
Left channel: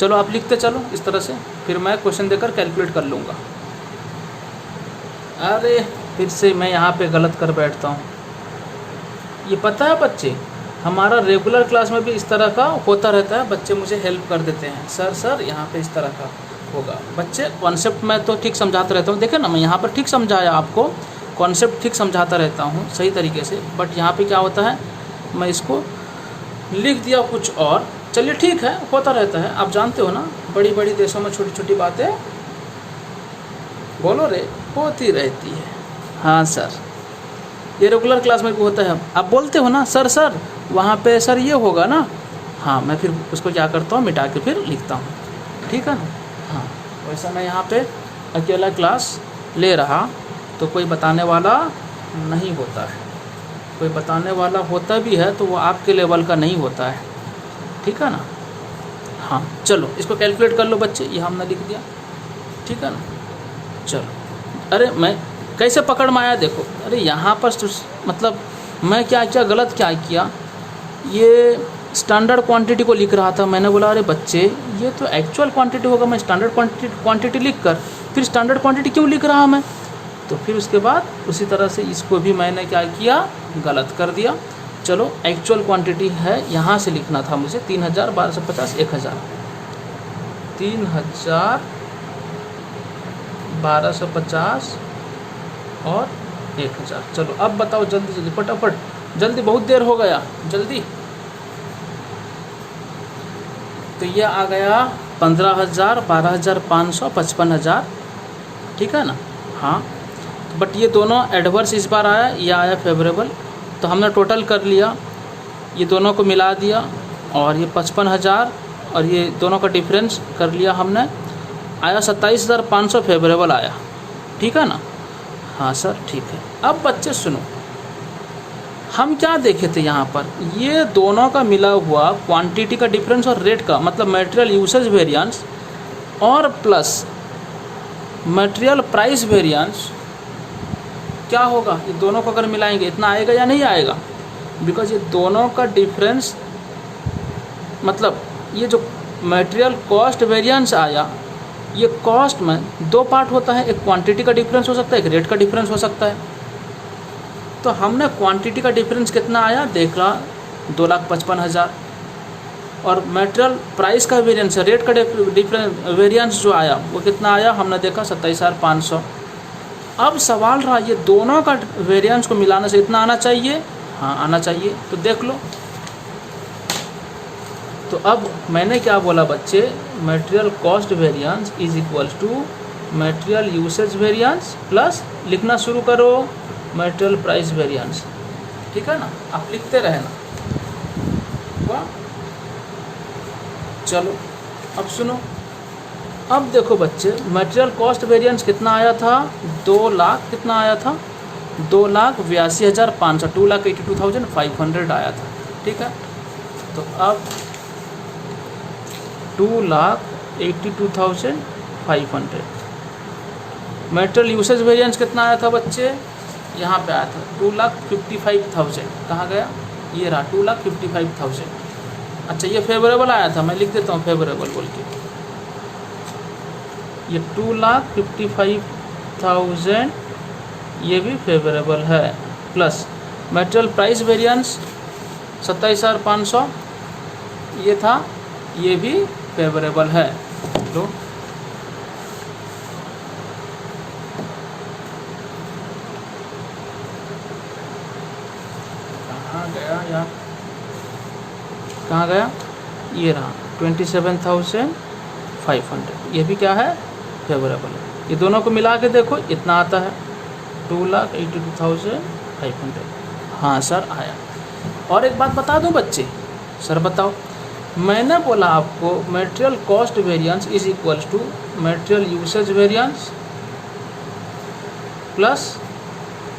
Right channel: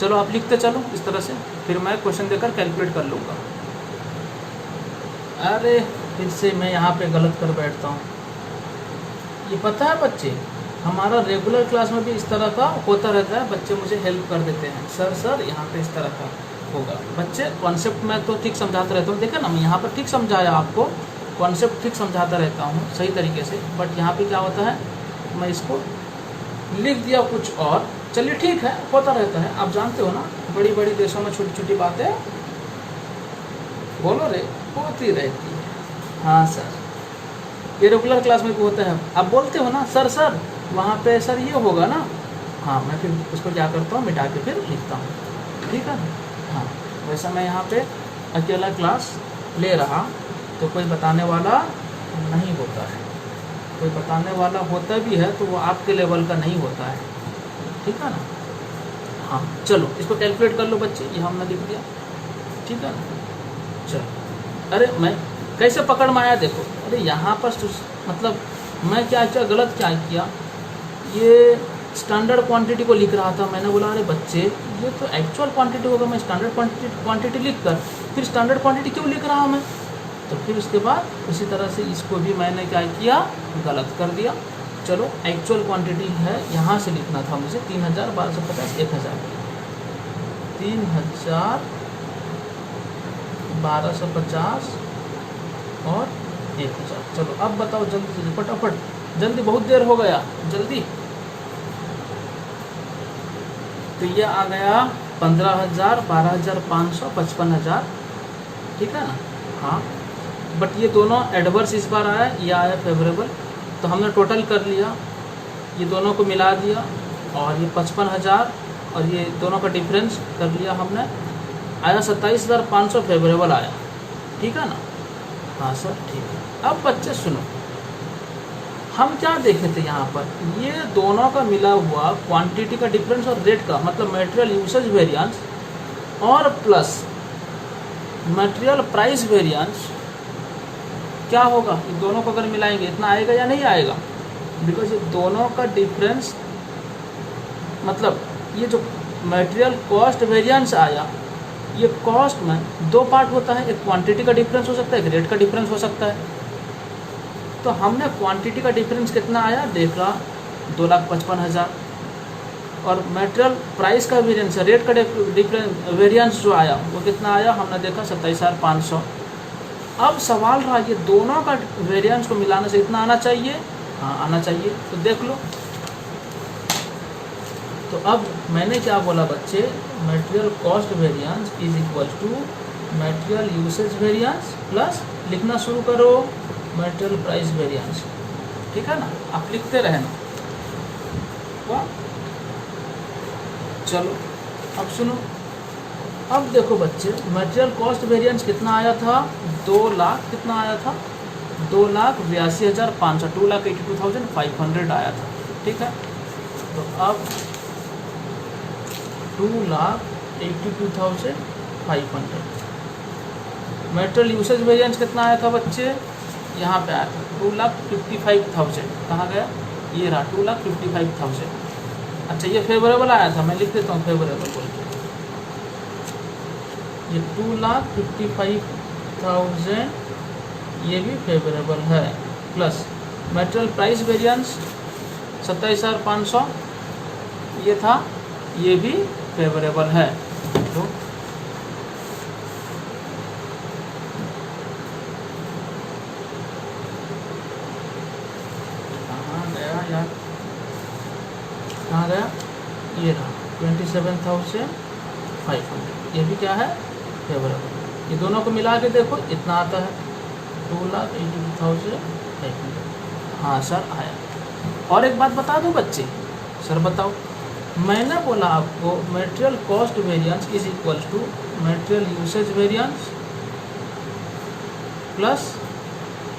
चलो आप लिखते चलो इस तरह से, फिर मैं क्वेश्चन देकर कैलकुलेट कर लूँगा। अरे फिर से मैं यहाँ पे गलत कर बैठता हूँ, ये पता है बच्चे, हमारा रेगुलर क्लास में भी इस तरह का होता रहता है, बच्चे मुझे हेल्प कर देते हैं, सर यहाँ पे इस तरह का होगा। बच्चे कॉन्सेप्ट मैं तो ठीक समझाता रहता हूँ, देखे ना मैं यहाँ पर ठीक समझाया आपको, कॉन्सेप्ट ठीक समझाता रहता हूँ सही तरीके से, बट यहाँ पे क्या होता है, मैं इसको लिख दिया कुछ और, चलिए ठीक है, होता रहता है, आप जानते हो ना, बड़ी बड़ी देशों में छोटी छोटी बातें बोलो रे, होती रहती है। हाँ सर, ये रेगुलर क्लास में होता है। आप बोलते हो ना सर सर वहाँ पे सर ये होगा ना, हाँ मैं फिर उसको क्या करता हूँ, मिटा के फिर लिखता हूँ, ठीक है। हाँ वैसा मैं यहाँ पे अकेला क्लास ले रहा तो कोई बताने वाला नहीं होता है, कोई बताने वाला होता भी है तो वो आपके लेवल का नहीं होता है, ठीक है ना। हाँ चलो इसको कैलकुलेट कर लो बच्चे, ये हमने लिख दिया, ठीक है ना। चलो, अरे मैं कैसे पकड़ में आया देखो, अरे यहाँ पर मतलब मैं क्या गलत क्या किया, ये स्टैंडर्ड क्वांटिटी को लिख रहा था, मैंने बोला अरे बच्चे ये तो एक्चुअल क्वांटिटी होगा, मैं स्टैंडर्ड क्वांटिटी लिख कर फिर स्टैंडर्ड क्वांटिटी क्यों लिख रहा मैं, तो फिर उसके बाद उसी तरह से इसको भी मैंने क्या किया, गलत कर दिया। चलो एक्चुअल क्वांटिटी है, यहाँ से लिखना था मुझे 3000, 1250, 1000, 3000, 1250 और 1000। चलो अब बताओ जल्दी जल्दी फटाफट, जल्दी, बहुत देर हो गया, जल्दी। तो ये आ गया 15,000, 12,500, 55,000, ठीक है ना। हाँ बट ये दोनों एडवर्स इस बार आया, ये आया फेवरेबल, तो हमने टोटल कर लिया, ये दोनों को मिला दिया और ये 55,000 और ये दोनों का डिफरेंस कर लिया हमने, आया 27,500 फेवरेबल आया, ठीक है ना। हाँ सर ठीक है। अब बच्चे सुनो, हम क्या देखे थे यहाँ पर, ये दोनों का मिला हुआ क्वांटिटी का डिफरेंस और रेट का, मतलब मटेरियल यूसेज वेरिएंस और प्लस मटेरियल प्राइस वेरिएंस क्या होगा, ये दोनों को अगर मिलाएंगे इतना आएगा या नहीं आएगा, बिकॉज ये दोनों का डिफरेंस, मतलब ये जो मटेरियल कॉस्ट वेरिएंस आया, ये कॉस्ट में दो पार्ट होता है, एक क्वांटिटी का डिफरेंस हो सकता है, एक रेट का डिफरेंस हो सकता है। तो हमने क्वांटिटी का डिफरेंस कितना आया देख रहा, 2,55,000, और मटेरियल प्राइस का वेरिएंस, रेट का डिफरेंस वेरिएंस जो आया वो कितना आया, हमने देखा 27,500। अब सवाल रहा ये दोनों का वेरिएंस को मिलाने से इतना आना चाहिए, हाँ आना चाहिए, तो देख लो। तो अब मैंने क्या बोला बच्चे, material cost variance is equal to material usage variance plus, लिखना शुरू करो, मटेरियल प्राइस वेरिएंस, ठीक है ना, आप लिखते रहना। तो चलो अब सुनो, अब देखो बच्चे मटेरियल कॉस्ट वेरिएंस कितना आया था, 2 लाख, कितना आया था, 2,82,500, 2,82,500 आया था, ठीक है। तो अब 2,82,500, मटेरियल यूसेज वेरिएंस कितना आया था बच्चे, यहाँ पे आया था 2,55,000, कहाँ गया, ये रहा 2,55,000। अच्छा ये फेवरेबल आया था, मैं लिख देता हूँ फेवरेबल बोल के, ये 2,55,000 ये भी फेवरेबल है, प्लस मटेरियल प्राइस वेरिएंस 27,500 ये था, ये भी फेवरेबल है। तो कहाँ गया, ये रहा 27,500, ये भी क्या है, फेवरेबल। ये दोनों को मिला के देखो इतना आता है 2,82,500। हाँ सर आया। और एक बात बता दूं बच्चे, सर बताओ, मैंने बोला आपको material cost variance is equal to material usage variance plus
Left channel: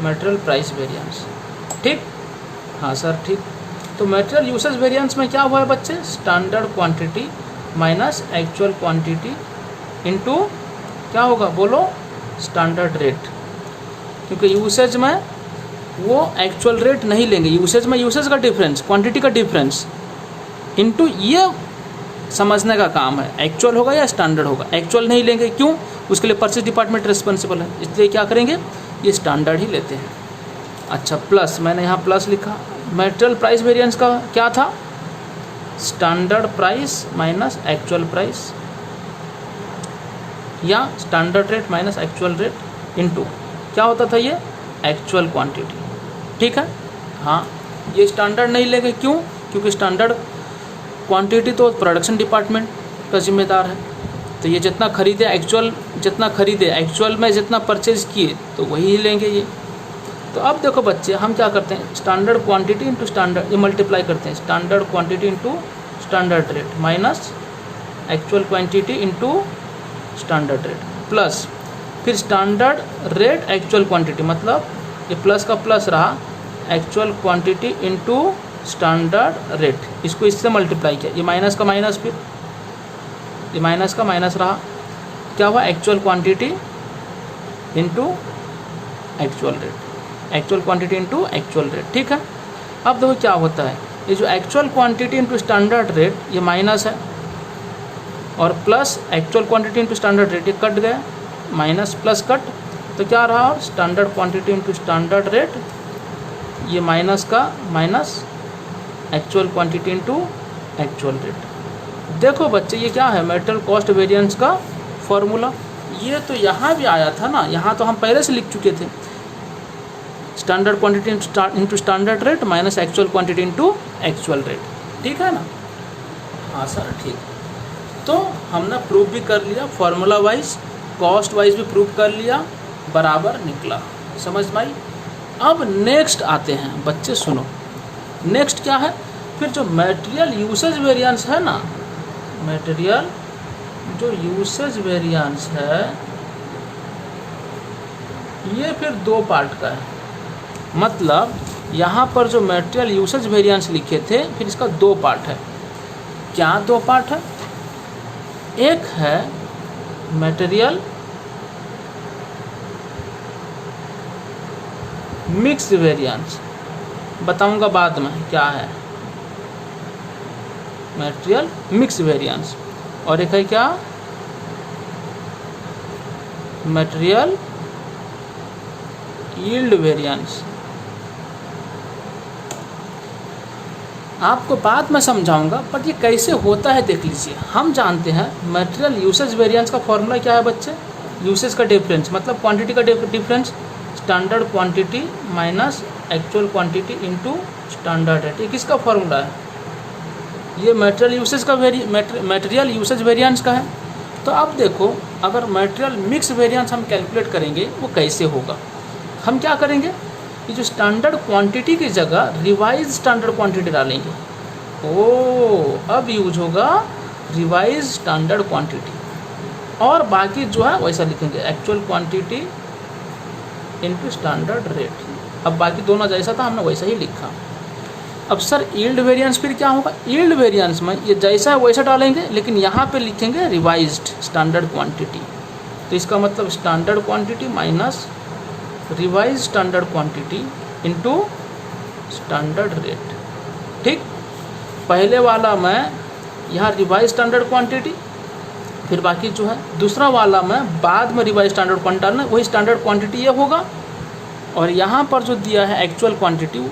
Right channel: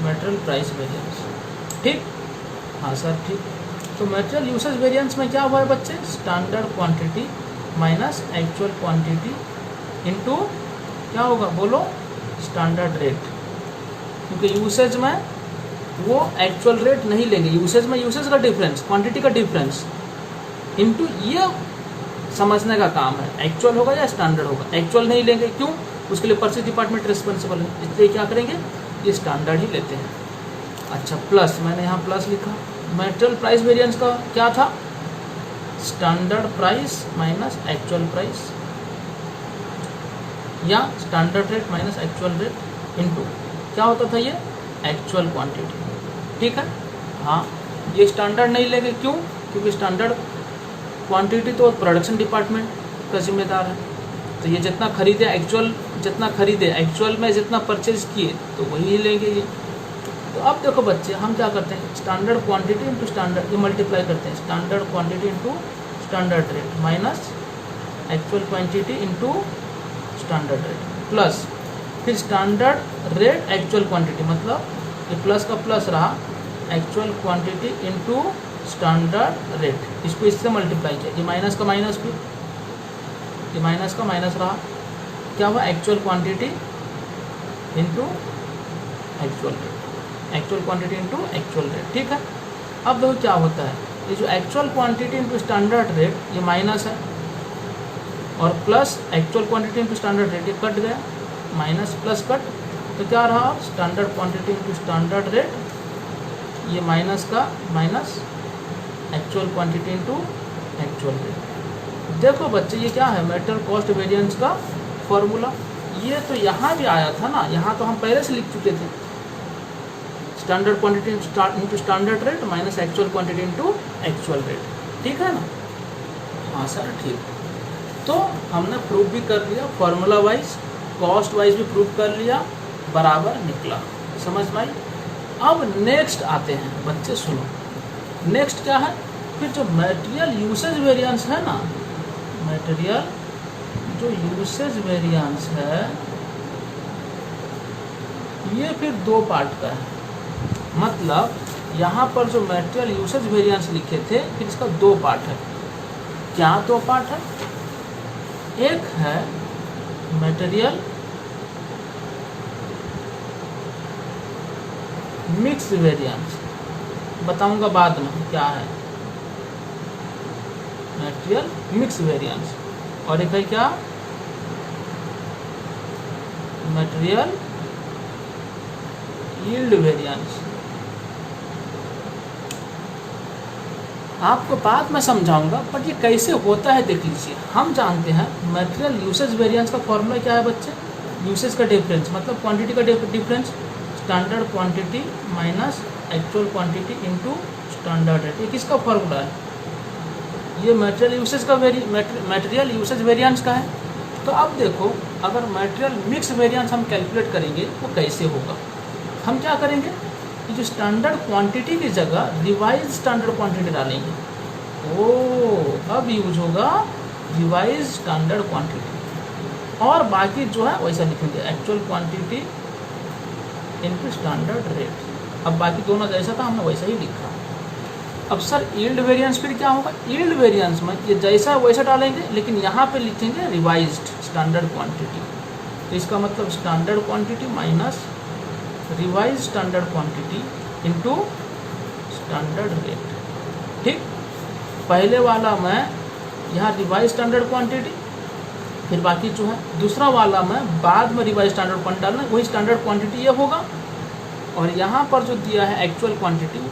material price variance, ठीक। हाँ सर ठीक। तो मटेरियल यूसेज वेरिएंस में क्या हुआ है बच्चे, standard quantity minus actual quantity into क्या होगा बोलो, स्टैंडर्ड रेट, क्योंकि यूसेज में वो एक्चुअल रेट नहीं लेंगे, यूसेज में यूसेज का डिफरेंस, क्वांटिटी का डिफरेंस इनटू, ये समझने का काम है, एक्चुअल होगा या स्टैंडर्ड होगा, एक्चुअल नहीं लेंगे, क्यों, उसके लिए परचेज डिपार्टमेंट रिस्पॉन्सिबल है, इसलिए क्या करेंगे, ये स्टैंडर्ड ही लेते हैं। अच्छा प्लस, मैंने यहाँ प्लस लिखा, मटेरियल प्राइस वेरिएंस का क्या था, standard price minus actual price, या standard rate minus actual rate into क्या होता था, ये एक्चुअल क्वांटिटी, ठीक है। हाँ ये स्टैंडर्ड नहीं लेंगे, क्यों, क्योंकि स्टैंडर्ड क्वांटिटी तो प्रोडक्शन डिपार्टमेंट का जिम्मेदार है, तो ये जितना खरीदे एक्चुअल जितना खरीदे, एक्चुअल में जितना परचेज किए तो वही लेंगे ये। तो अब देखो बच्चे, हम क्या करते हैं, स्टैंडर्ड क्वांटिटी इंटू स्टैंडर्ड, ये मल्टीप्लाई करते हैं, standard quantity into standard rate minus actual quantity into standard rate plus फिर स्टैंडर्ड रेट एक्चुअल क्वांटिटी, मतलब ये प्लस का प्लस रहा, actual quantity into standard rate, इसको इससे मल्टीप्लाई किया, ये माइनस का माइनस, फिर ये माइनस का माइनस रहा, क्या हुआ, actual quantity into actual rate, actual quantity into actual rate. ठीक है, अब देखो क्या होता है, ये जो actual quantity into standard rate ये माइनस है, और plus actual quantity into standard rate ये कट गया, माइनस प्लस कट, तो क्या रहा, standard quantity into standard rate, ये माइनस का minus actual quantity into actual rate. देखो बच्चे ये क्या है, मेटेरियल कॉस्ट वेरिएंस का फॉर्मूला, ये तो यहाँ भी आया था ना, यहाँ तो हम पहले से लिख चुके थे, standard quantity into standard rate minus actual quantity into actual rate. ठीक है ना, हाँ सर ठीक। तो हमने प्रूफ भी कर लिया, फॉर्मूला वाइज कॉस्ट वाइज भी प्रूफ कर लिया, बराबर निकला, समझ में आई। अब नेक्स्ट आते हैं बच्चे, सुनो नेक्स्ट क्या है, फिर जो मटेरियल यूसेज वेरिएंस है ना, मटेरियल जो यूसेज वेरिएंस है ये फिर दो पार्ट का है, मतलब यहाँ पर जो मटेरियल यूसेज वेरिएंस लिखे थे फिर इसका दो पार्ट है। क्या दो पार्ट है, एक है मटेरियल मिक्स वेरिएंस, बताऊंगा बाद में क्या है मटेरियल मिक्स वेरिएंस, और एक है क्या, मटेरियल यील्ड वेरिएंस। आपको बाद में समझाऊंगा, बट ये कैसे होता है देख लीजिए। हम जानते हैं मटेरियल यूसेज वेरिएंस का फॉर्मूला क्या है बच्चे, यूसेज का डिफरेंस, मतलब क्वांटिटी का difference, standard quantity minus actual quantity into standard rate. ये किसका फॉर्मूला है, ये मटेरियल यूसेज का मटेरियल यूसेज वेरिएंस का है। तो अब देखो, अगर मटेरियल मिक्स वेरिएंस हम कैलकुलेट करेंगे वो कैसे होगा, हम क्या करेंगे, ये जो स्टैंडर्ड क्वांटिटी की जगह रिवाइज स्टैंडर्ड क्वांटिटी डालेंगे। अब यूज होगा रिवाइज स्टैंडर्ड क्वांटिटी, और बाकी जो है वैसा लिखेंगे, actual quantity into standard rate. अब बाकी दोनों जैसा था हमने वैसा ही लिखा। अब सर यील्ड वेरिएंस फिर क्या होगा, यील्ड वेरिएंस में ये जैसा है वैसा डालेंगे, लेकिन यहाँ पे लिखेंगे रिवाइज्ड स्टैंडर्ड क्वांटिटी। तो इसका मतलब standard quantity minus revise standard quantity into standard rate. ठीक, पहले वाला में यहाँ रिवाइज स्टैंडर्ड क्वांटिटी, फिर बाकी जो है दूसरा वाला में बाद में रिवाइज स्टैंडर्ड क्वांटिटी डालना, वही स्टैंडर्ड क्वांटिटी ये होगा, और यहाँ पर जो दिया है एक्चुअल क्वांटिटी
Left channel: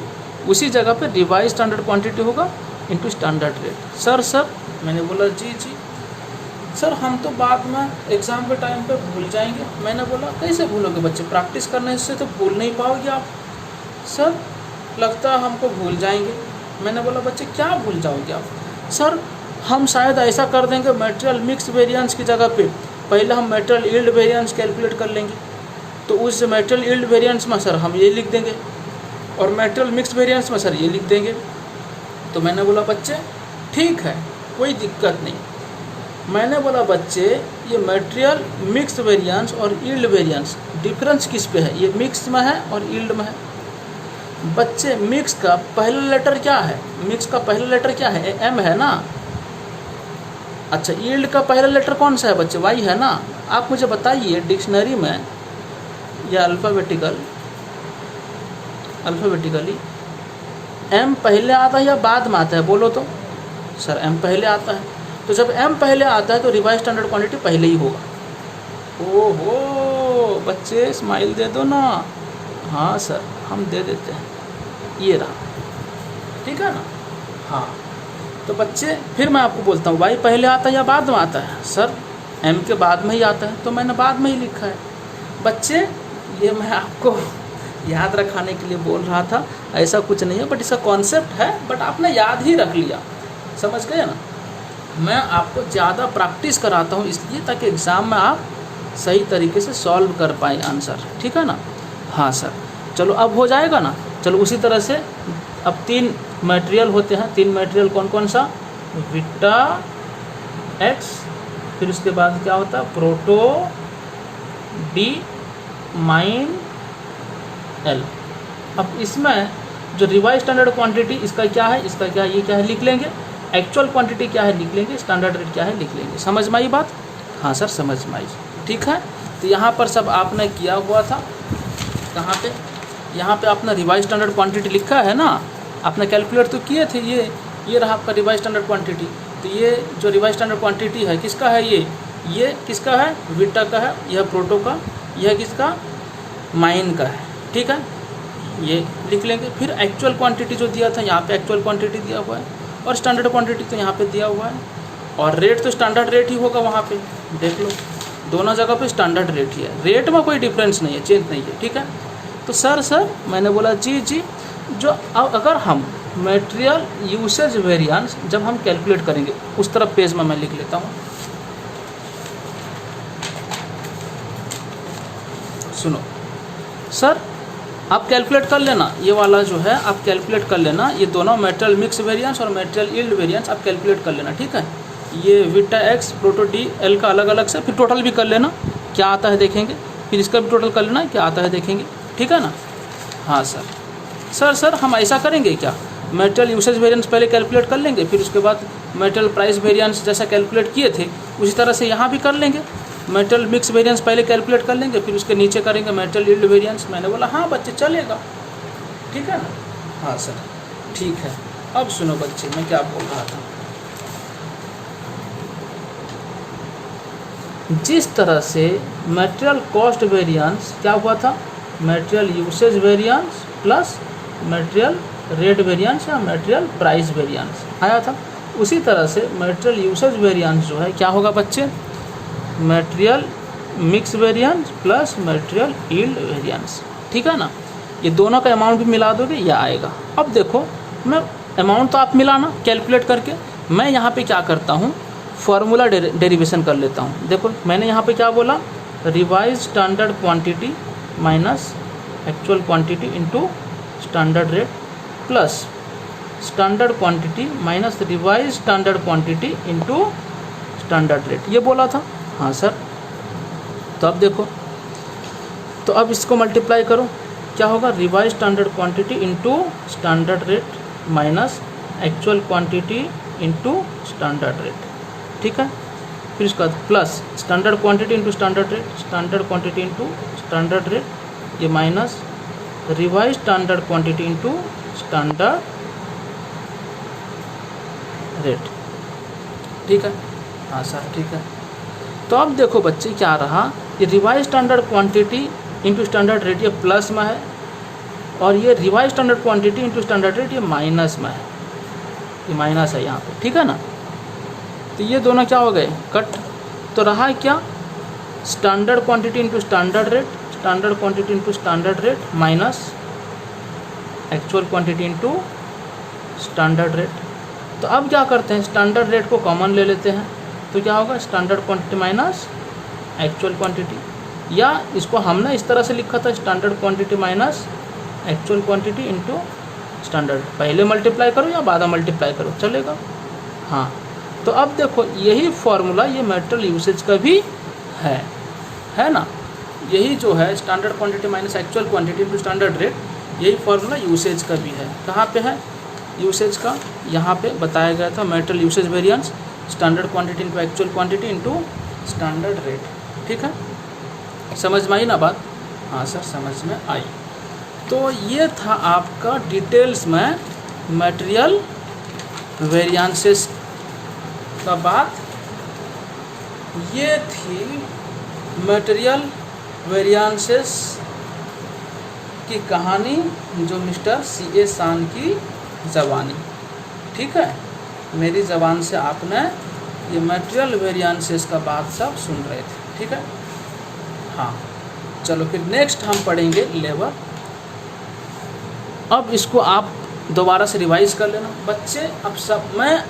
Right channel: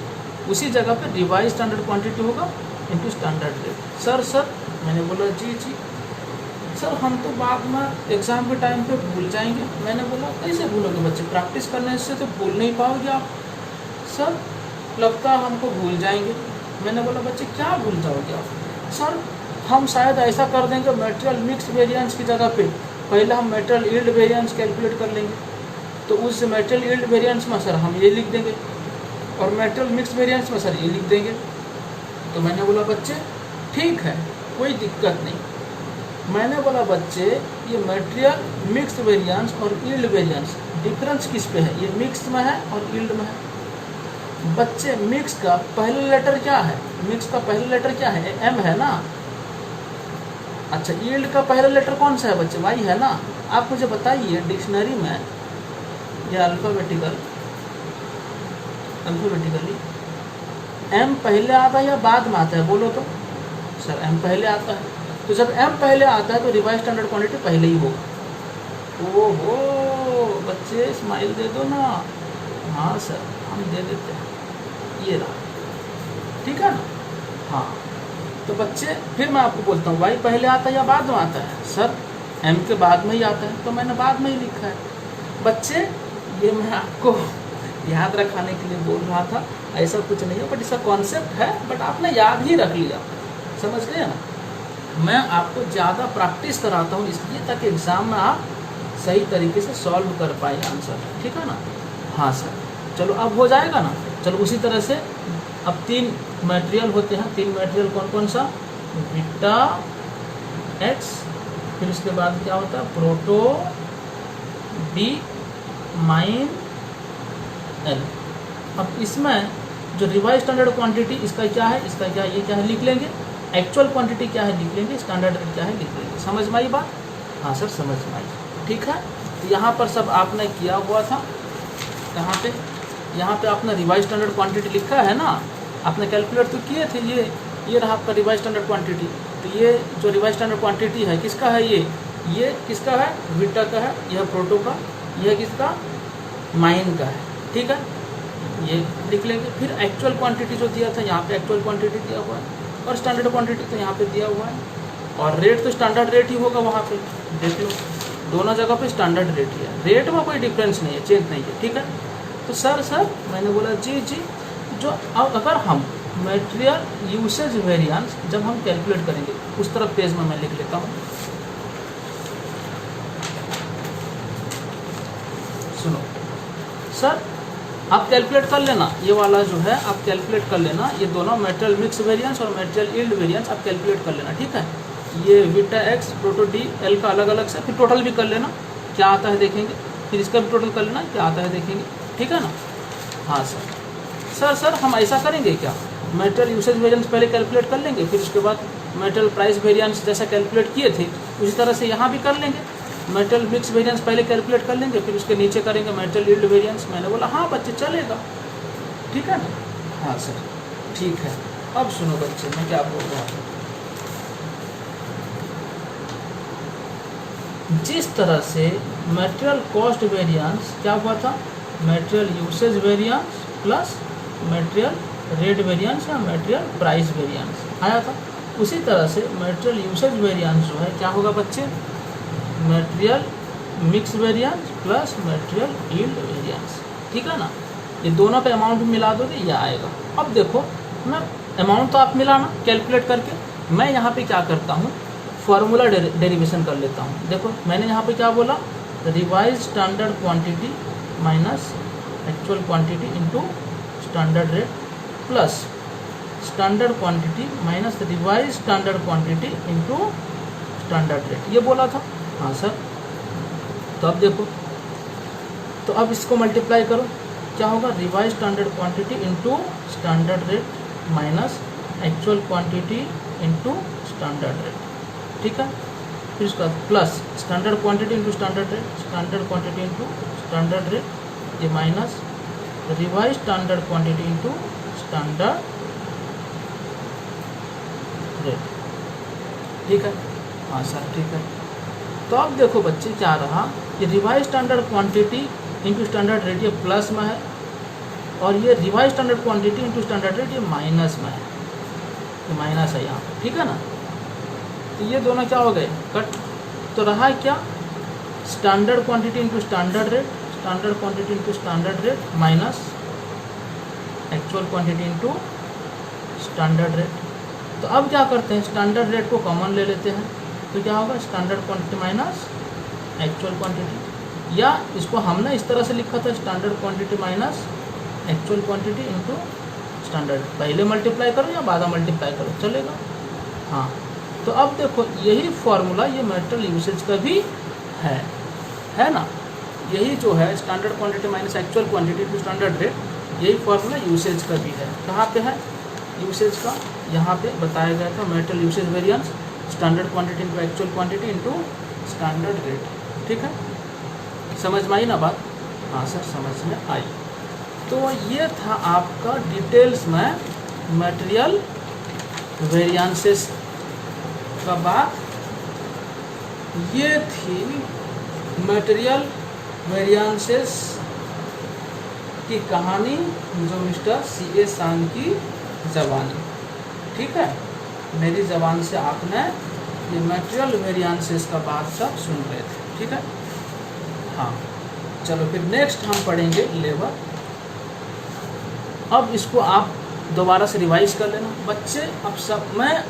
उसी जगह पे रिवाइज स्टैंडर्ड क्वांटिटी होगा इनटू स्टैंडर्ड रेट। सर मैंने बोला जी सर, हम तो बाद में एग्ज़ाम के टाइम पे भूल जाएंगे। मैंने बोला कैसे भूलोगे बच्चे, प्रैक्टिस करने से तो भूल नहीं पाओगे आप। सर लगता है हमको भूल जाएंगे। मैंने बोला बच्चे क्या भूल जाओगे आप, सर हम शायद ऐसा कर देंगे, मटेरियल मिक्स वेरिएंस की जगह पे पहले हम मटेरियल यील्ड वेरिएंस कैलकुलेट कर लेंगे, तो उस मटेरियल यील्ड वेरिएंस में सर हम ये लिख देंगे, और मटेरियल मिक्स वेरिएंस में सर ये लिख देंगे। तो मैंने बोला बच्चे ठीक है, कोई दिक्कत नहीं। मैंने बोला बच्चे ये मटेरियल मिक्स वेरिएंस और यील्ड वेरिएंस डिफरेंस किस पे है, ये मिक्स में है और यील्ड में है। बच्चे मिक्स का पहला लेटर क्या है, मिक्स का पहला लेटर क्या है, एम है ना। अच्छा, यील्ड का पहला लेटर कौन सा है बच्चे, वाई है ना। आप मुझे बताइए डिक्शनरी में या अल्फ़ाबेटिकली एम पहले आता है या बाद में आता है, बोलो तो। सर एम पहले आता है, तो जब एम पहले आता है तो रिवाइज स्टैंडर्ड क्वांटिटी पहले ही होगा। ओहो बच्चे स्माइल दे दो ना। हाँ सर हम दे देते हैं, ये रहा, ठीक है ना। हाँ तो बच्चे फिर मैं आपको बोलता हूँ, वाई पहले आता है या बाद में आता है। सर एम के बाद में ही आता है, तो मैंने बाद में ही लिखा है। बच्चे ये मैं आपको याद रखाने के लिए बोल रहा था, ऐसा कुछ नहीं है, बट इसका कॉन्सेप्ट है, बट आपने याद ही रख लिया, समझ गए ना। मैं आपको ज़्यादा प्रैक्टिस कराता हूँ इसलिए, ताकि एग्ज़ाम में आप सही तरीके से सॉल्व कर पाए आंसर, ठीक है ना। हाँ सर, चलो अब हो जाएगा ना। चलो उसी तरह से अब 3 मटेरियल होते हैं। 3 मटेरियल कौन कौन सा? बीटा एक्स, फिर उसके बाद क्या होता है प्रोटो डी माइन एल। अब इसमें जो रिवाइज स्टैंडर्ड क्वांटिटी इसका क्या है, इसका क्या है, ये क्या है लिख लेंगे। एक्चुअल क्वांटिटी क्या है लिख लेंगे, स्टैंडर्ड रेट क्या है लिख लेंगे। समझ में आई बात? हाँ सर समझ में आई, ठीक है। तो यहाँ पर सब आपने किया हुआ था, कहाँ पे, यहाँ पे आपने रिवाइज स्टैंडर्ड क्वांटिटी लिखा है ना, आपने कैलकुलेट तो किए थे। ये रहा आपका रिवाइज स्टैंडर्ड क्वांटिटी। तो ये जो रिवाइज स्टैंडर्ड क्वांटिटी है किसका है, ये किसका है, बीटा का है, यह प्रोटो का, यह किसका, माइन का है, ठीक है। ये लिख लेंगे। फिर एक्चुअल क्वांटिटी जो दिया था यहाँ पे एक्चुअल क्वांटिटी दिया हुआ है, और स्टैंडर्ड क्वांटिटी तो यहाँ पे दिया हुआ है, और रेट तो स्टैंडर्ड रेट ही होगा वहाँ पे। देख लो दोनों जगह पे स्टैंडर्ड रेट ही है, रेट में कोई डिफरेंस नहीं है, चेंज नहीं है, ठीक है। तो सर मैंने बोला जी, जो अब अगर हम मटेरियल यूसेज वेरिएंस जब हम कैलकुलेट करेंगे, उस तरफ पेज में मैं लिख लेता हूँ। सुनो सर, आप कैलकुलेट कर लेना, ये वाला जो है आप कैलकुलेट कर लेना, ये दोनों मटेरियल मिक्स वेरिएंस और मटेरियल यील्ड वेरिएंस आप कैलकुलेट कर लेना, ठीक है। ये beta x Proto D L का अलग अलग से, फिर टोटल भी कर लेना क्या आता है देखेंगे, फिर इसका भी टोटल कर लेना क्या आता है देखेंगे, ठीक है ना। हाँ सर हम ऐसा करेंगे क्या, मटेरियल यूसेज वेरिएंस पहले कैलकुलेट कर लेंगे, फिर उसके बाद मटेरियल प्राइस वेरिएंस जैसा कैलकुलेट किए थे उसी तरह से यहाँ भी कर लेंगे। मटेरियल मिक्स वेरिएंस पहले कैलकुलेट कर लेंगे, फिर उसके नीचे करेंगे मटेरियल यील्ड वेरिएंस। मैंने बोला हाँ बच्चे चलेगा, ठीक है ना। हाँ सर ठीक है। अब सुनो बच्चे मैं क्या बोल रहा था, जिस तरह से मटेरियल कॉस्ट वेरिएंस क्या हुआ था, material usage variance plus material rate variance या मटेरियल प्राइस वेरिएंस आया था, उसी तरह से मटेरियल यूसेज वेरिएंस जो है क्या होगा बच्चे, material mix variance plus material yield variance, ठीक है ना। ये दोनों का अमाउंट भी मिला दोगे यह आएगा। अब देखो मैं अमाउंट तो आप मिलाना कैलकुलेट करके, मैं यहाँ पे क्या करता हूँ फार्मूला डेरिवेशन कर लेता हूँ। देखो मैंने यहाँ पे क्या बोला, revise standard quantity minus actual quantity into standard rate plus standard quantity minus revise standard quantity into standard rate, ये बोला था। हाँ सर, तो अब देखो, तो अब इसको मल्टीप्लाई करो, क्या होगा, revise standard quantity into standard rate minus actual quantity into standard rate, ठीक है। फिर उसके बाद plus standard quantity into standard rate, standard quantity into standard rate, ये minus revise standard quantity into standard rate, ठीक है। हाँ सर ठीक है। तो अब देखो बच्चे क्या रहा, ये revise standard quantity into standard rate ये प्लस में है, और ये revise standard quantity into standard rate ये माइनस में है, ये माइनस है यहाँ पे, ठीक है ना। तो ये दोनों क्या हो गए कट, तो रहा क्या, standard quantity into standard rate, standard quantity into standard rate minus actual quantity into standard rate. तो अब क्या करते हैं, स्टैंडर्ड रेट को कॉमन ले लेते हैं, तो क्या होगा standard quantity minus actual quantity, या इसको हमने इस तरह से लिखा था standard quantity minus actual quantity into standard, पहले मल्टीप्लाई करो या बाद में मल्टीप्लाई करो चलेगा। हाँ तो अब देखो यही फॉर्मूला ये मटेरियल यूसेज का भी है ना, यही जो है standard quantity minus actual quantity into standard rate, यही फॉर्मूला यूसेज का भी है। कहाँ पे है यूसेज का, यहाँ पे बताया गया था material usage variance standard quantity into actual quantity into standard rate, ठीक है। समझ में आई ना बात? हाँ सर समझ में आई। तो ये था आपका डिटेल्स में मटेरियल वेरिएंसेस का बात, ये थी मटेरियल वेरिएंसेस की कहानी जो मिस्टर C.A. शान की ज़बानी, ठीक है। मेरी ज़बान से आपने ये मटेरियल वेरिएंसेस का बात सब सुन रहे थे, ठीक है। हाँ चलो फिर नेक्स्ट हम पढ़ेंगे लेबर। अब इसको आप दोबारा से रिवाइज कर लेना बच्चे। अब सब मैं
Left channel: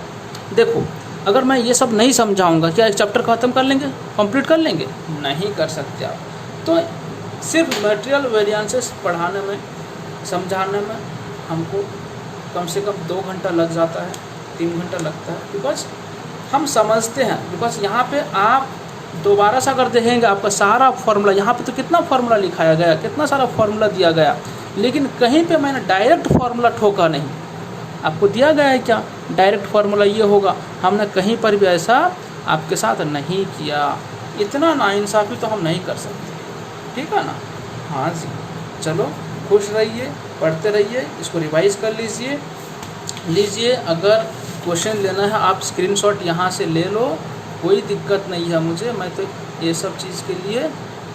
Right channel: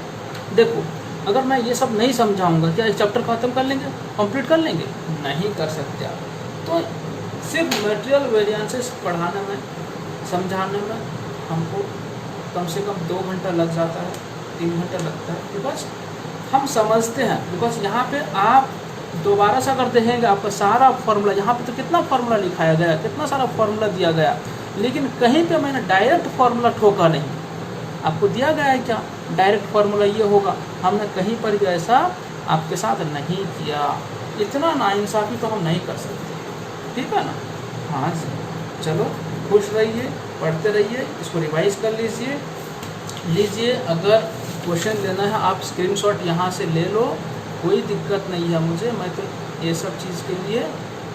देखो अगर मैं ये सब नहीं समझाऊंगा क्या एक चैप्टर खत्म कर लेंगे, कंप्लीट कर लेंगे? नहीं कर सकते आप। तो सिर्फ मटेरियल वेरिएंसेस पढ़ाने में, समझाने में हमको कम से कम 2 घंटा लग जाता है, 3 घंटा लगता है, बिकॉज हम समझते हैं। बिकॉज यहाँ पे आप दोबारा से अगर देखेंगे आपका सारा फार्मूला, यहाँ पे तो कितना फार्मूला लिखाया गया, कितना सारा फार्मूला दिया गया, लेकिन कहीं पे मैंने डायरेक्ट फार्मूला ठोका नहीं। आपको दिया गया है क्या डायरेक्ट फार्मूला ये होगा, हमने कहीं पर भी ऐसा आपके साथ नहीं किया। इतना नाइंसाफ़ी तो हम नहीं कर सकते, ठीक है ना। हाँ जी, चलो खुश रहिए, पढ़ते रहिए, इसको रिवाइज कर लीजिए। अगर क्वेश्चन लेना है आप स्क्रीनशॉट यहाँ से ले लो, कोई दिक्कत नहीं है मुझे, मैं तो ये सब चीज़ के लिए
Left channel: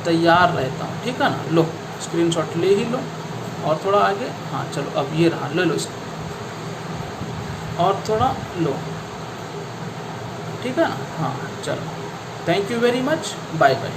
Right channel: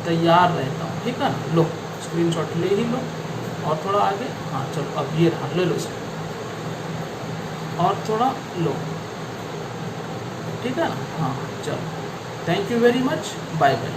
तैयार रहता हूँ, ठीक है ना। लो स्क्रीनशॉट ले ही लो, और थोड़ा आगे, हाँ चलो अब ये रहा, ले लो इसको, और थोड़ा लो, ठीक है ना। हाँ चलो, thank you very much, bye bye.